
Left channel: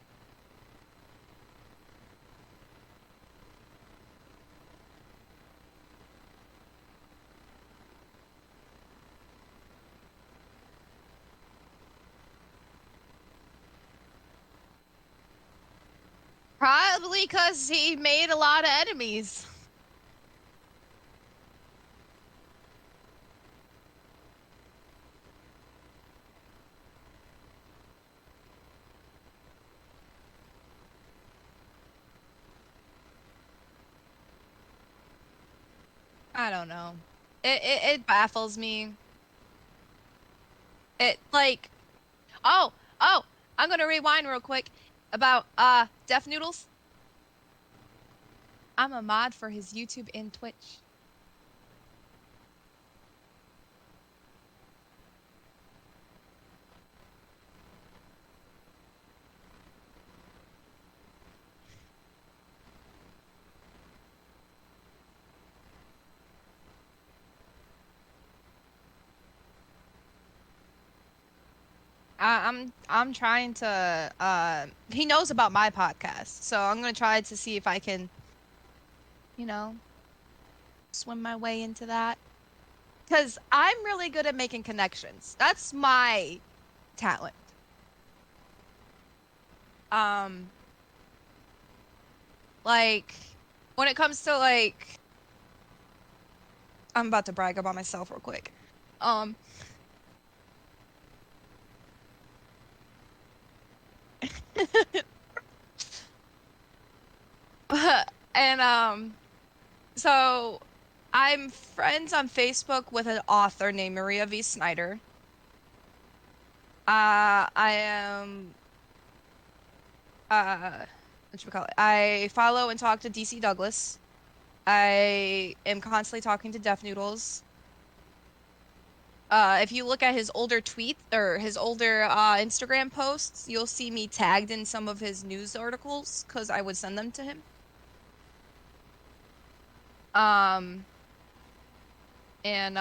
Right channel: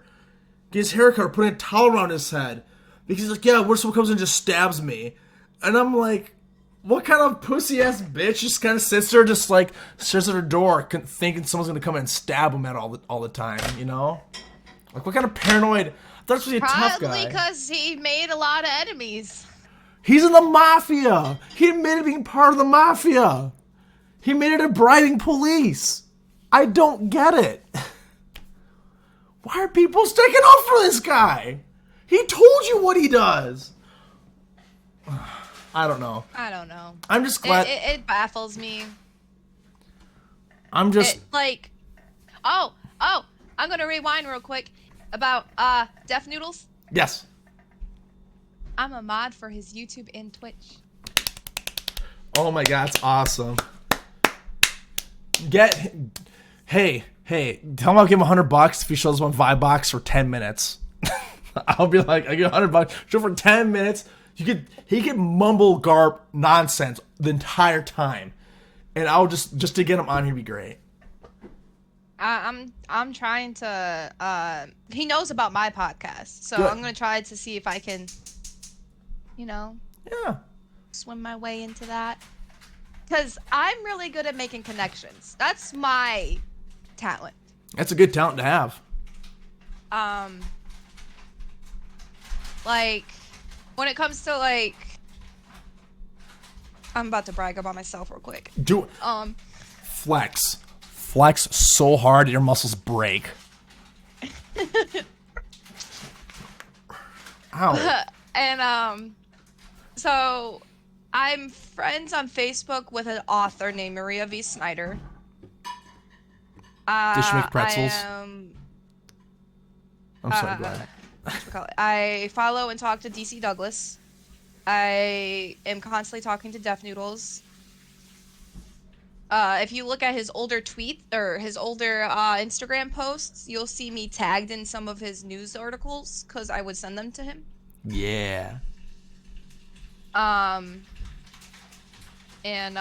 Get his hair cut, or putting a towel around his head. Because he's like, yeah, what if someone comes in and just stabs me? And I'm like, what kind of pussy-ass bitch just kind of sits there, just like, stares at her door, thinking someone's gonna come in and stab him at all the time, you know? Like, what kind of paranoid... That's really a tough guy. Probably because he made a lot of enemies. He's in the mafia. He admitted being part of the mafia. He made it a bribing police. I don't get it. Why are people sticking up for this guy? He told you what he does. I don't know. I'm just glad. It baffles me. I'm just... like... Oh, I'm going to rewind real quick. About Deaf Noodles? Yes. I'm a mod for his YouTube and Twitch. Oh my god, it's awesome. Hey, tell him I'll give him $100 if he shows up on Vibebox for 10 minutes. I'll be like, I get $100, show for 10 minutes. He could mumble garb nonsense the entire time, and I'll just to get him on, he'd be great. I'm trying to he knows about my podcast, so Good. I'm gonna try to see if I can, Yeah. swim my way into that. Cause I'm really good at making connections. That's my talent. That's a good talent to have. Like when it comes to like, I'm about to brag about myself real quick. Do Flex so hard your muscles break. Ow. And so I'm friends on Facebook with an author named Maria V. Snyder. Does she make I pretzels? am I'm sorry, go ahead. whatchamacallit, I follow and talk to DC Douglas. I am constantly talking to Deaf Noodles. If you look at his older tweets or his older Instagram posts, you'll see me tagged in some of his news articles because I would send them to him. Yeah. Um, and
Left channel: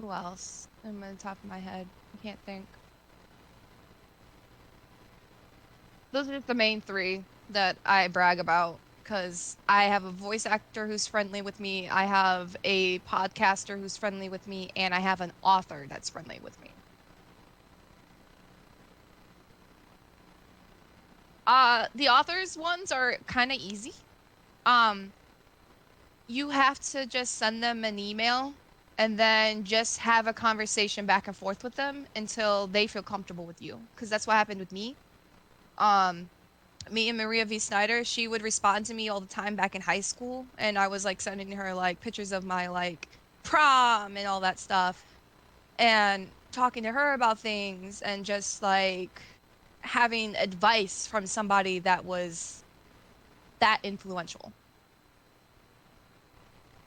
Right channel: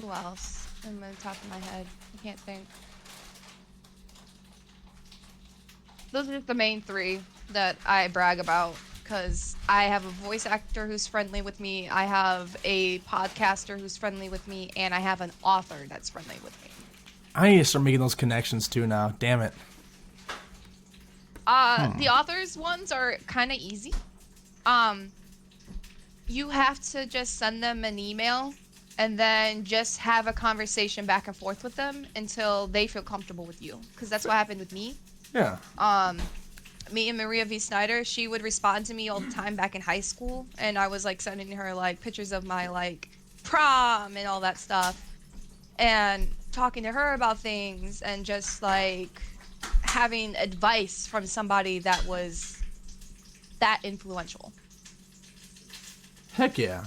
who else? I'm on the top of my head. I can't think. Those are just the main three that I brag about because I have a voice actor who's friendly with me, I have a podcaster who's friendly with me, and I have an author that's friendly with me. I need to start making those connections too now. Damn it. The authors ones are kind of easy. Um, you have to just send them an email and then just have a conversation back and forth with them until they feel comfortable with you. Because that's what happened with me. Yeah. Me and Maria V. Snyder, she would respond to me all the time back in high school, and I was like sending her like pictures of my like prom and all that stuff, and talking to her about things and just like having advice from somebody that was that influential. Heck yeah.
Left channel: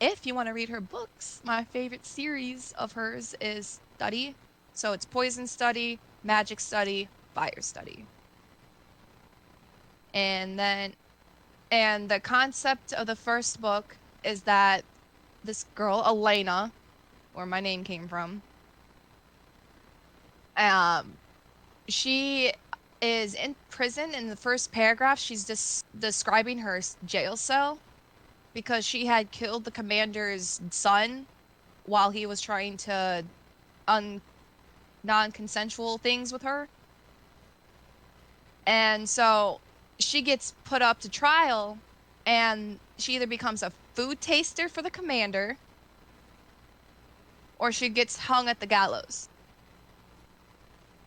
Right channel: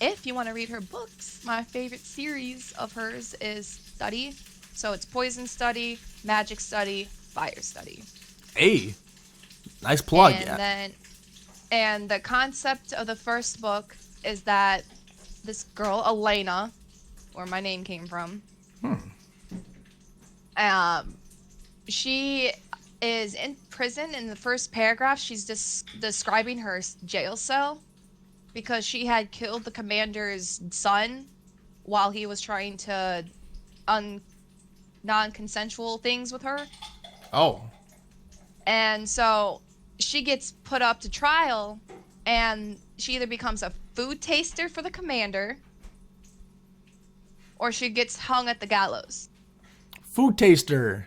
If you want to read her books, my favorite series of hers is Study. So it's Poison Study, Magic Study, Fire Study. Hey. Nice plug, And yeah. then and the concept of the first book is that this girl, Elena, where my name came from, um, she is in prison. In the first paragraph, she's describing her jail cell because she had killed the commander's son while he was trying to un non-consensual things with her. Oh. And so she gets put up to trial, and she either becomes a food taster for the commander or she gets hung at the gallows. Food taster.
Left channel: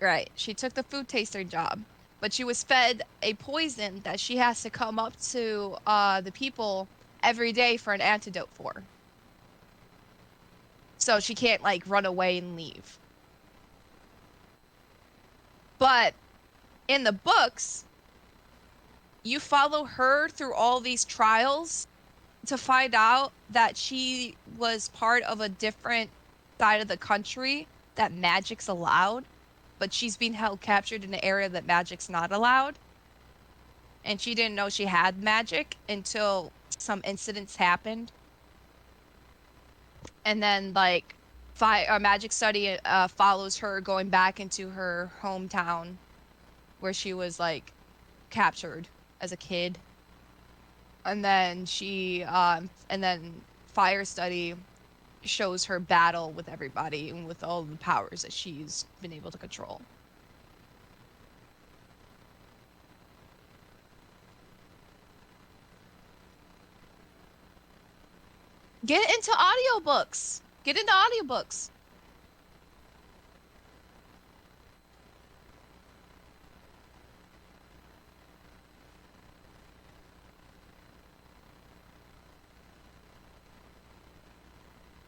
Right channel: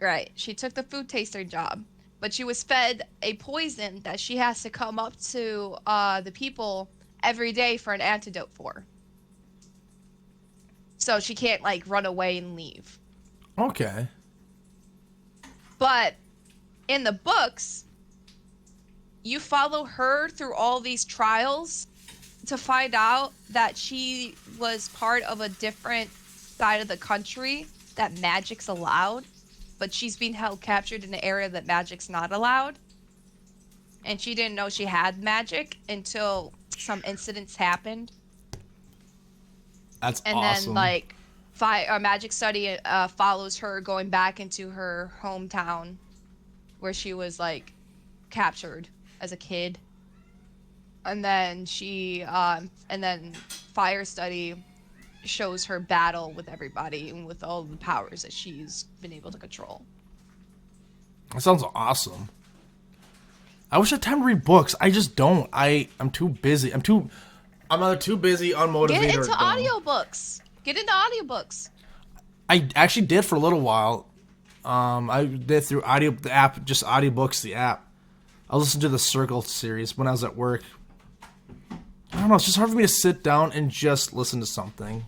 Right. She took the food taster job, but she was fed a poison that she has to come up to the people every day for an antidote for. So she can't like run away and leave. Okay. But in the books, you follow her through all these trials to find out that she was part of a different side of the country that magic's allowed, but she's being held captured in an area that magic's not allowed. And she didn't know she had magic until some incidents happened. That's And then awesome. like magic study follows her going back into her hometown where she was like captured as a kid. And then fire study shows her battle with everybody and with all the powers that she's been able to control. That sounds awesome. I wish I had time to read books. I just don't. I'm too busy. I'm either too busy, unmotivated, Get or into dumb. audiobooks. Get into audiobooks. I actually did for a little while. I did through the app, just audiobooks, the app. I listened to the Circle series when I was at work. I don't know, it's just hard for me to sit down and just listen to something.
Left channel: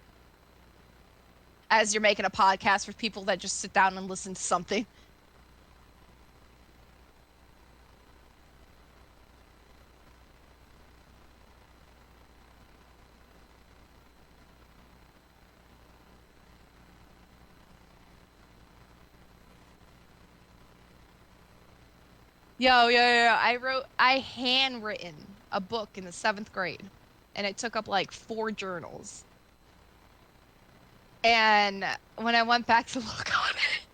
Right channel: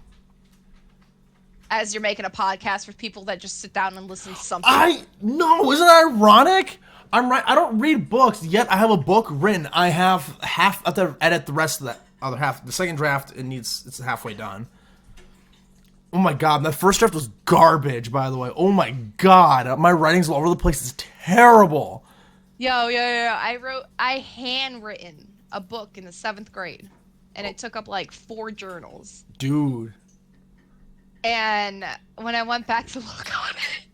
As you're making a podcast for people that just sit down and listen to something. No, isn't that ironic? I don't read books, yet I have a book written. I have half to edit the rest of the other half. The second draft, it's halfway done. Oh my god, my first draft was garbage, by the way. Oh my god, my writing's all over the place. It's terrible. Yo. I handwritten a book in the 7th grade, and it took up like 4 journals. Dude. And when I went back to look on it,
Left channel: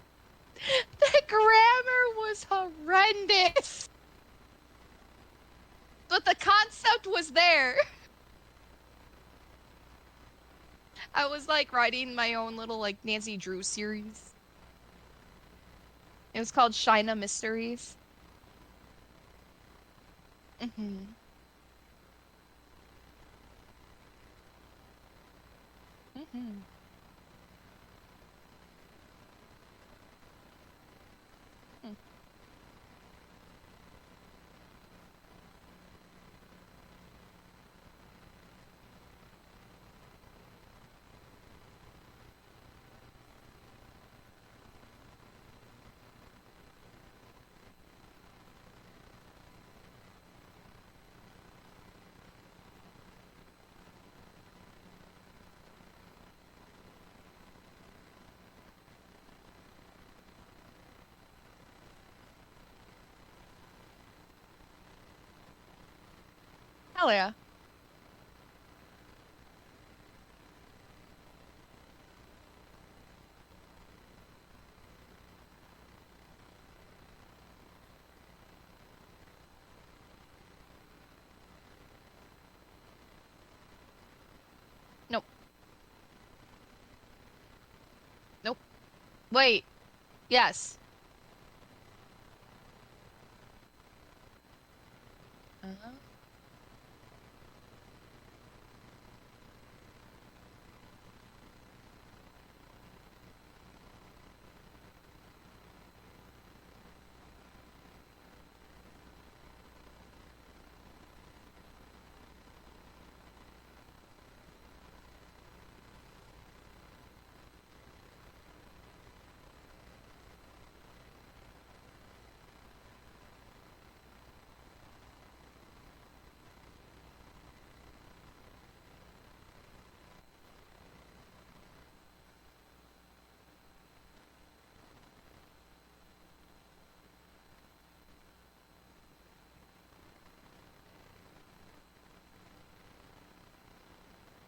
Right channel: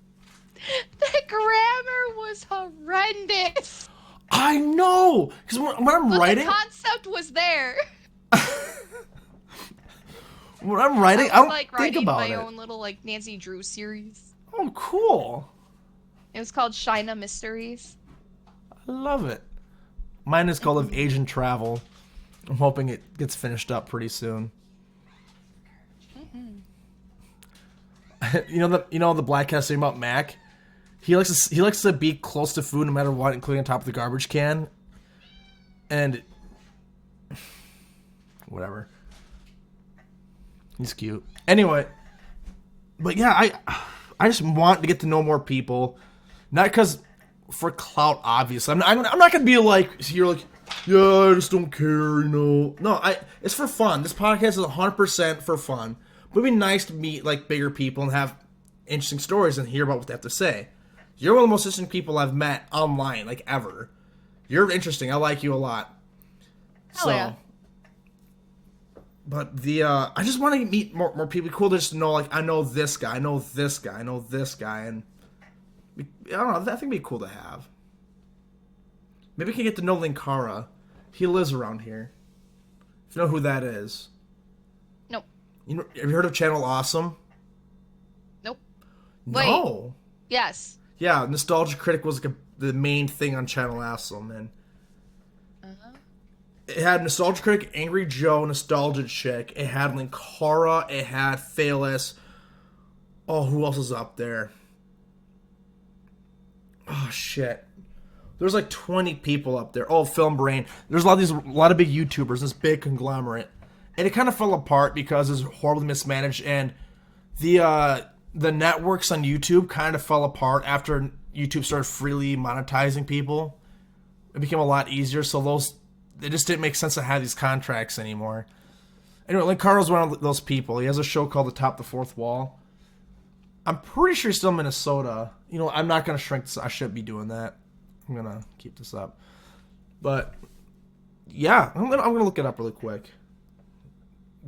the grammar was horrendous. I know! Because when I'm But writing... the concept was there. When I'm writing, I I was don't like think writing about my it. own little like Nancy Drew series. Oh, cool. It was called Shina Mysteries. I love it. Mine is called Of Asian Travel. I'm hoping it gets finished up pretty soon. the black cat saying about Mac. He likes to be close to food no matter what, including on top of the garbage can. And whatever. He's cute. Anyway, but yeah, I just want to get to know more people, not because for clout. Obviously, I'm not gonna be like here like, yeah, I just don't care, No, it's for fun. This podcast is 100% for fun. But it'd be nice to meet like bigger people and have interesting stories and hear about what they have to say. You're one of the most interesting people I've met online, like ever. You're interesting. I like you a lot. Hell yeah. But I just want to meet more people. Cool to just know, like, I know this guy, I know this guy, I know this guy, and I don't know. I think it'd be cool to have. Maybe we can get to know Linkara. He lives around here. If you know who that is. Nope. Have you heard of Channel Awesome? Nope. No. Wait. Yes. Yeah, Nostalgia Critic was like the main thing on Channel Awesome, and it had Nostalgia Critic, Angry Joe, Nostalgia Chick. It had Linkara. It had Phaelus. Oh, who else is up there? Oh shit. There's like 20 people up there. Oh, Film Brain. There's a lot of big YouTubers. This big conglomerate, and it kind of fell apart because it was horribly mismanaged, and the networks on YouTube kind of fell apart after YouTube started freely monetizing people. It became a lot easier, so it just didn't make sense to have these contracts anymore. Anyway, Linkaro's one of those people. He has a show called The Top the Fourth Wall. I'm pretty sure he's still in Minnesota. I'm not gonna shrink this. I shouldn't be doing that. I'm gonna keep this up. But yeah, I'm gonna look it up really quick.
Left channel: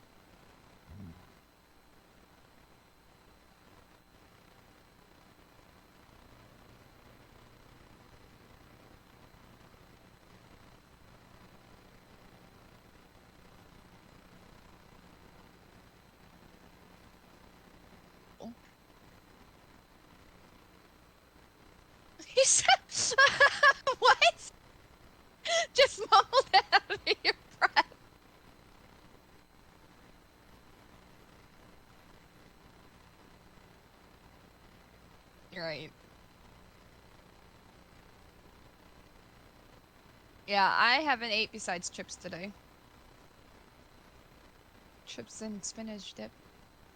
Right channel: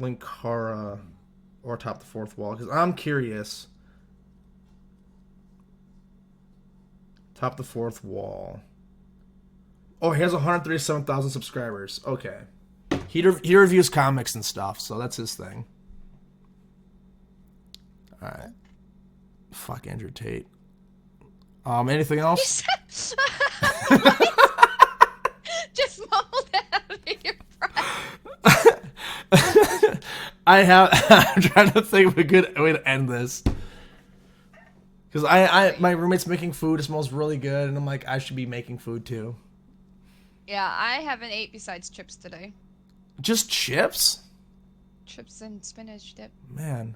Linkara or Top the Fourth Wall, because I'm curious. Top the Fourth Wall. Oh, he has 137,000 subscribers. Okay. He reviews comics and stuff, so that's his thing. Alright. Fuck Andrew Tate. Anything else? What? Just mumbled it out of your breath. I'm trying to think of a good way to end this. Because my roommate's making food. It smells really good, and I'm like, I should be making food too. Yeah, I haven't ate besides chips today. Just chips? Chips and spinach dip. Man.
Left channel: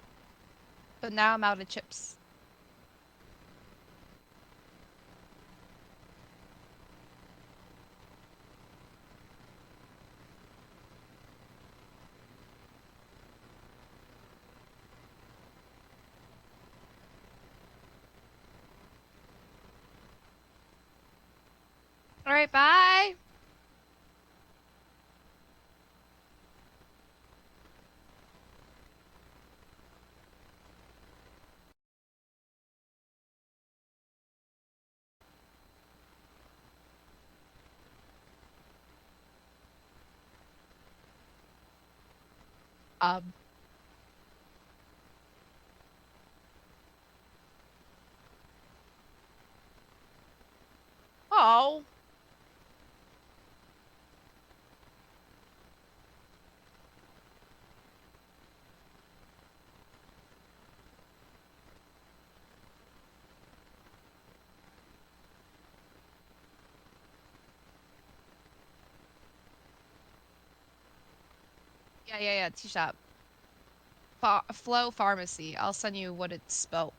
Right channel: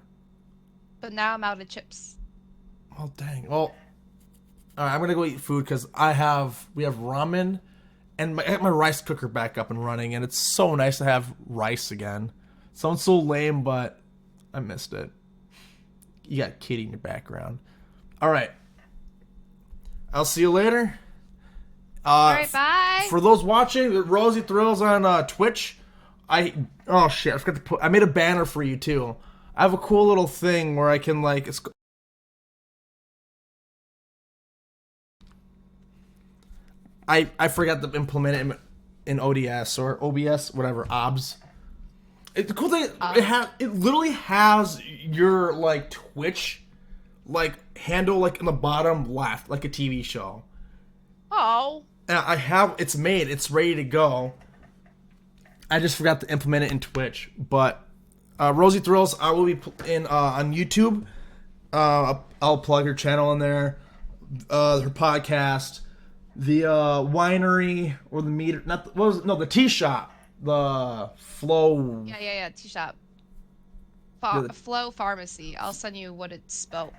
But now I'm out of chips. Oh, dang. Well, all right, I'm going to go eat food because we have ramen, and I got my rice cooker back up and running, and it's so nice to have rice again. Sounds so lame, but I missed it. You got Kitty in your background. All right. I'll see you later. All right, bye. For those watching, RosieThrills on Twitch, I forgot to I made a banner for you too. I have a cool little thing where I can I forgot to implement it in ODS or OBS, whatever, OBS. The cool thing, it literally has your Twitch handle in the bottom left, like a TV show. Oh. And it's made, it's ready to go. I just forgot to implement it in Twitch. But RosieThrills, I will be in on YouTube. I'll plug her channel in there, her podcast, the winery or the meter, the tea shop, the Flow. Yeah, tea shop. Flow Pharmacy. I'll send you how it's spelled.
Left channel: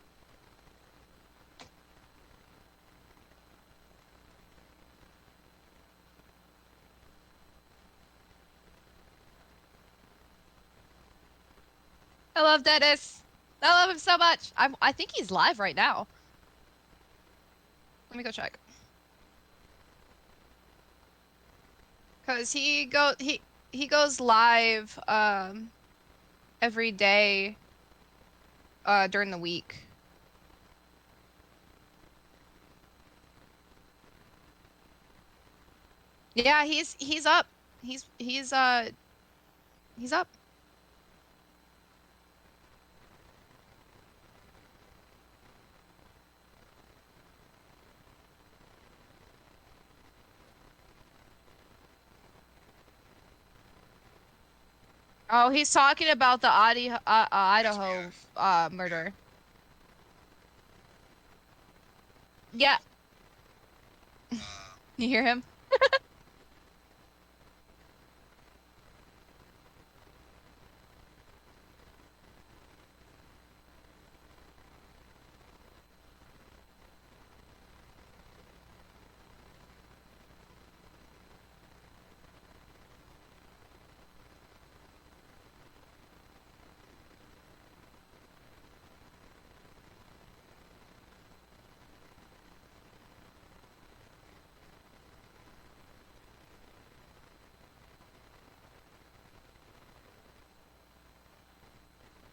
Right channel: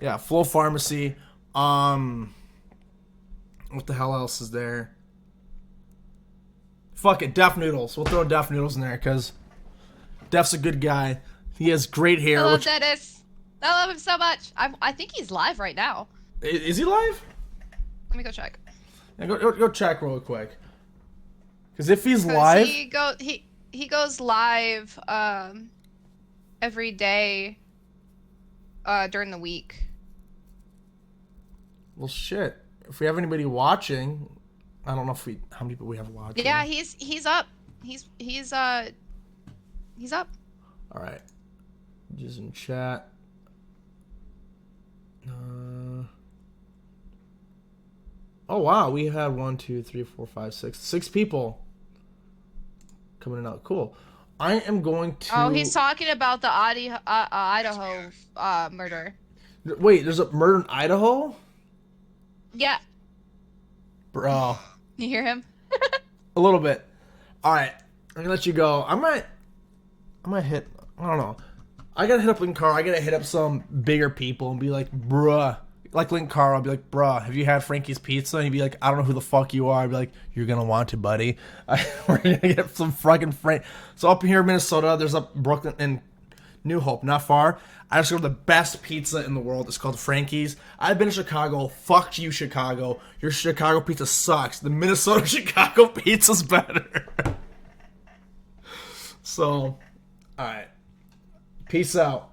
Yeah, Flow Pharmacy. What the hell else is there? Fuck it, Def Noodles. We'll throw Def Noodles in there because Def's a good guy. He has great hair. I love Dennis. I love him so much. I think he's live right now. Is he live? Let me go check. Yeah, go check real quick. Because if he's live, he goes live every day during the week. Well, shit. If we have anybody watching, I don't know how many people we have watching. Yeah, he's up. He's up. All right. Just in chat. Oh wow, we had 1, 2, 3, 4, 5, 6 people coming in out. Cool. I am going Oh, he's to talking about the Idaho murder. wait. There's a murder in Idaho, Yeah, bro. you hear him? A little bit. All right, I'm gonna let you go. I might hit. I don't know. I gotta hit up Link Carl. I gotta hit up some bigger people and be like, bruh. Like Link Carl, I'll be like, bruh, have you had Frankie's Pizza? And he'd be like, I don't know who the fuck you are. I'd be like, you're gonna want to, buddy. We're gonna get some fucking Frank. So up here in Minnesota, there's up Brooklyn and New Hope, not far. I just go to the best pizza in the world. It's called Frankie's. I've been to Chicago. Fuck you, Chicago. Your Chicago pizza sucks. The Minnesota Chicago pizza's better. So, alright. Peace out.